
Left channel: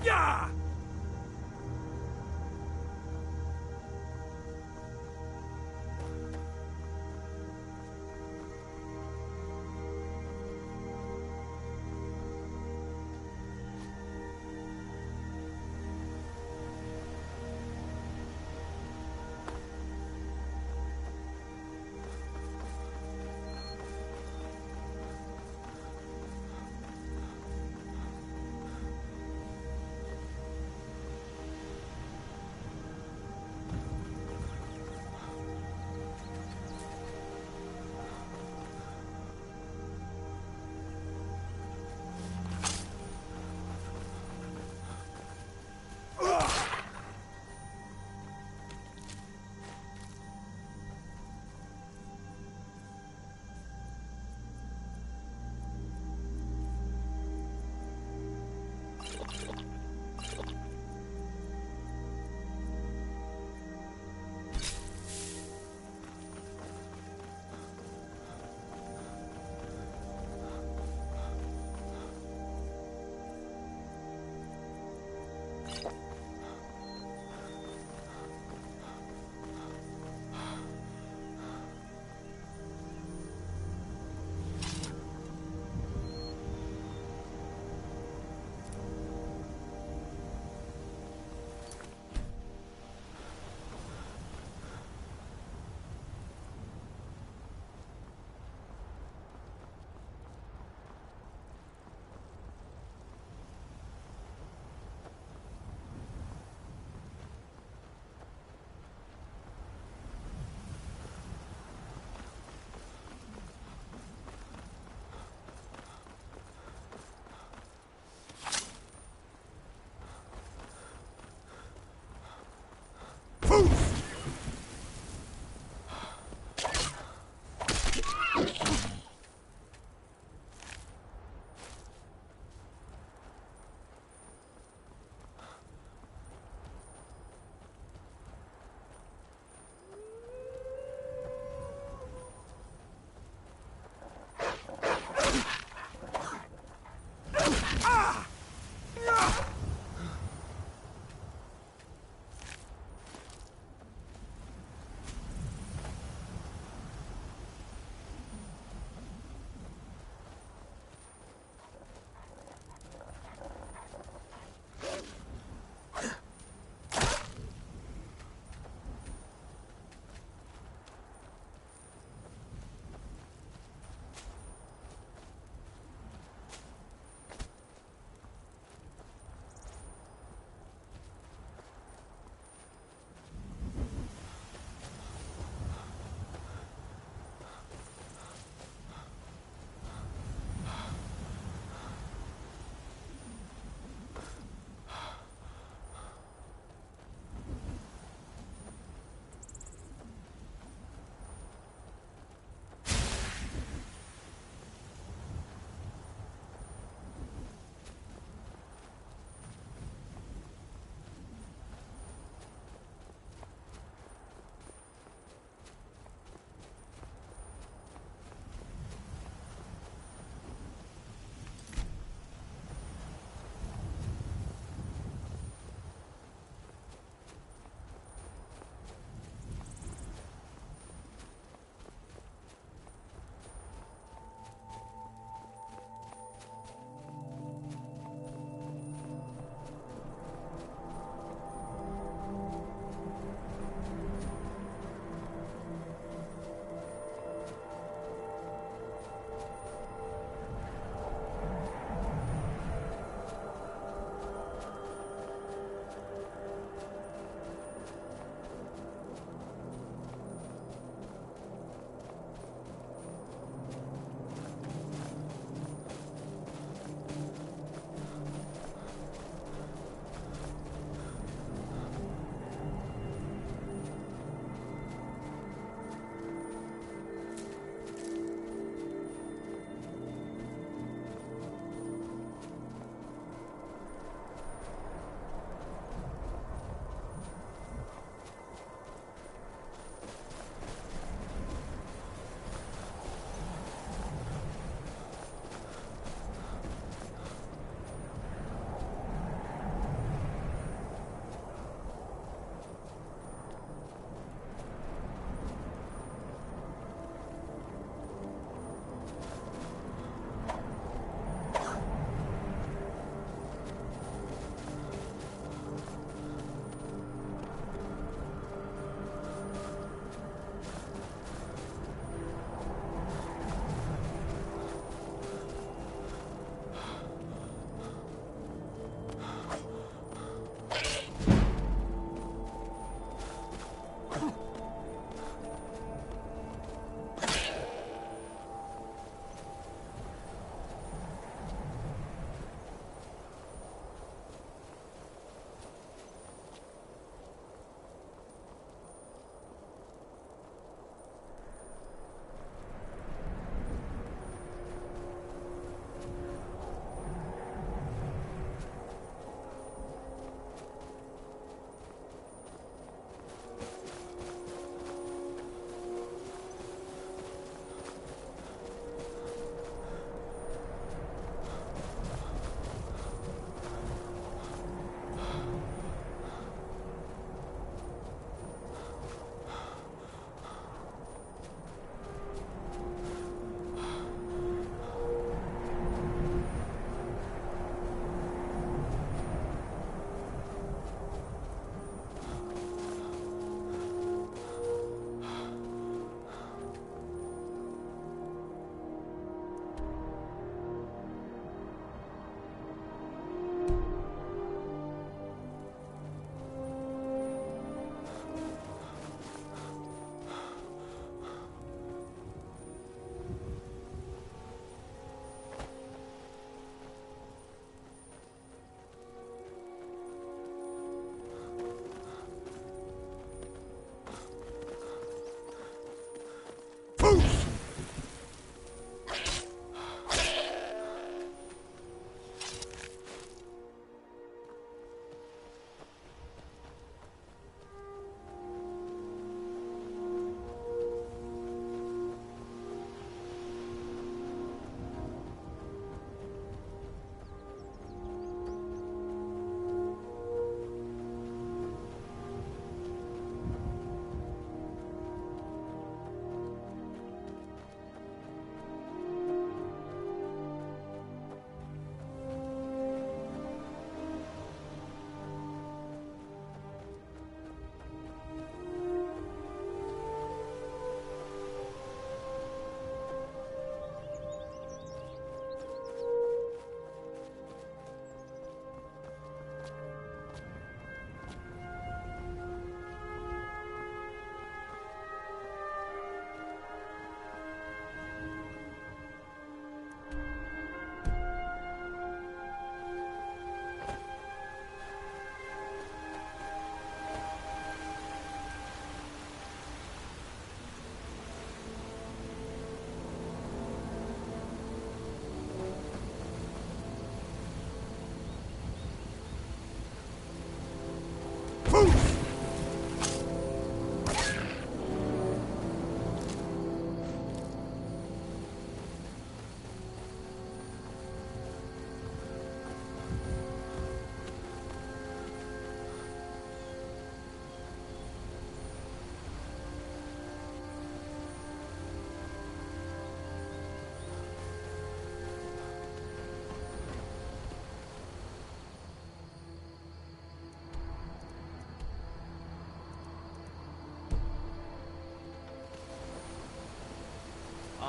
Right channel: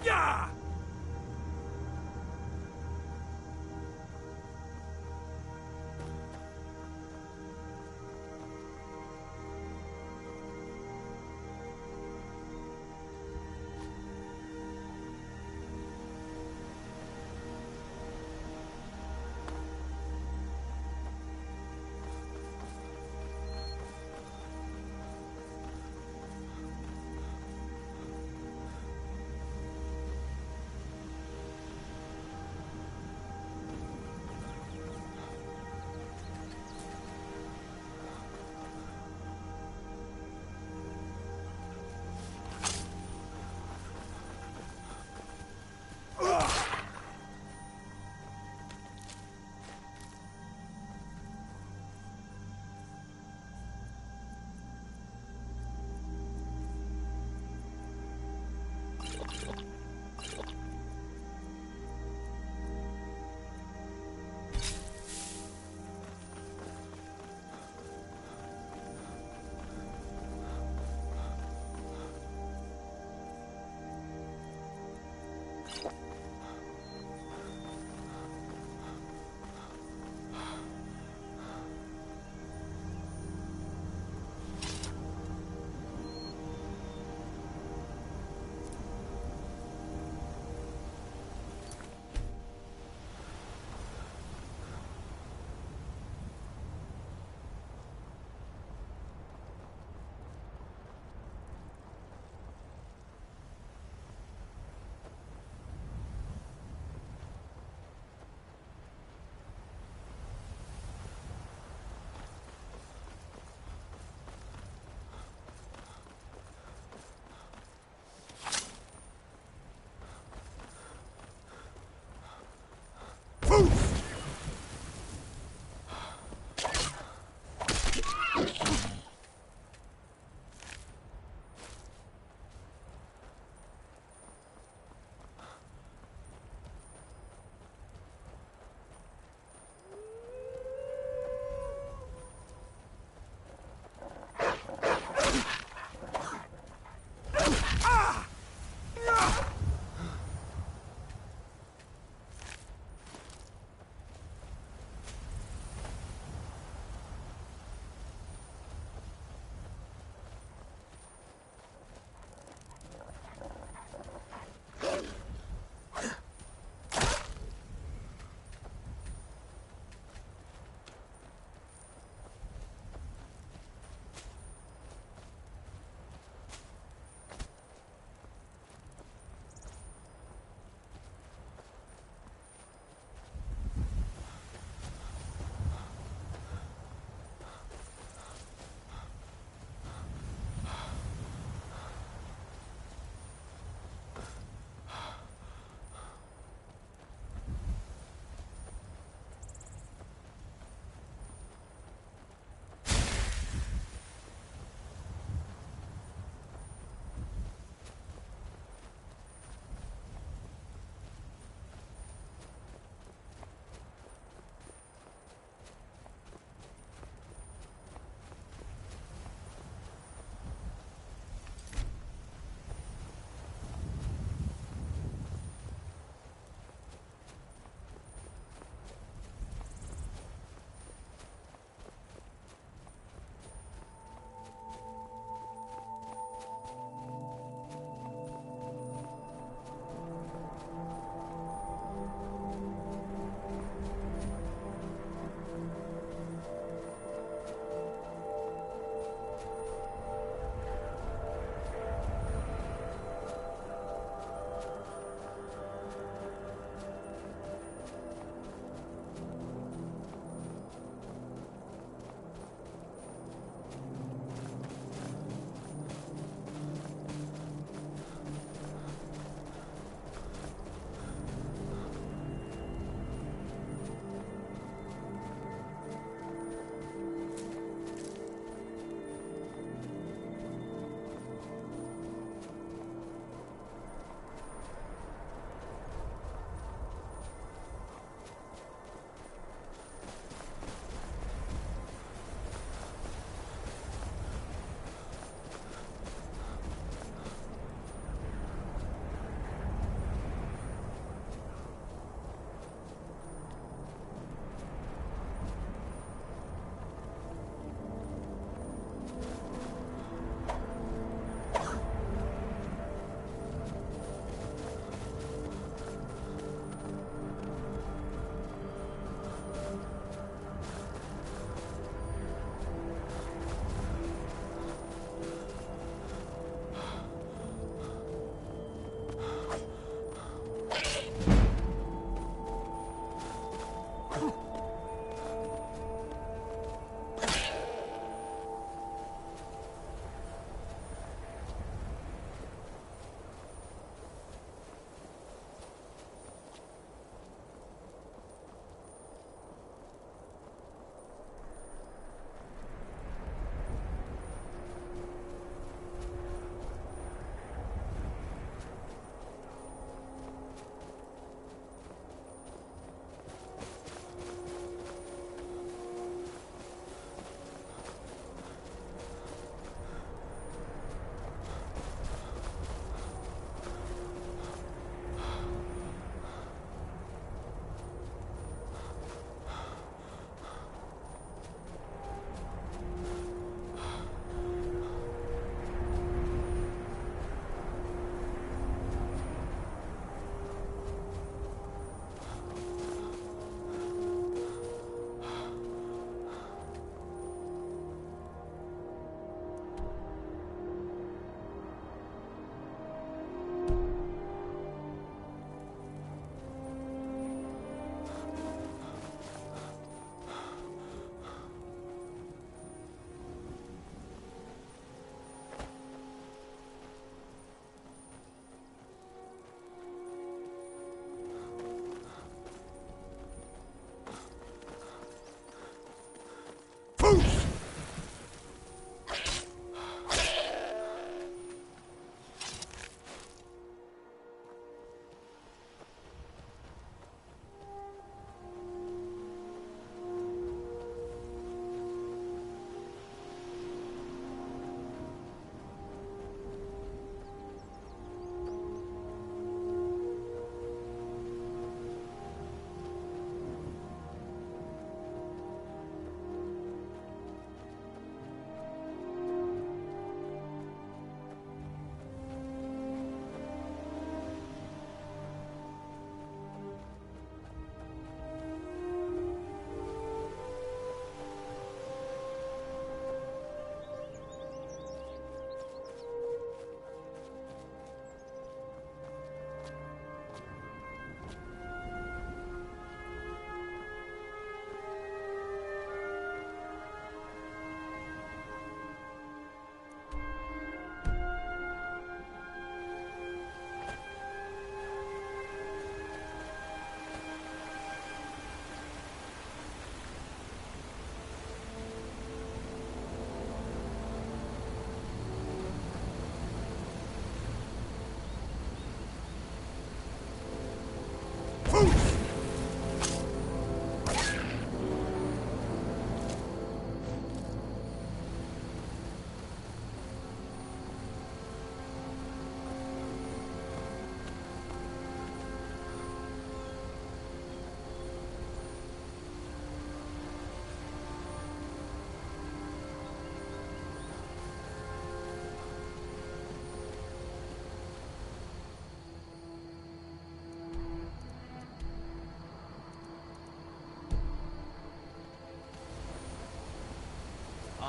Yeah!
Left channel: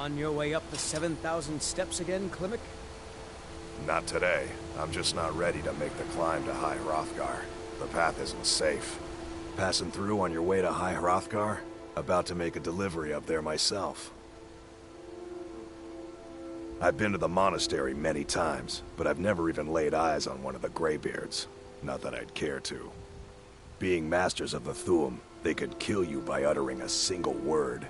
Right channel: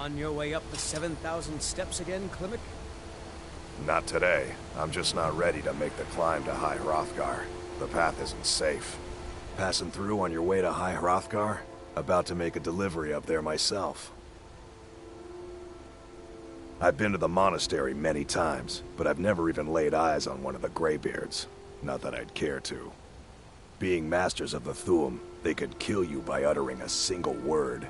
On your way up the 7,000 steps again, Klimek? Not today. I'm just not ready to make the climb to High Hrothgar. The path isn't safe. Passing through on your way to High Hrothgar? About to make a delivery up there myself. I've been to the monastery many times, but I've never even laid eyes on one of the Greybeards. Not that I'd care to. Being masters of the Thu'um, they could kill you by uttering a single word.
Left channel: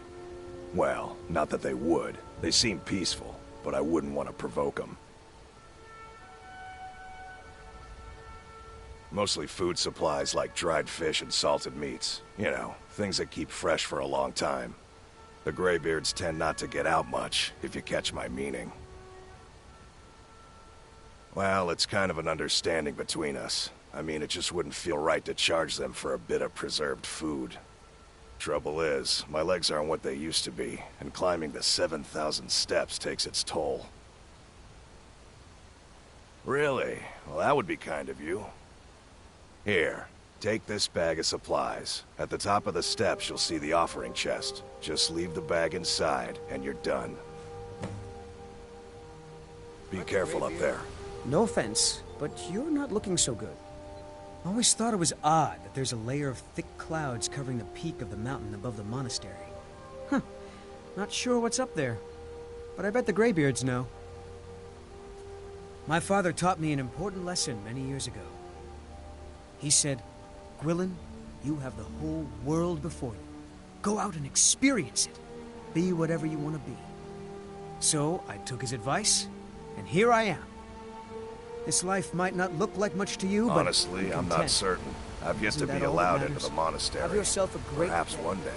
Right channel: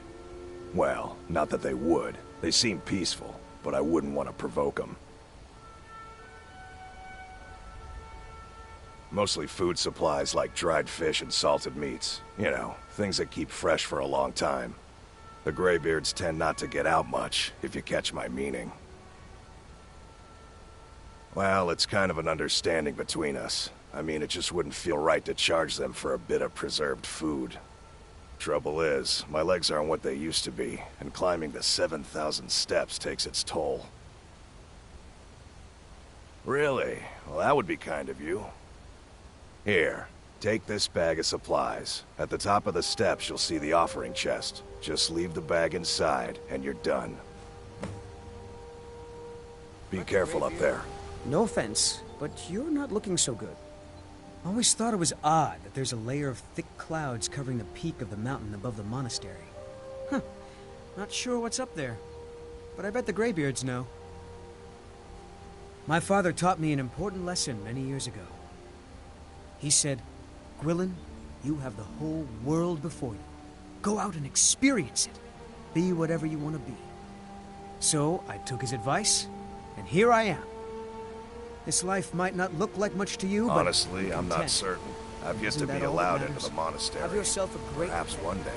Well, not that they would. They seem peaceful, but I wouldn't want to provoke them. Mostly food supplies like dried fish and salted meats. You know, things that keep fresh for a long time. The Greybeards tend not to get out much, if you catch my meaning. Well, it's kind of an understanding between us. I mean, it just wouldn't feel right to charge them for a bit of preserved food. Trouble is, my legs aren't what they used to be, and climbing the 7,000 steps takes its toll. Really? Well, that would be kind of you. Here, take this bag of supplies. At the top of the steps, you'll see the offering chest. Just leave the bag inside, and you're done. Be careful up there. No offense, but you're not looking so good. I always thought it was odd that there's a layer of thick clouds covering the peak of the mountain above the monastery. Huh. Not sure what's up there, but I bet the Greybeards know. My father taught me an important lesson many years ago. He said, Gwilyn, you have the whole world before you. Go out and experience it. Be whatever you want to be. So I took his advice, and here I am. This life might not look like much to you, but honestly, I'm not certain. I've yet to be allowed into the monastery. Have yourself a great Perhaps one day.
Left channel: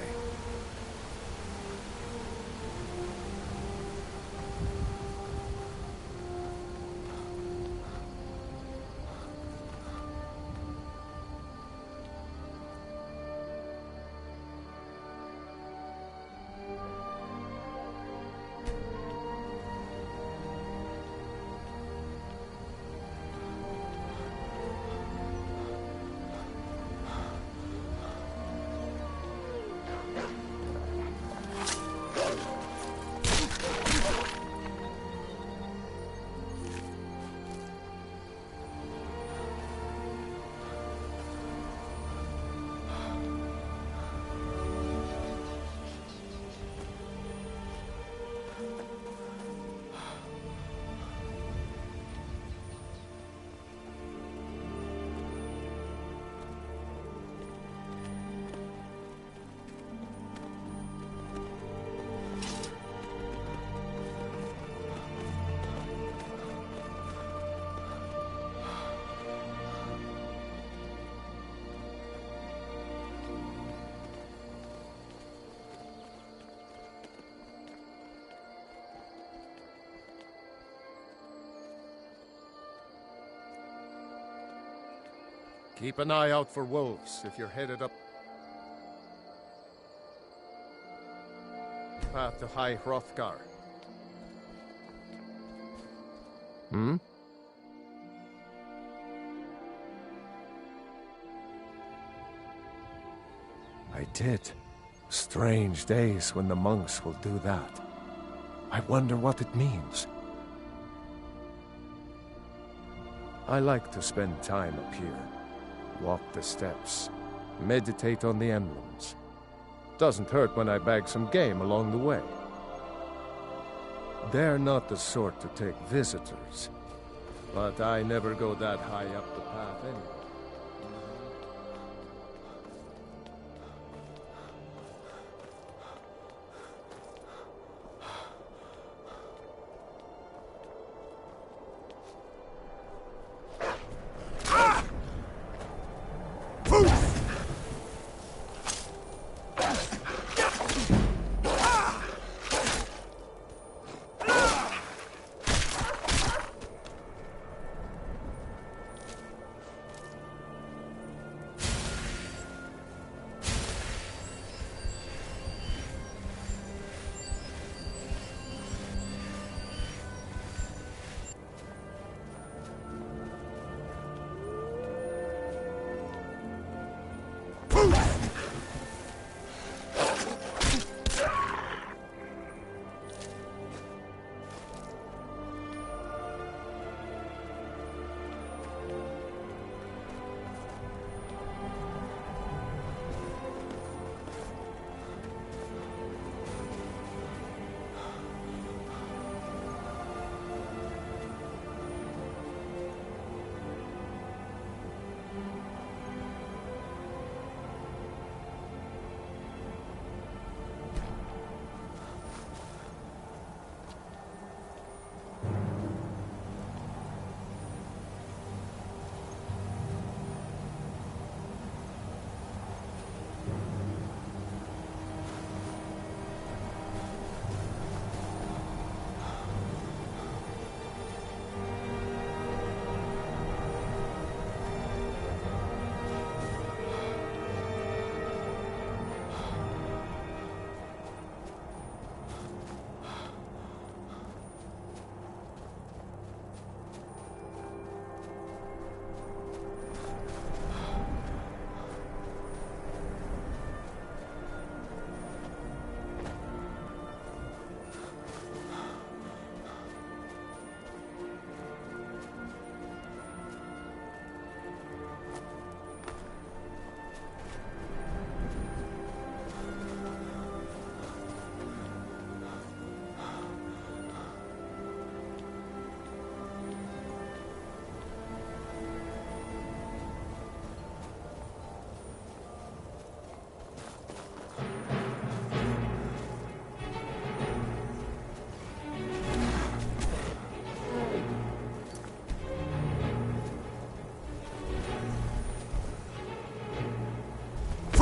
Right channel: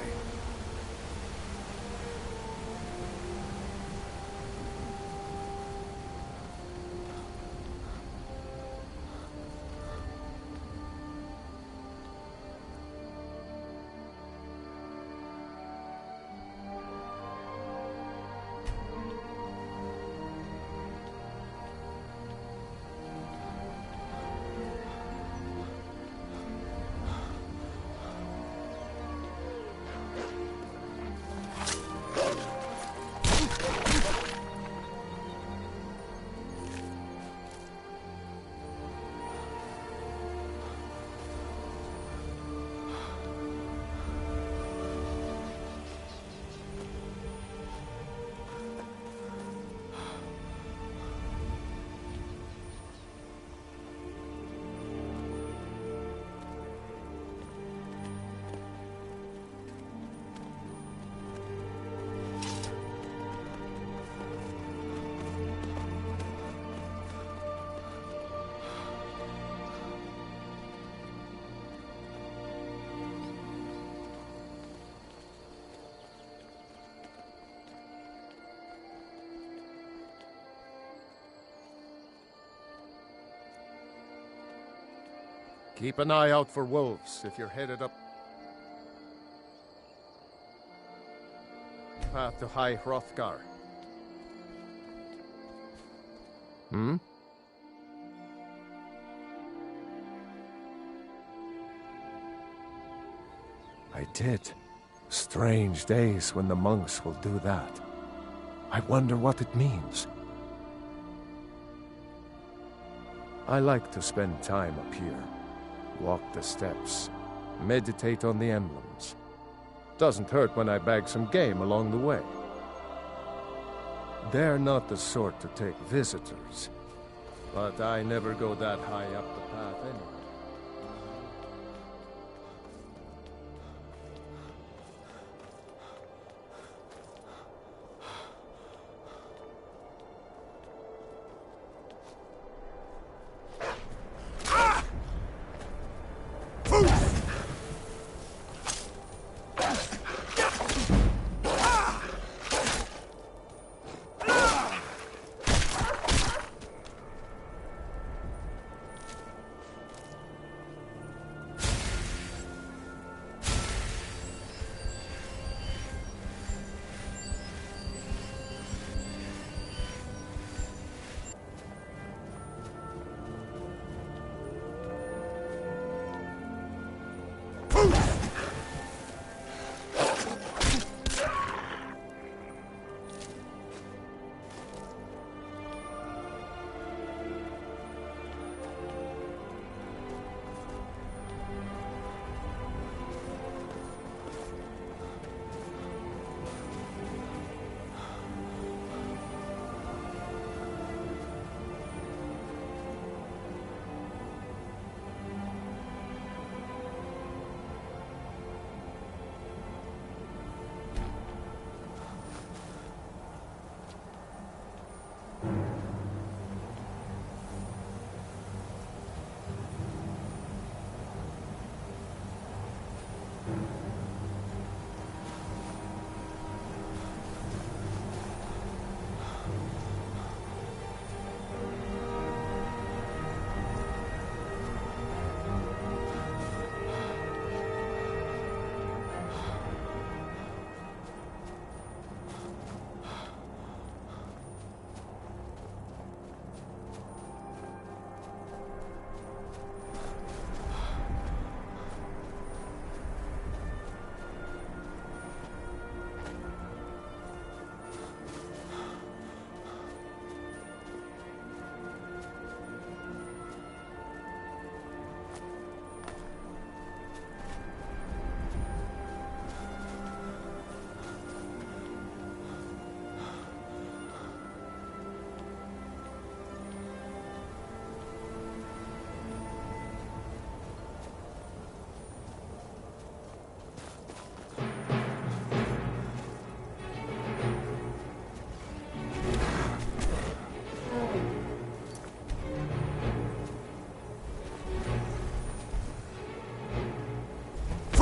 Keep an eye out for wolves if you're headed up path to High Hrothgar. Hmm? I did. Strange days when the monks will do that. I wonder what it means. I like to spend time up here. Walk the steps. Meditate on the emblems. Doesn't hurt when I bag some game along the way. They're not the sort to take visitors. But I never go that high up the path anyway.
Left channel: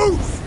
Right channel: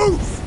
Poof!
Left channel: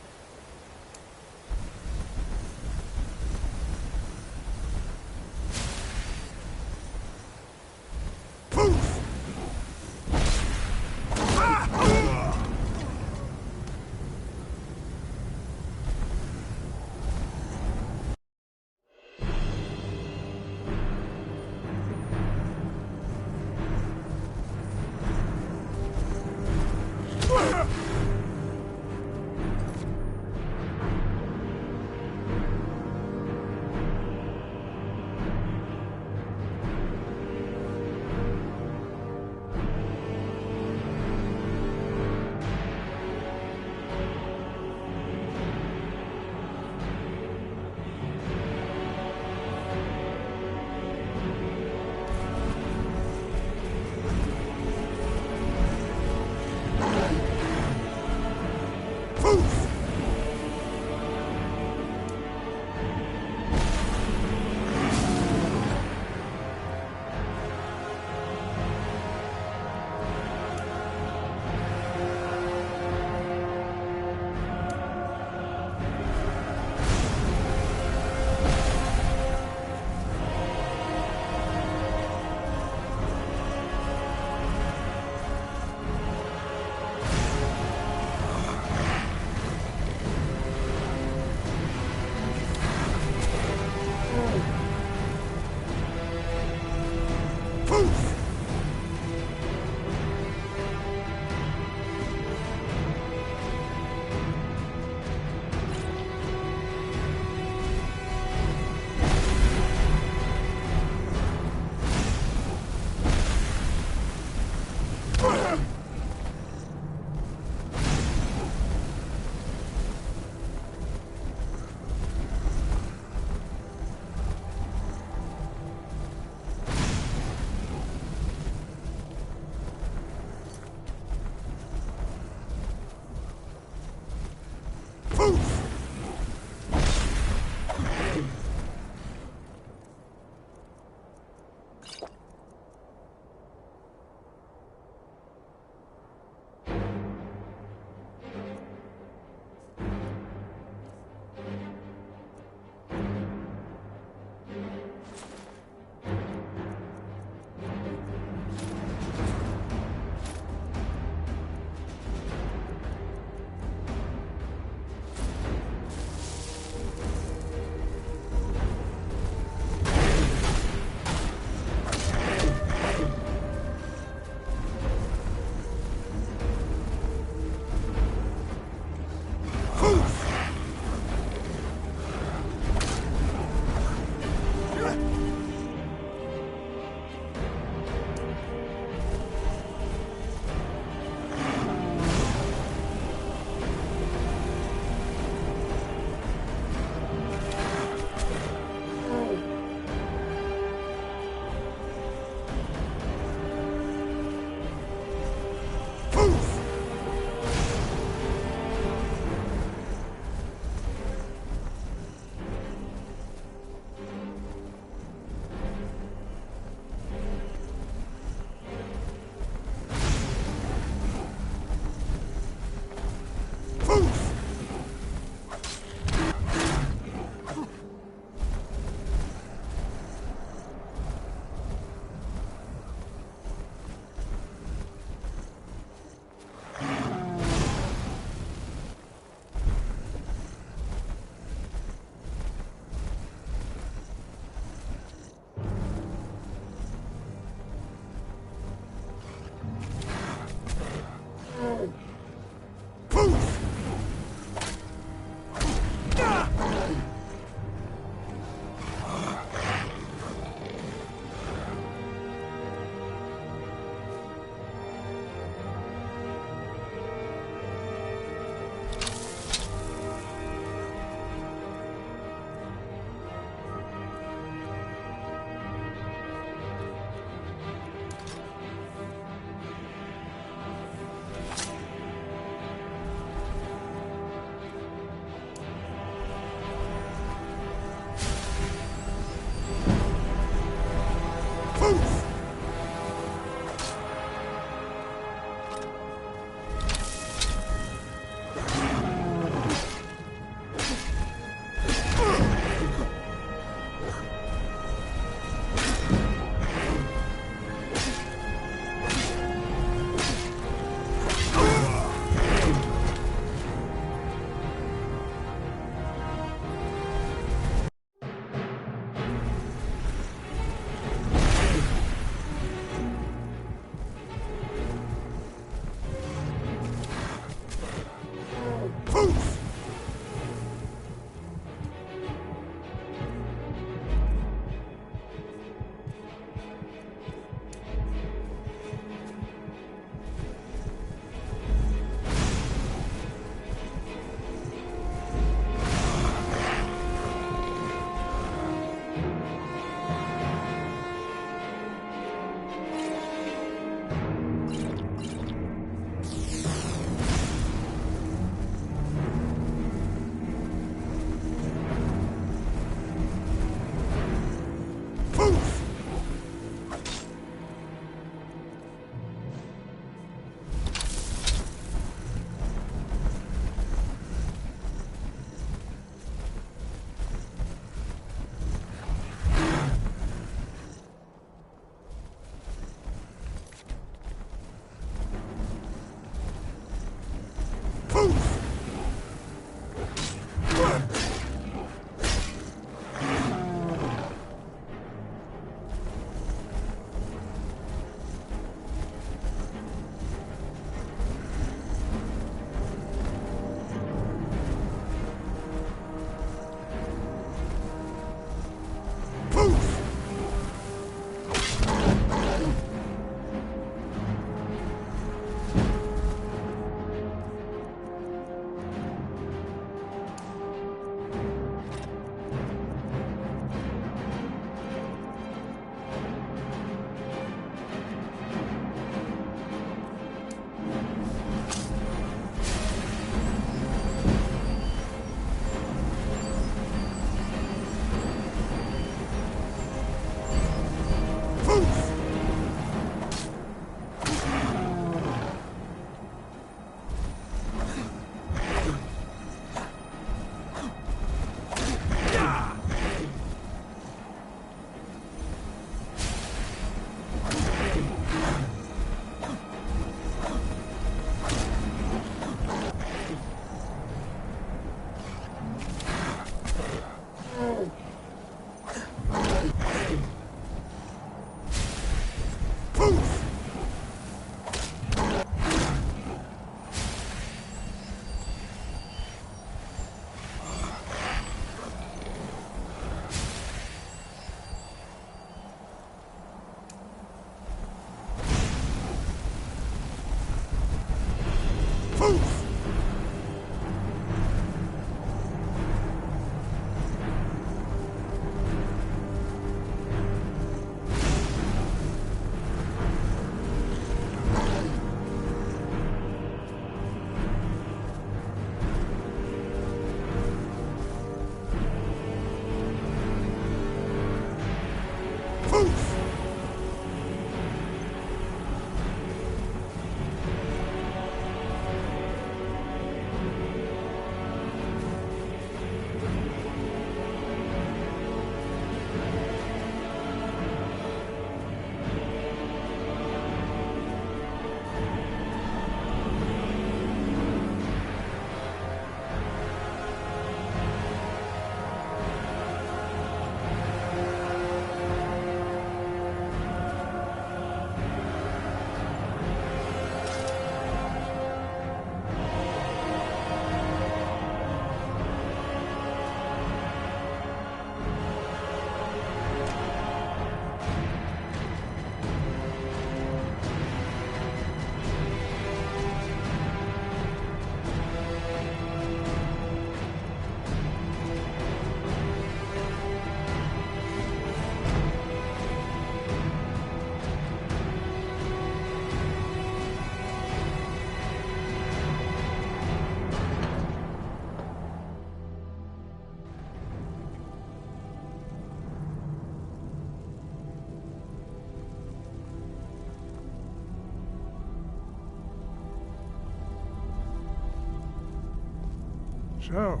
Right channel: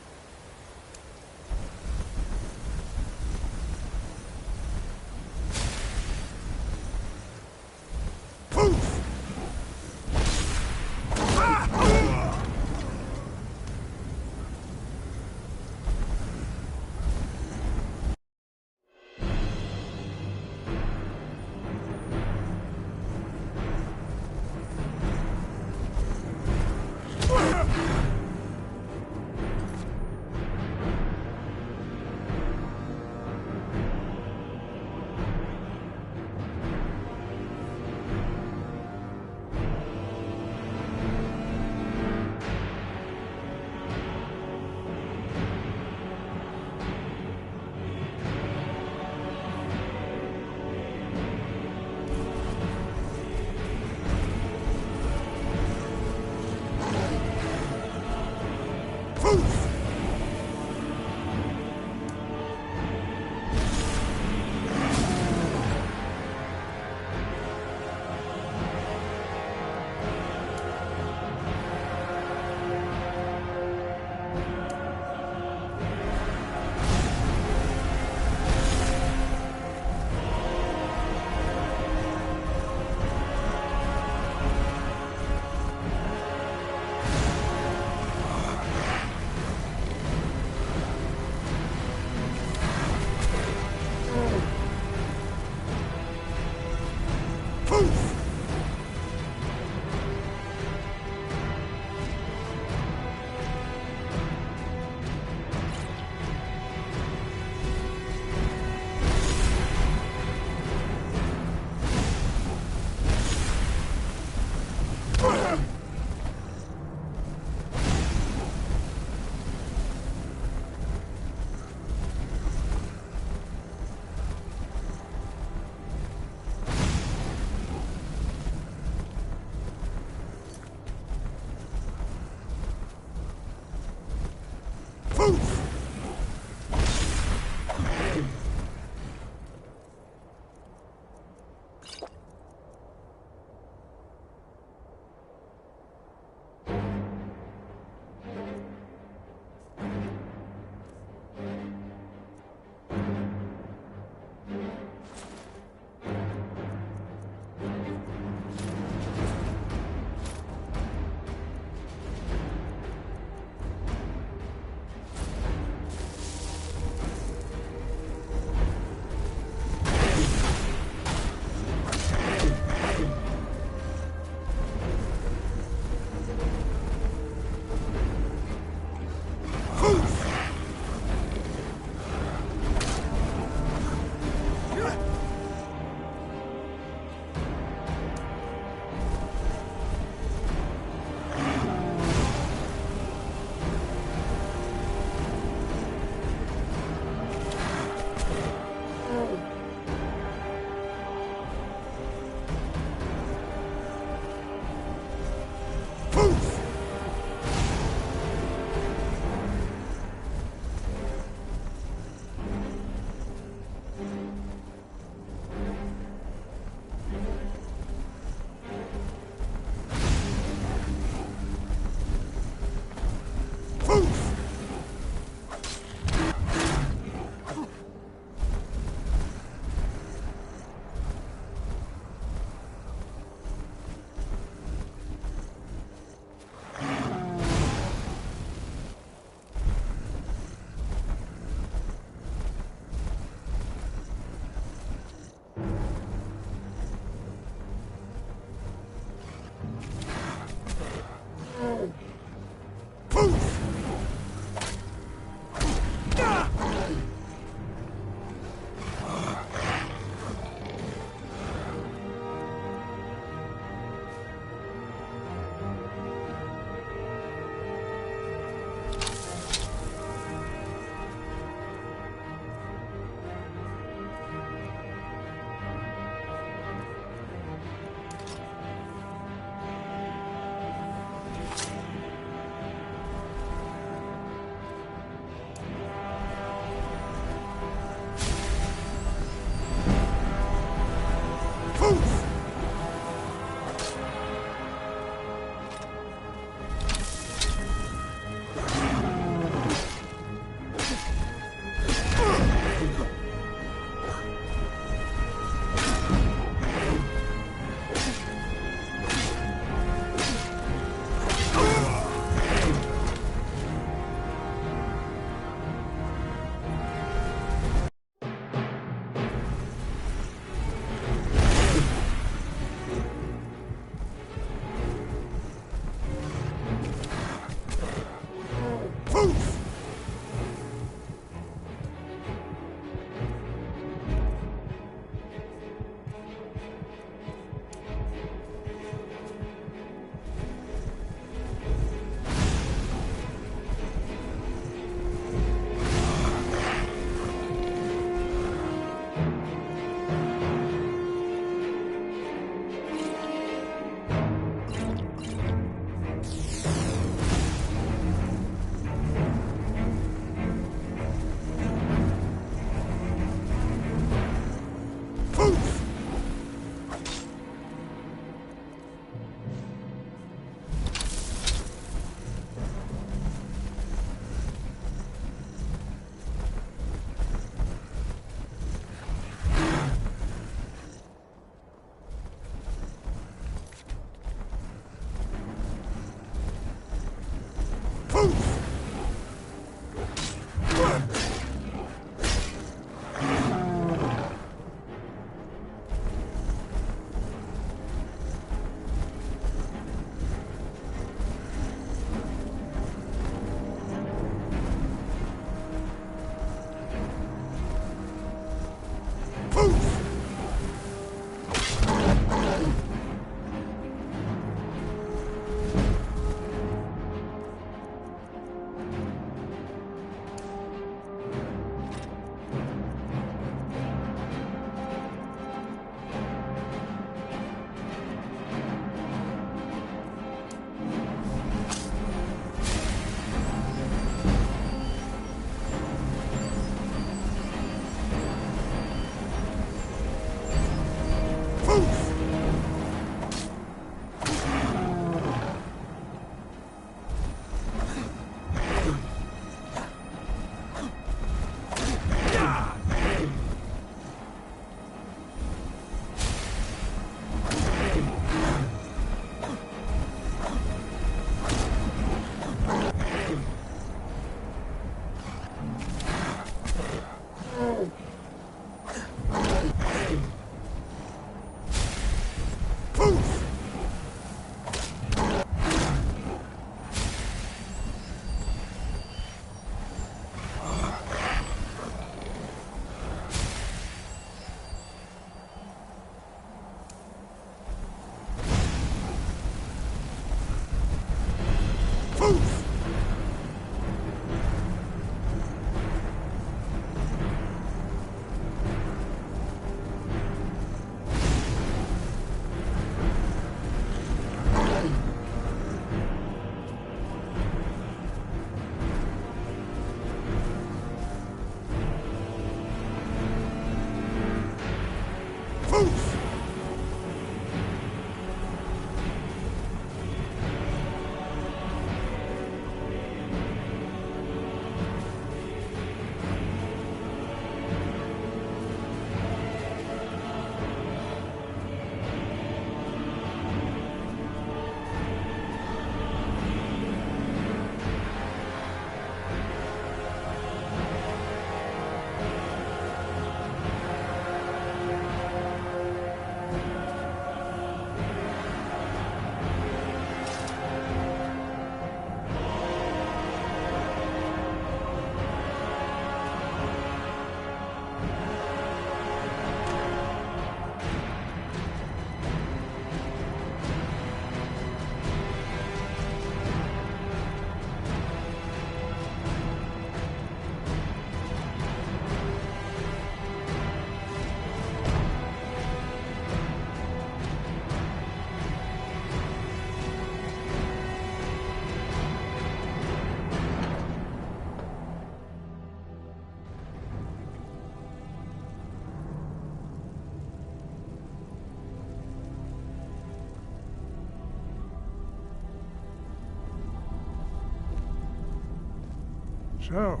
So,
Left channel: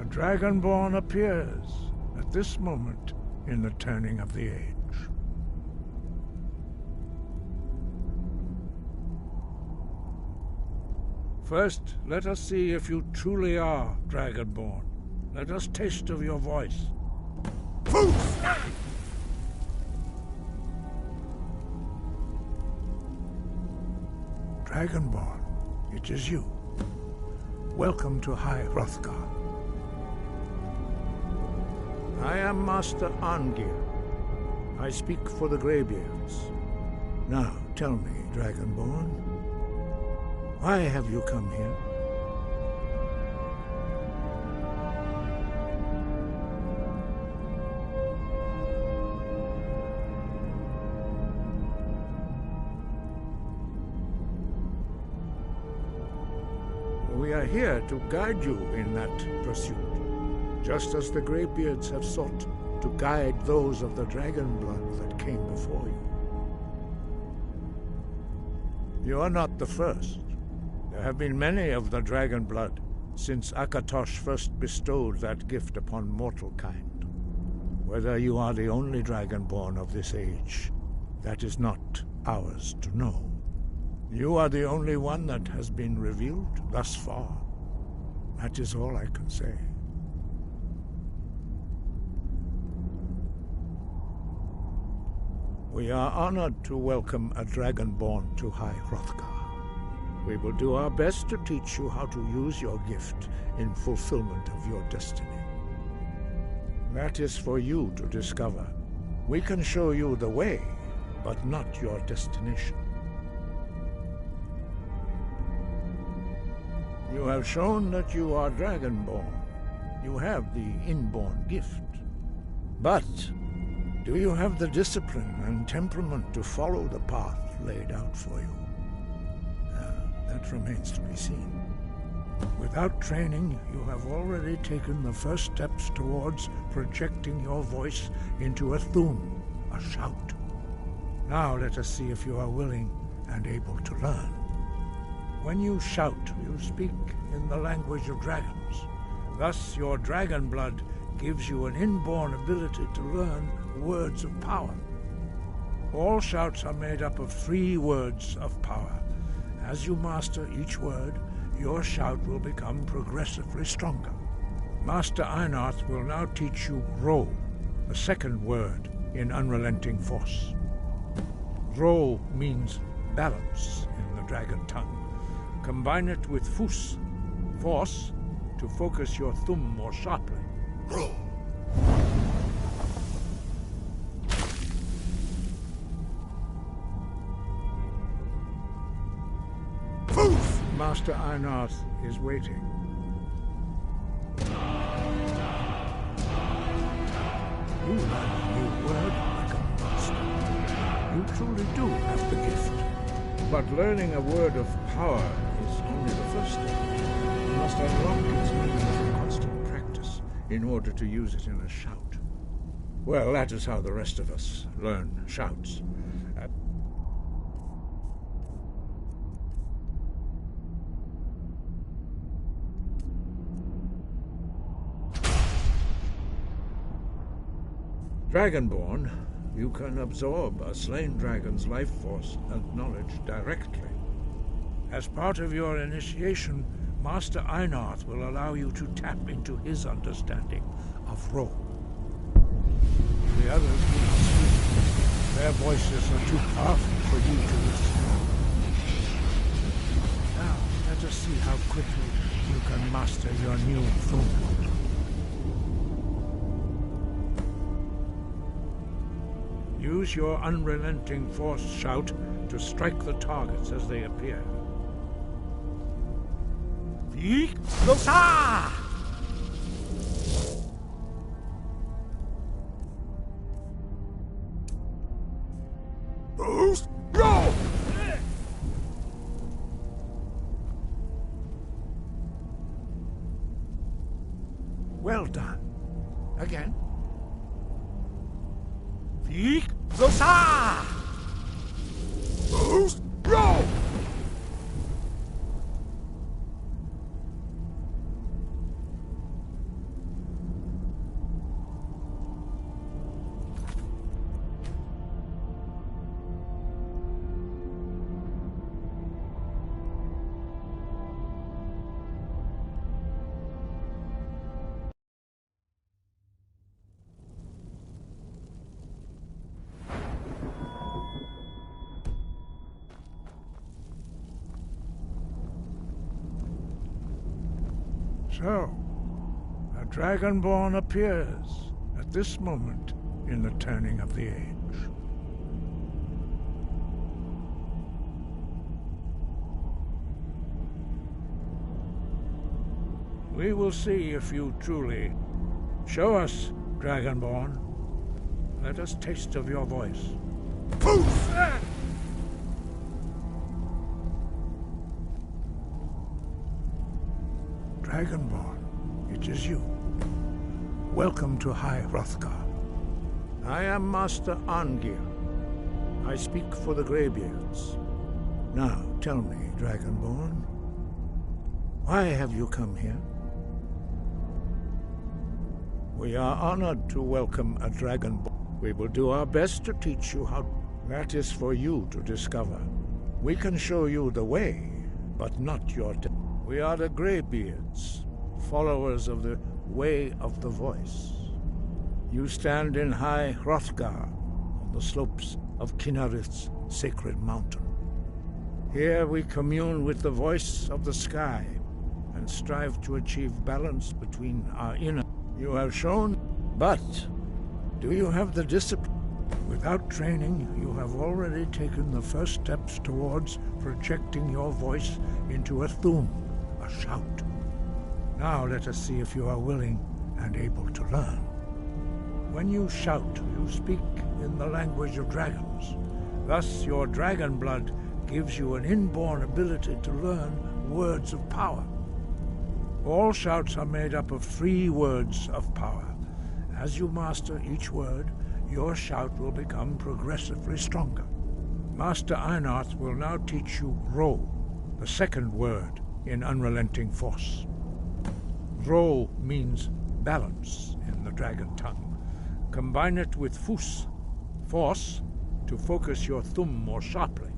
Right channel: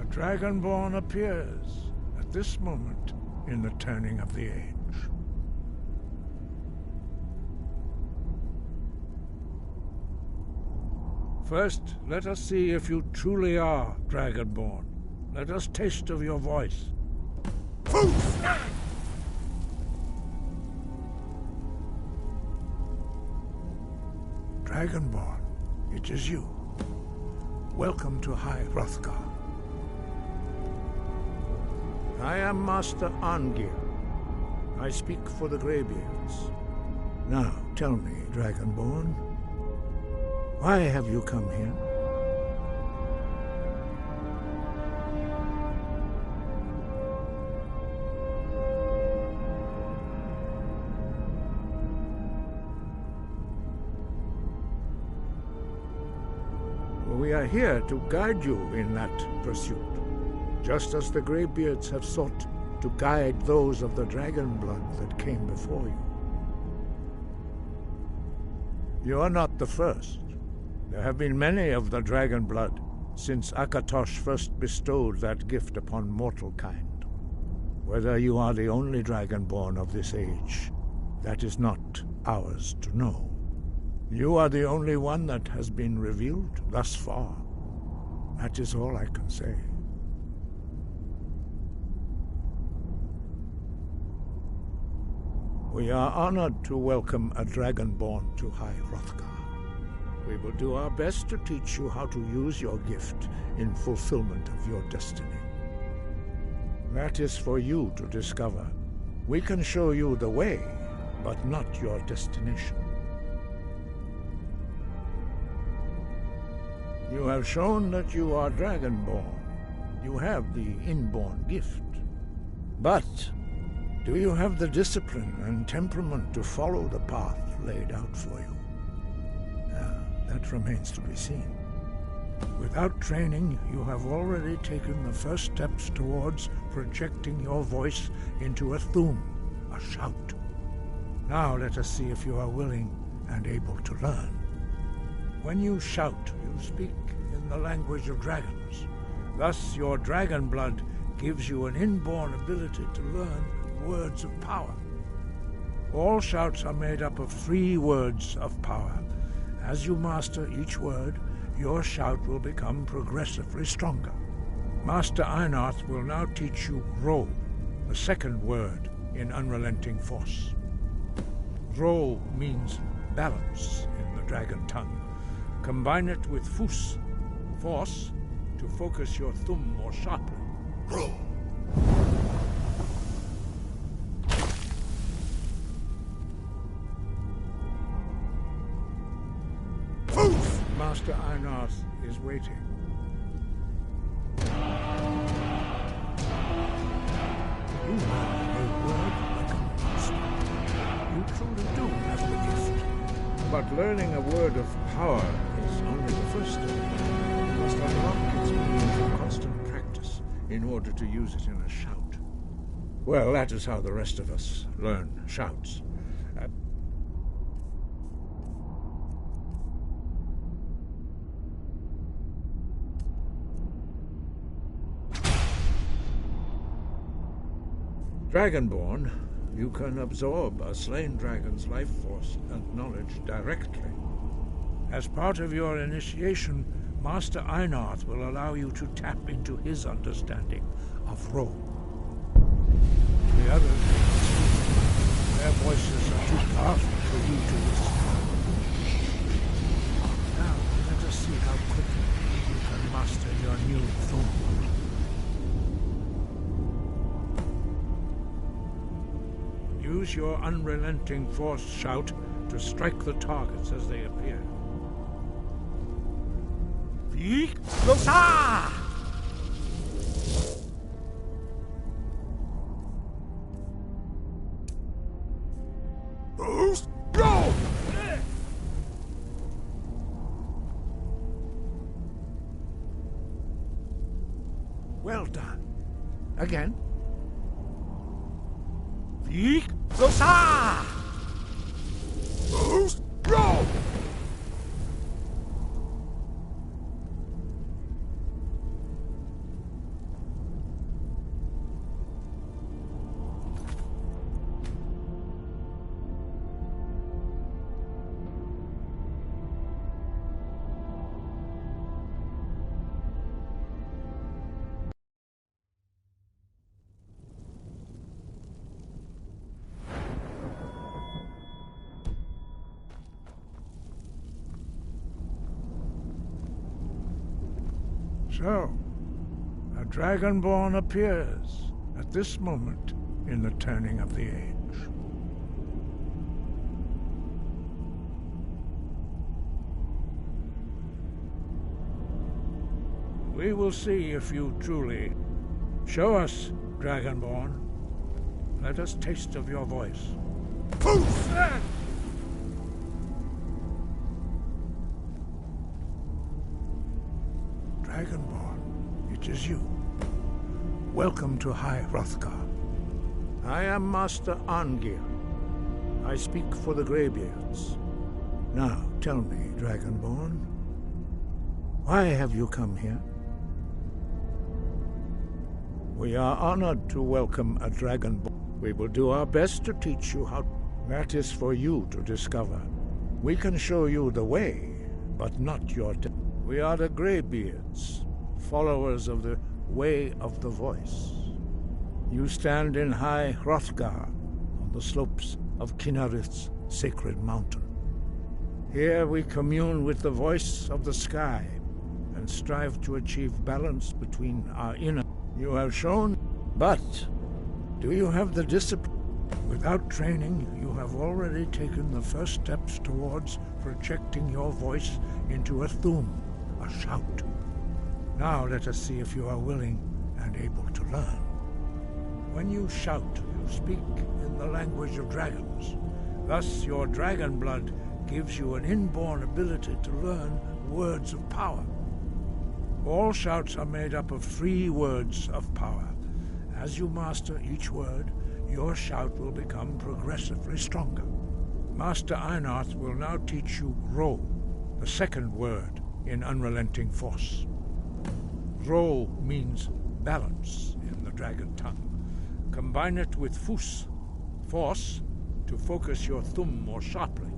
a Dragonborn appears at this moment in the turning of the age. First, let us see if you truly are Dragonborn. Let us taste of your voice. Dragonborn, it is you. Welcome to High Hrothgar. I am Master Arngir. I speak for the Greybeards. Now, tell me, Dragonborn, why have you come here? We are here to guide you in that pursuit, just as the Greybeards have sought to guide those of the dragon blood that came before you. You are not the first. There have been many of the dragon blood since Akatosh first bestowed that gift upon mortal kind. Whether you are the only dragonborn of this age, that is not ours to know. You are the only one that has been revealed thus far. That is all I can say. We are honored to welcome a Dragonborn to High Hrothgar. We will do our best to teach you how to use your gift in fulfillment of your destiny. That is for you to discover. We can show you the way, but not your destination. You have shown that you are Dragonborn. You have the inborn gift. But do you have the discipline and temperament to follow the path laid out for you? That remains to be seen. Without training, you have already taken the first steps towards projecting your voice into a Thu'um, a shout. Now let us see if you are willing and able to learn. When you shout, you speak in the language of dragons. Thus, your dragon blood gives you an inborn ability to learn words of power. All shouts are made up of 3 words of power. As you master each word, your shout will become progressively stronger. Master Einarth will now teach you Ro, the second word in Unrelenting Force. Ro means balance in the dragon tongue. Combine it with Fus, force, to focus your Thu'um more sharply. Ro. Fus! Master Einarth is waiting. You learn a new word like a master. You truly do have the gift. But learning a word of power is only the first step. You must unlock its meaning through constant practice in order to use it in a shout. Well, that is how the rest of us learn shouts. Dragonborn, you can absorb a slain dragon's life force and knowledge directly. As part of your initiation, Master Einarth will allow you to tap into his understanding of Ro. The others do not speak. Their voices are too powerful for you to withstand. Now, let us see how quickly you can master your new Thu'um. Use your Unrelenting Force shout to strike the targets as they appear. THEIF! Boost! Go! Well done. Again. THEIF! Boost! Go! So, a Dragonborn appears at this moment in the turning of the age. We will see if you truly... Show us, Dragonborn. Let us taste of your voice. Poof! Dragonborn, it is you. Welcome to High Hrothgar. I am Master Arngir. I speak for the Greybeards. Now, tell me, Dragonborn, why have you come here? We are honored to welcome a Dragonborn. We will do our best to teach you how... That is for you to discover. We can show you the way, but not your... We are the Greybeards, followers of the Way of the Voice. You stand in High Hrothgar, on the slopes of Kinarith's sacred mountain. Here we commune with the voice of the sky, and strive to achieve balance between our inner... You have shown, but do you have the discipline? Without training, you have already taken the first steps towards projecting your voice into a Thu'um, a shout. Now let us see if you are willing and able to learn. When you shout, you speak in the language of dragons. Thus, your dragon blood gives you an inborn ability to learn words of power. All shouts are made up of 3 words of power. As you master each word, your shout will become progressively stronger. Master Einarth will now teach you Ro, the second word in Unrelenting Force. Ro means balance in the dragon tongue. Combine it with Fus, force, to focus your Thu'um more sharply.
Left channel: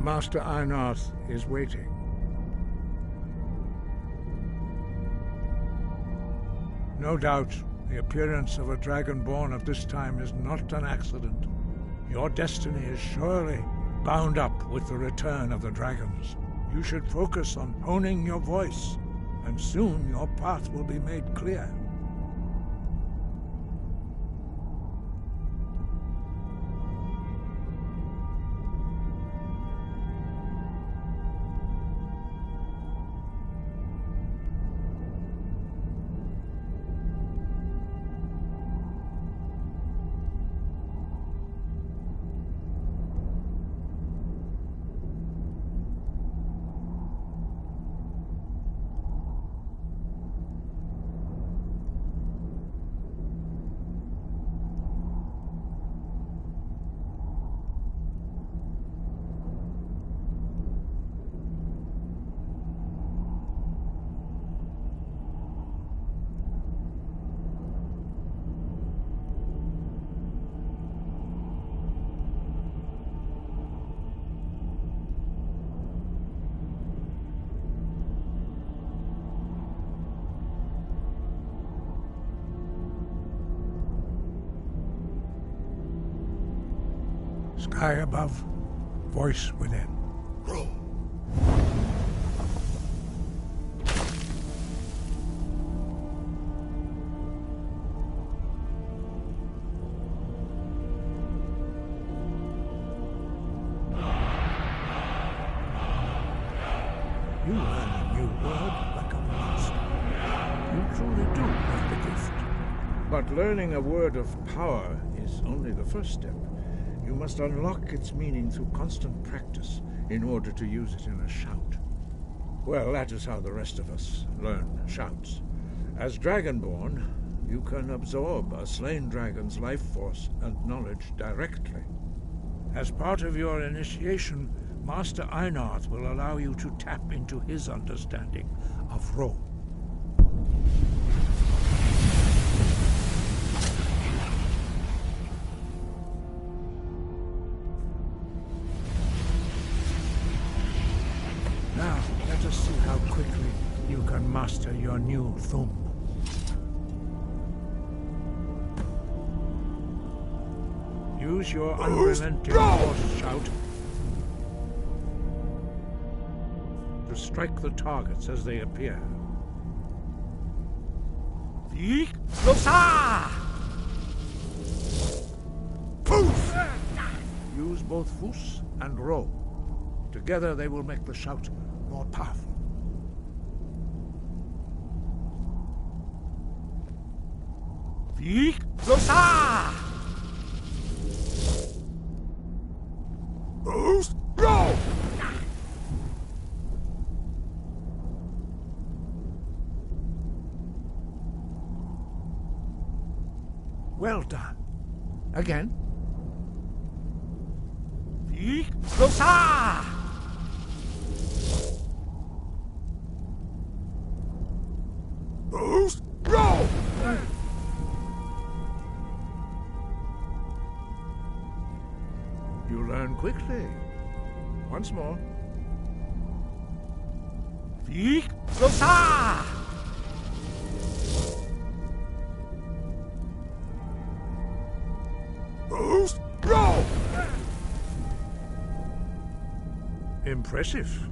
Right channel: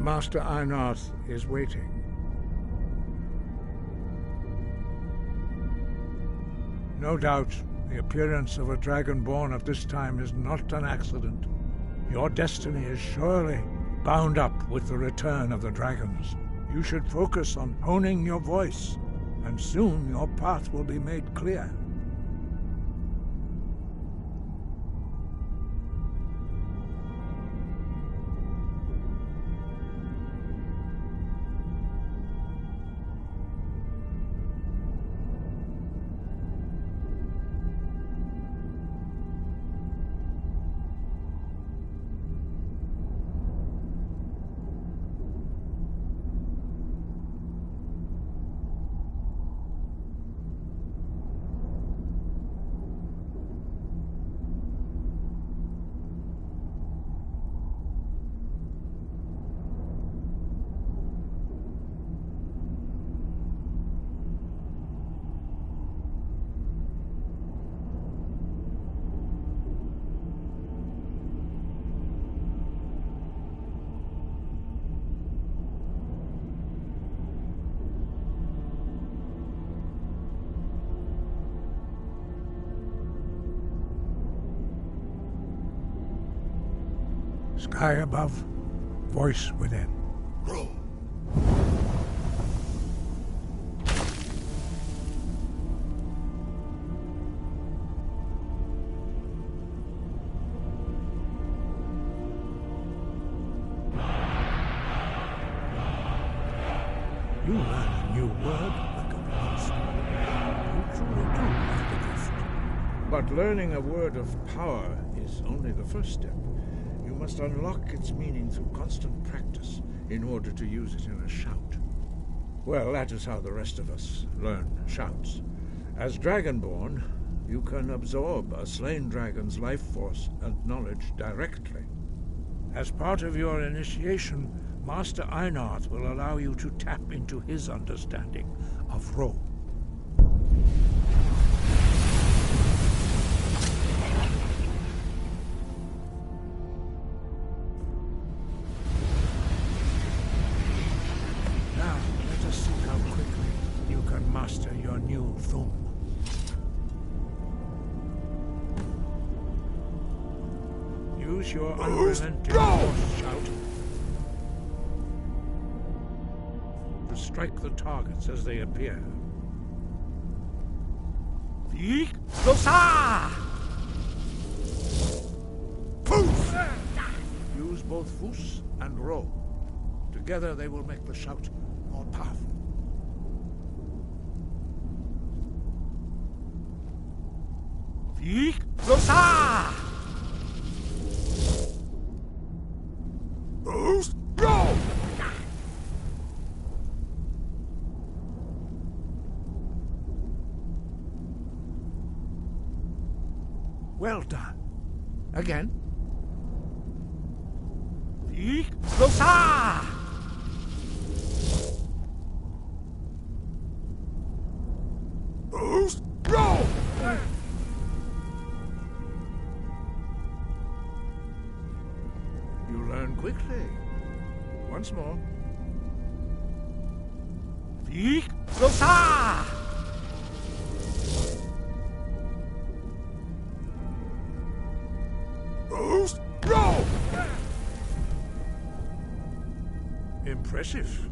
Master Einarth is waiting. No doubt, the appearance of a Dragonborn at this time is not an accident. Your destiny is surely bound up with the return of the dragons. You should focus on honing your voice, and soon your path will be made clear. Sky above, voice within. Grow. You learn a new word like a monster. You truly do have the gift. But learning a word of power is only the first step. You must unlock its meaning through constant practice in order to use it in a shout. Well, that is how the rest of us learn shouts. As Dragonborn, you can absorb a slain dragon's life force and knowledge directly. As part of your initiation, Master Einarth will allow you to tap into his understanding of Ro. Now, let us see how quickly you can master your new Thum. Use your unrelenting force shout to strike the targets as they appear. THEIF! Use both Fus and Ro. Together they will make the shout more powerful. THEIF! Go! Well done. Again. THEIF! Go! You learn quickly. Once more. THEIF! Go! Impressive.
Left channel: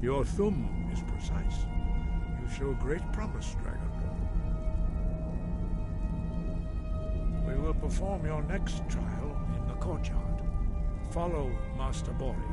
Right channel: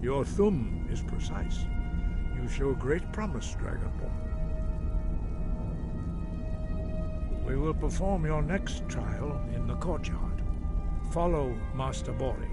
Your Thum is precise. You show great promise, Dragonborn. We will perform your next trial in the courtyard. Follow Master Bori.